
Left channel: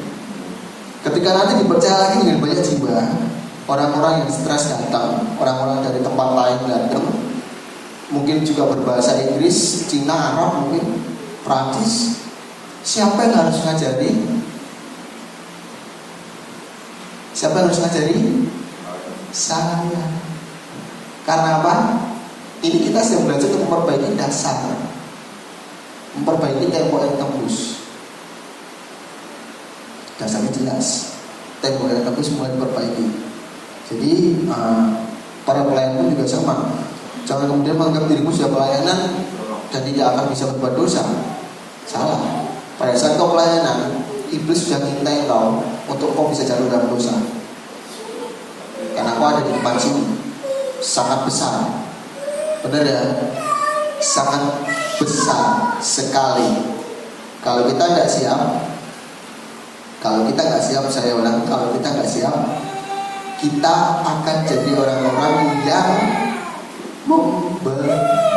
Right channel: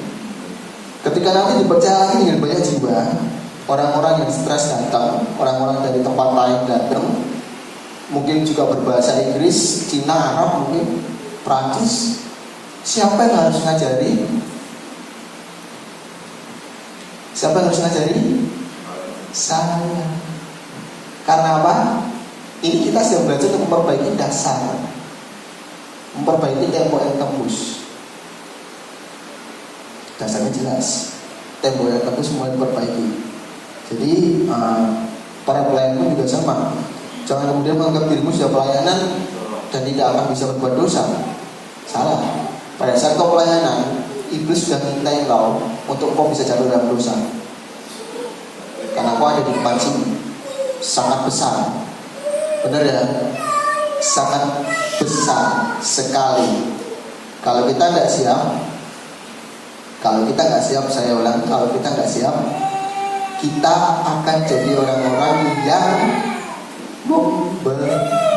Ketika nanti dipercaya lagi dengan banyak jiwa, orang-orang yang stres datang, orang-orang dari tempat lain datang, mungkin juga berbahasa Inggris, Cina, Arab, mungkin Prancis. Siapa yang harus ngajari? Siapa yang harus ngajari? Saya. Karena apa? Ini kita sedang belajar untuk memperbaiki dasar, memperbaiki tembok yang tembus. Dasarnya jelas, tembok yang tembus mulai diperbaiki. Jadi para pelayan pun juga sama. Jangan kemudian menganggap dirimu sudah pelayanan dan tidak akan bisa berbuat dosa. Salah. Pada saat kau pelayanan, iblis sudah mintain kau untuk kau bisa jatuh dalam dosa. Karena kau ada di depan sini sangat besar. Benar ya? Sangat besar sekali. Kalau kita nggak siap, saya ulang, kalau kita nggak siap, kita akan jadi orang-orang yang memberontak.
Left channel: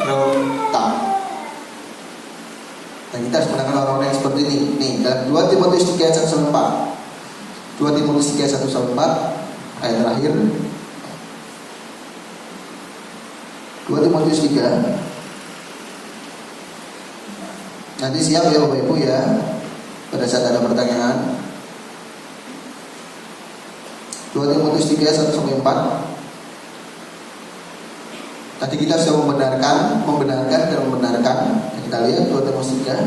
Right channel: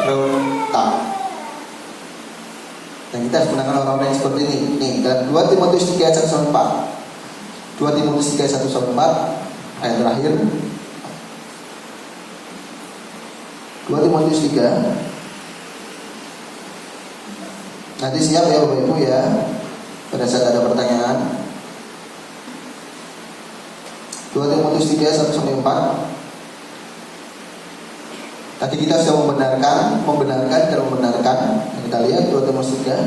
Dan kita harus menangkan orang-orang yang seperti ini. Nih, dalam 2 Timotius 3 ayat 1-4. 2 Timotius 3 ayat 1-4 ayat terakhir. 2 Timotius 3. Nanti siap ya Bapak Ibu ya, pada saat ada pertanyaan. 2 Timotius 3 ayat 1-4. Tadi kita sudah membenarkan dan membenarkan. Kita lihat 2 Timotius 3.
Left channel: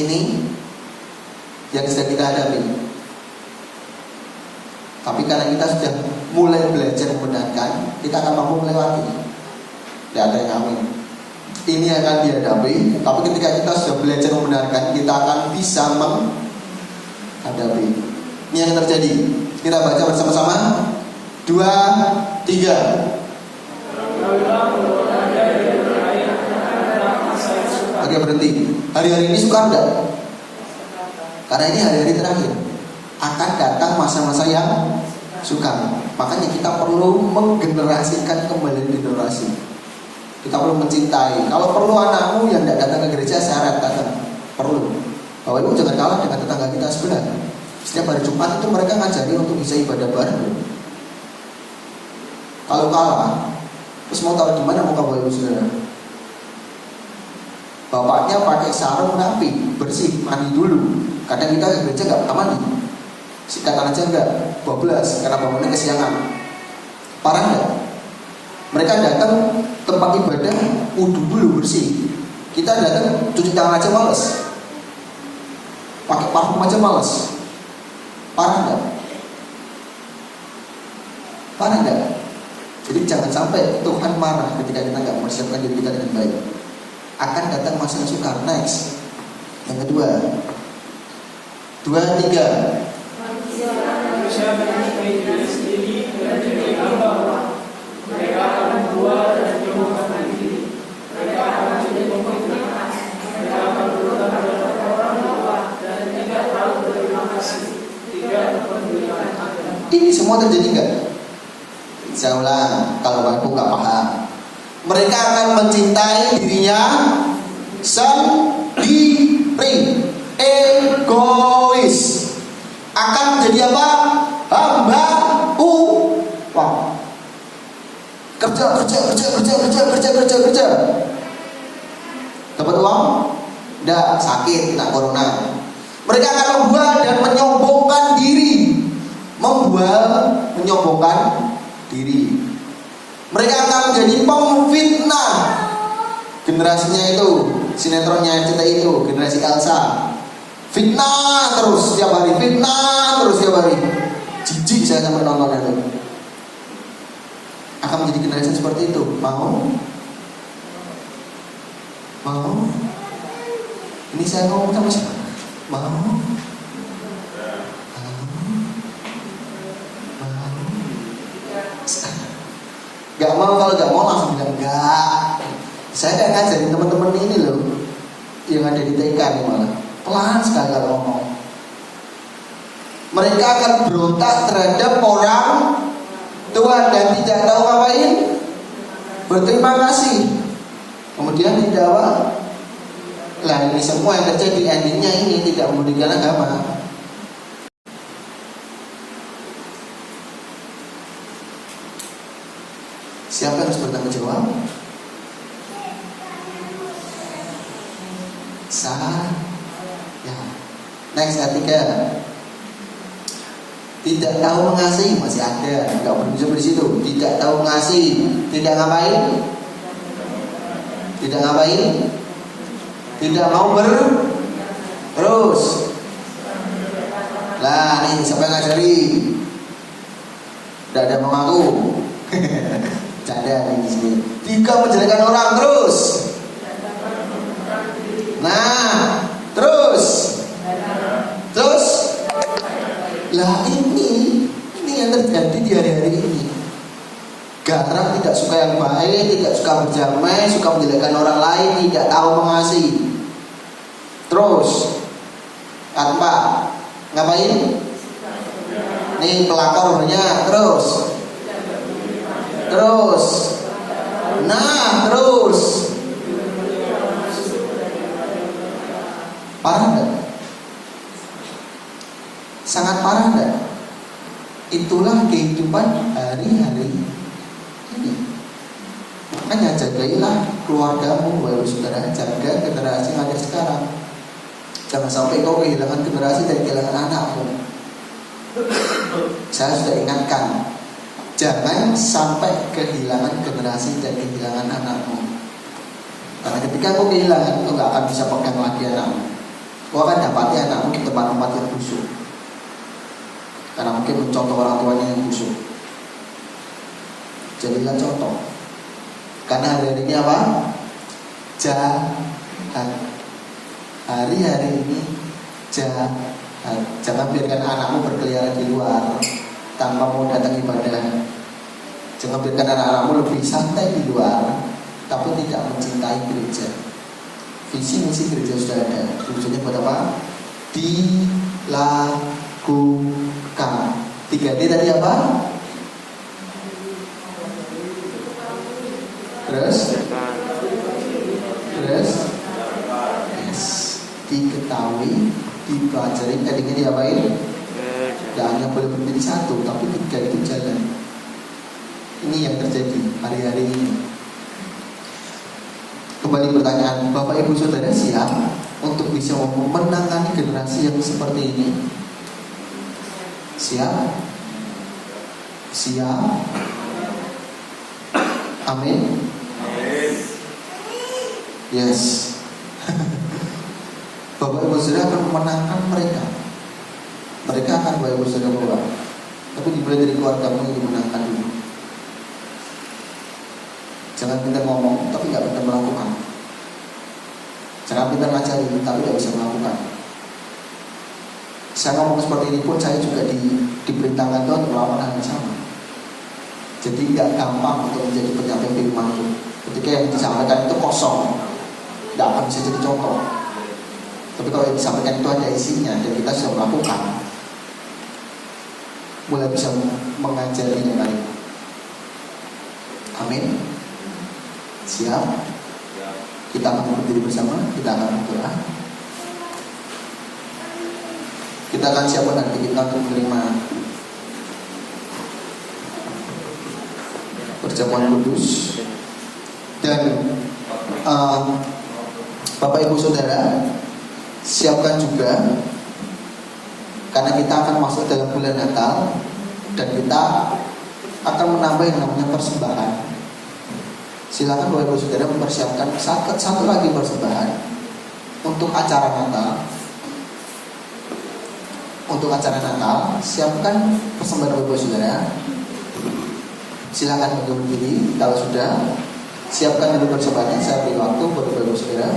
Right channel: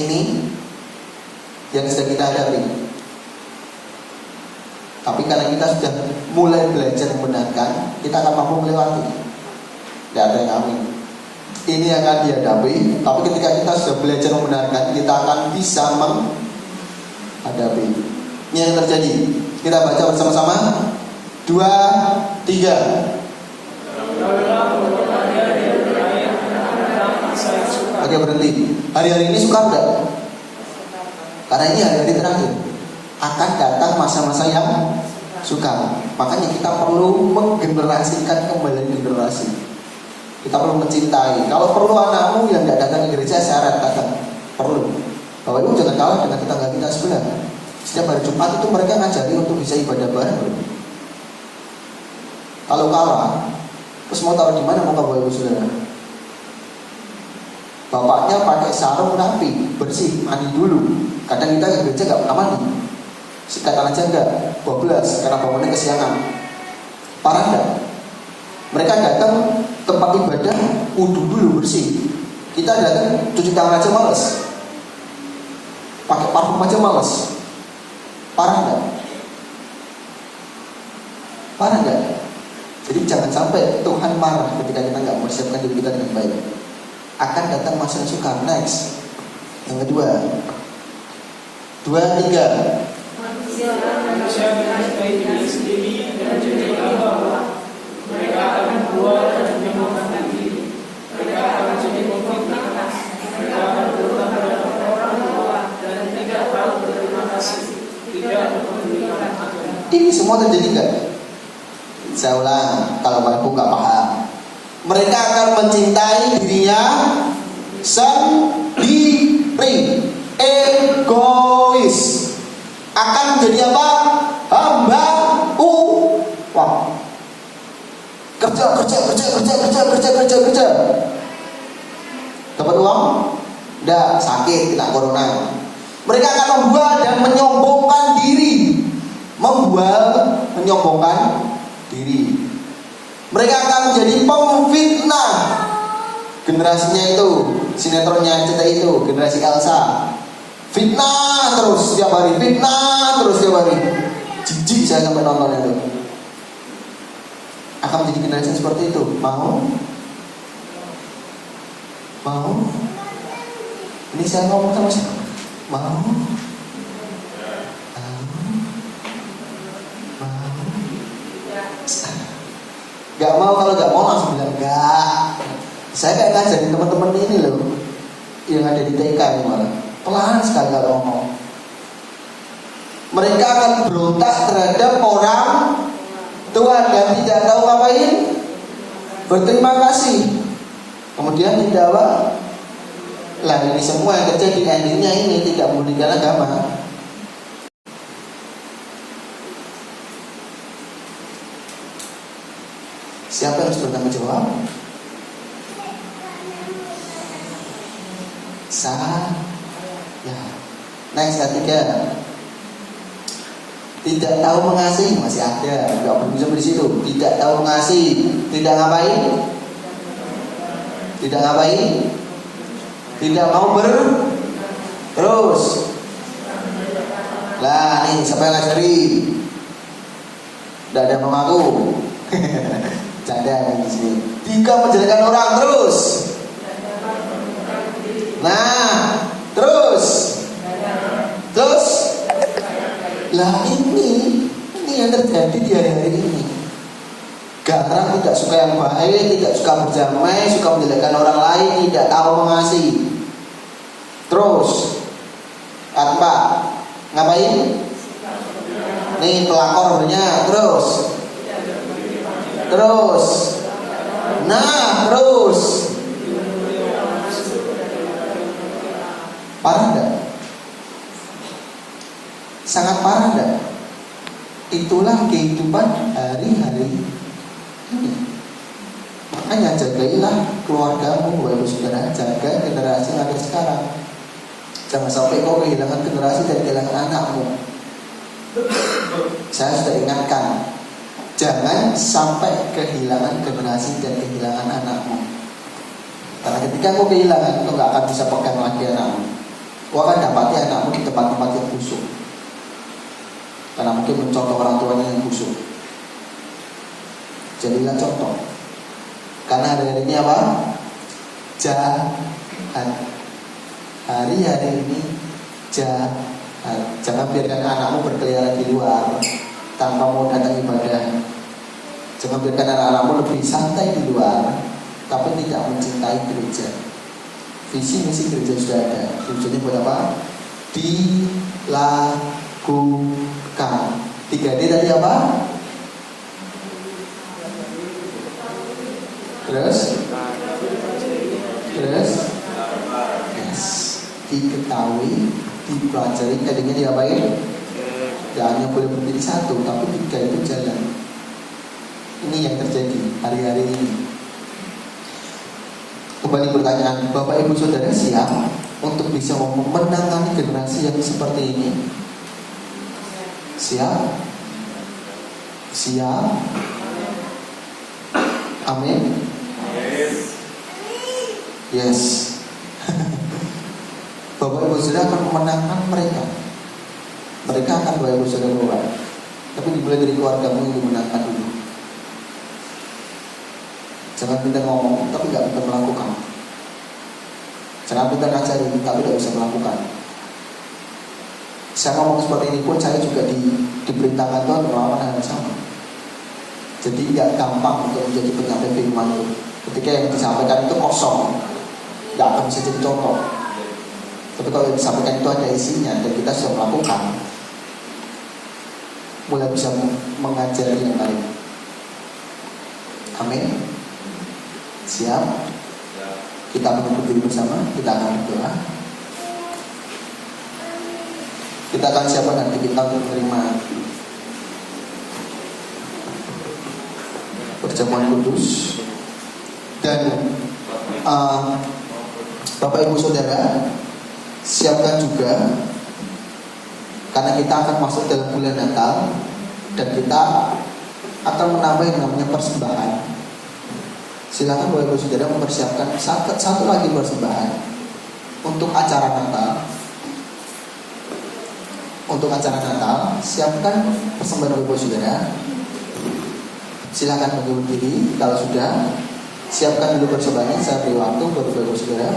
Ini yang sedang kita hadapi. Tapi karena kita sudah mulai belajar membenarkan, kita akan mampu melewati. Tidak ada yang amin. Ini akan dihadapi. Tapi ketika kita sudah belajar membenarkan, kita akan bisa menghadapi. Ini yang terjadi. Kita baca bersama-sama. 2, 3. Oke, berhenti. Hari-hari ini suka enggak? Karena ini hari-hari terakhir. Akan datang masa-masa yang suka. Makanya kita perlu menggenerasikan kembali generasi. Kita perlu mencintai. Kalau perlu anakmu yang tidak datang ke gereja, syarat datang. Perlu. Bapak Ibu jangan kalah dengan tetangga kita sebelah. Setiap hari Jumat itu mereka ngajari untuk bisa ibadah bareng. Kalau kalah, terus mau taruh di mana muka Bapak Ibu saudara? Bapaknya pakai sarung rapi, bersih, mandi dulu. Kadang kita ke gereja nggak pernah mandi. Sikatan aja enggak, 12 karena bangunnya kesiangan. Parah enggak? Mereka datang tempat ibadah, wudu dulu bersih. Kita datang cuci tangan aja males, pakai parfum aja males. Parah enggak? Parah enggak? Jadi jangan sampai Tuhan marah ketika kita nggak mempersiapkan diri kita dengan baik. Akan datang masa yang sukar. Next. Yang kedua, 2, 3. Manusia baik diri sendiri dan jadi bahwa mereka akan membuat dan menyembuhkan diri. Mereka akan menjadi pemfitnah. Mereka akan berutang pada orang tua dan tidak tahu berterima kasih, tidak memberikan akan. Ini semua terjadi enggak? Saya ulang, kalau kamu nggak paham. Mereka akan mencintai dirinya sendiri, egois. Akan menjadi apa? Hamba uang. Kerja. Dapat uang? Udah sakit, kena corona. Mereka akan membuat dan menyombongkan diri. Menyombongkan diri. Mereka akan menjadi pemfitnah. Generasinya itu, sinetronnya RCTI itu, generasi Elsa. Fitnah terus setiap hari, jijik saya sampai nonton itu. Akan menjadi generasi seperti itu. Mau? Ini saya ngomong sama siapa? Mau? Gak mau, kalau gak mau langsung bilang enggak. Saya kayak ngajarin teman-teman ini loh, yang ada di TK ini malah pelan sekali kalau ngomong. Mereka akan berontak terhadap orang tua dan tidak tahu ngapain. Berterima kasih. Kemudian tidak apa? Lah ini semua yang terjadi endingnya ini tidak meninggalkan agama. Siapa yang harus bertanggung jawab? Ya. Next, ketiga. Tidak tahu mengasihi, masih ada, nggak bisa di situ. Tidak tahu mengasihi, tidak ngapain? Tidak ngapain? Tidak mau terus. Lah nih siapa yang ngajari? Tidak ada mau ngaku. Canda di sini. Tiga, menjelekan orang terus. Nah, terus. Lah ini yang terjadi di hari-hari ini. Garang tidak suka yang baik, tidak suka berdamai, suka menjelekan orang lain, tidak tahu mengasihi. Terus, apa? Ngapain? Nih pelakornya terus. Nah, terus. Parah enggak? Sangat parah enggak? Itulah kehidupan hari-hari ini. Makanya jagailah keluargamu, baru saudara, jaga generasi yang ada sekarang. Jangan sampai kau kehilangan generasi dan kehilangan anakmu. Saya sudah ingatkan, jangan sampai kehilangan generasi dan kehilangan anakmu. Karena ketika kau kehilangan, kau gak akan bisa pegang lagi anakmu. Kau akan dapati anakmu di tempat-tempat yang busuk. Karena mungkin mencontoh orang tuanya yang busuk. Jadilah contoh. Karena hari ini apa? Jangan. Hari-hari ini jangan biarkan anakmu berkeliaran di luar tanpa mau datang ibadah. Jangan biarkan anak-anakmu lebih santai di luar tapi tidak mencintai gereja. Visi misi gereja sudah ada. Tujuannya buat apa? Dilakukan. 3D tadi apa? Terus yes. Diketahui, dipelajari, tadinya diapain? Ya hanya boleh berdiri satu, tapi 3 itu jalan. Ini yang terjadi hari-hari ini. Kembali pertanyaan, Bapak Ibu Saudara siap untuk bisa memenangkan generasi yang seperti ini? Siap? Siap? Amin? Yes. Bapak Ibu Saudara akan memenangkan mereka. Mereka akan Bapak Ibu Saudara bawa. Tapi dimulai dari keluargamu yang dimenangkan dulu. Jangan pintar ngomong, tapi gak pintar melakukan. Jangan pintar ngajari, tapi gak bisa melakukan. Saya ngomong seperti ini pun saya juga diperintahkan Tuhan melakukan hal yang sama. Jadi gak gampang untuk menjadi penyampaian firman itu. Ketika yang disampaikan itu kosong, gak akan bisa jadi contoh. Tapi kalau yang disampaikan itu ada isinya dan kita sudah melakukan, mulai bisa mengajari yang lain. Amin. Siap? Kita menunggu dulu bersama. Kita akan berdoa. Kita akan siapkan nanti kita untuk menerima perjamuan kudus. Dan Bapak Ibu Saudara, siapkan juga, karena kita akan masuk dalam bulan Natal dan kita akan menambah yang namanya persembahan. Silakan Bapak Ibu Saudara mempersiapkan satu lagi persembahan untuk acara Natal. Untuk acara Natal, siapkan persembahan Bapak Ibu Saudara. Silakan berdiri kalau sudah. Siapkan dulu persembahannya. Saya beri waktu buat Bapak Ibu Saudara.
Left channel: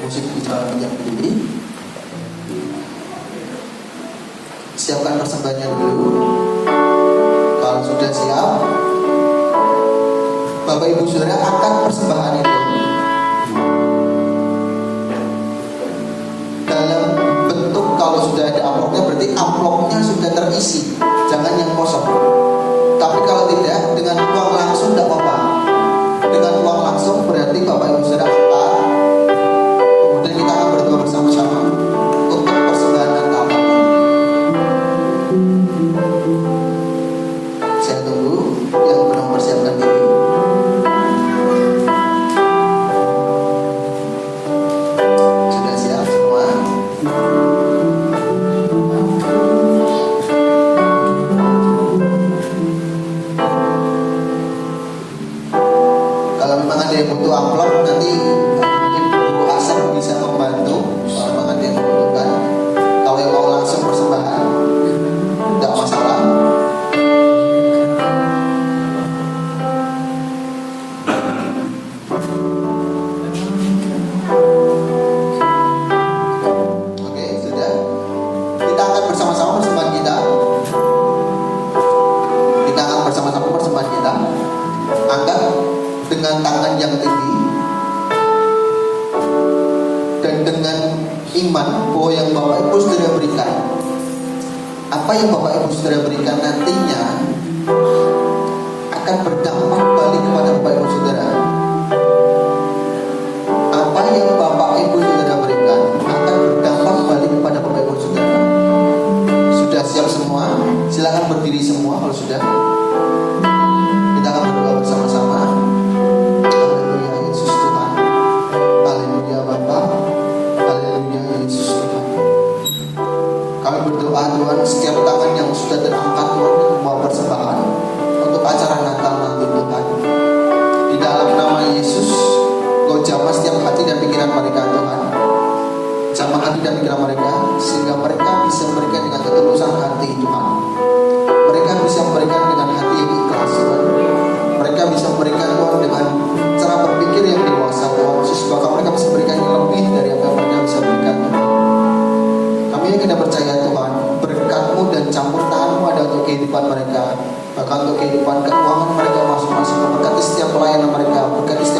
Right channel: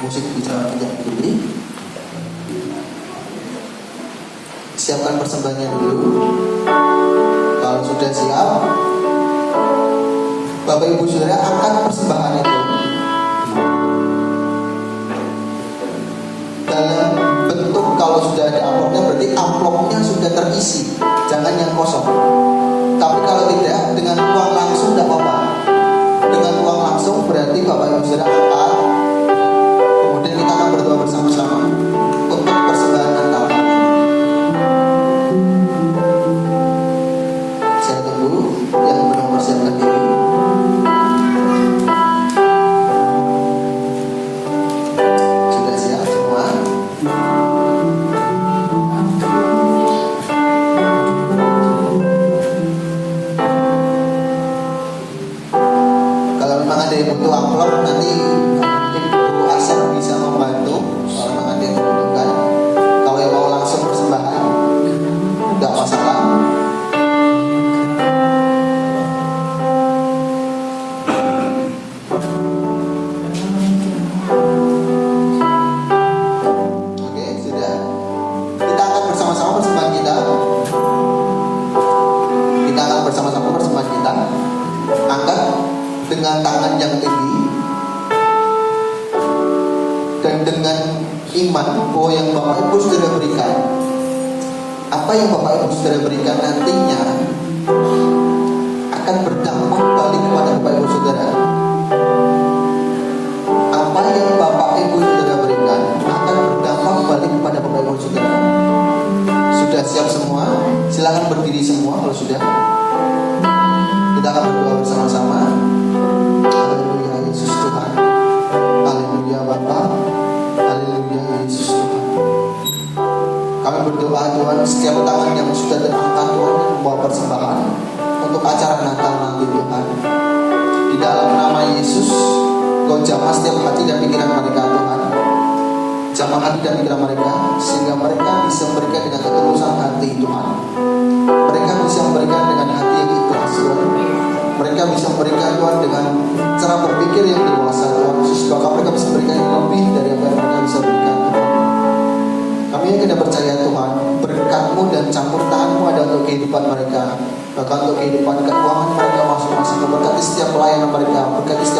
musik bicara yang berdiri. Siapkan persembahannya dulu. Kalau sudah siap, Bapak Ibu Saudara angkat persembahan itu dalam bentuk, kalau sudah ada amplopnya berarti amplopnya sudah terisi, jangan yang kosong. Tapi kalau tidak, dengan uang langsung tidak apa-apa. Dengan uang langsung berarti Bapak Ibu Saudara angkat, kemudian kita akan berdoa bersama-sama untuk persembahan yang kita angkat. Saya tunggu yang belum mempersiapkan diri. Sudah siap semua? Kalau memang ada yang butuh amplop, nanti mungkin Bu Asep bisa membantu. Kalau memang ada yang membutuhkan. Kalau yang mau langsung persembahan, tidak masalah. Oke, sudah. Kita akan bersama-sama persembahan kita. Kita akan bersama-sama persembahan kita. Angkat dengan tangan yang tinggi dan dengan iman bahwa yang Bapak Ibu Saudara berikan, apa yang Bapak Ibu Saudara berikan nantinya akan berdampak balik kepada Bapak Ibu Saudara. Apa yang Bapak Ibu Saudara berikan akan berdampak balik kepada Bapak Ibu Saudara. Sudah siap semua? Silakan berdiri semua kalau sudah. Kita akan berdoa bersama-sama. Haleluya Yesus Tuhan. Haleluya Bapa. Haleluya Yesus Tuhan. Kami berdoa Tuhan, setiap tangan yang sudah terangkat Tuhan membawa persembahan untuk acara Natal nanti Tuhan. Di dalam nama Yesus, Kau jamah setiap hati dan pikiran mereka Tuhan. Jamah hati dan pikiran mereka sehingga mereka bisa memberikan dengan ketulusan hati Tuhan. Mereka bisa memberikan dengan hati yang ikhlas Tuhan. Mereka bisa memberikan Tuhan dengan cara berpikir yang dewasa Tuhan. Bahkan mereka bisa memberikan yang lebih dari apa yang mereka bisa berikan Tuhan. Kami yakin dan percaya Tuhan, berkat-Mu dan campur tangan-Mu ada untuk kehidupan mereka, bahkan untuk kehidupan keuangan mereka masing-masing. Berkati setiap pelayanan mereka, berkati setiap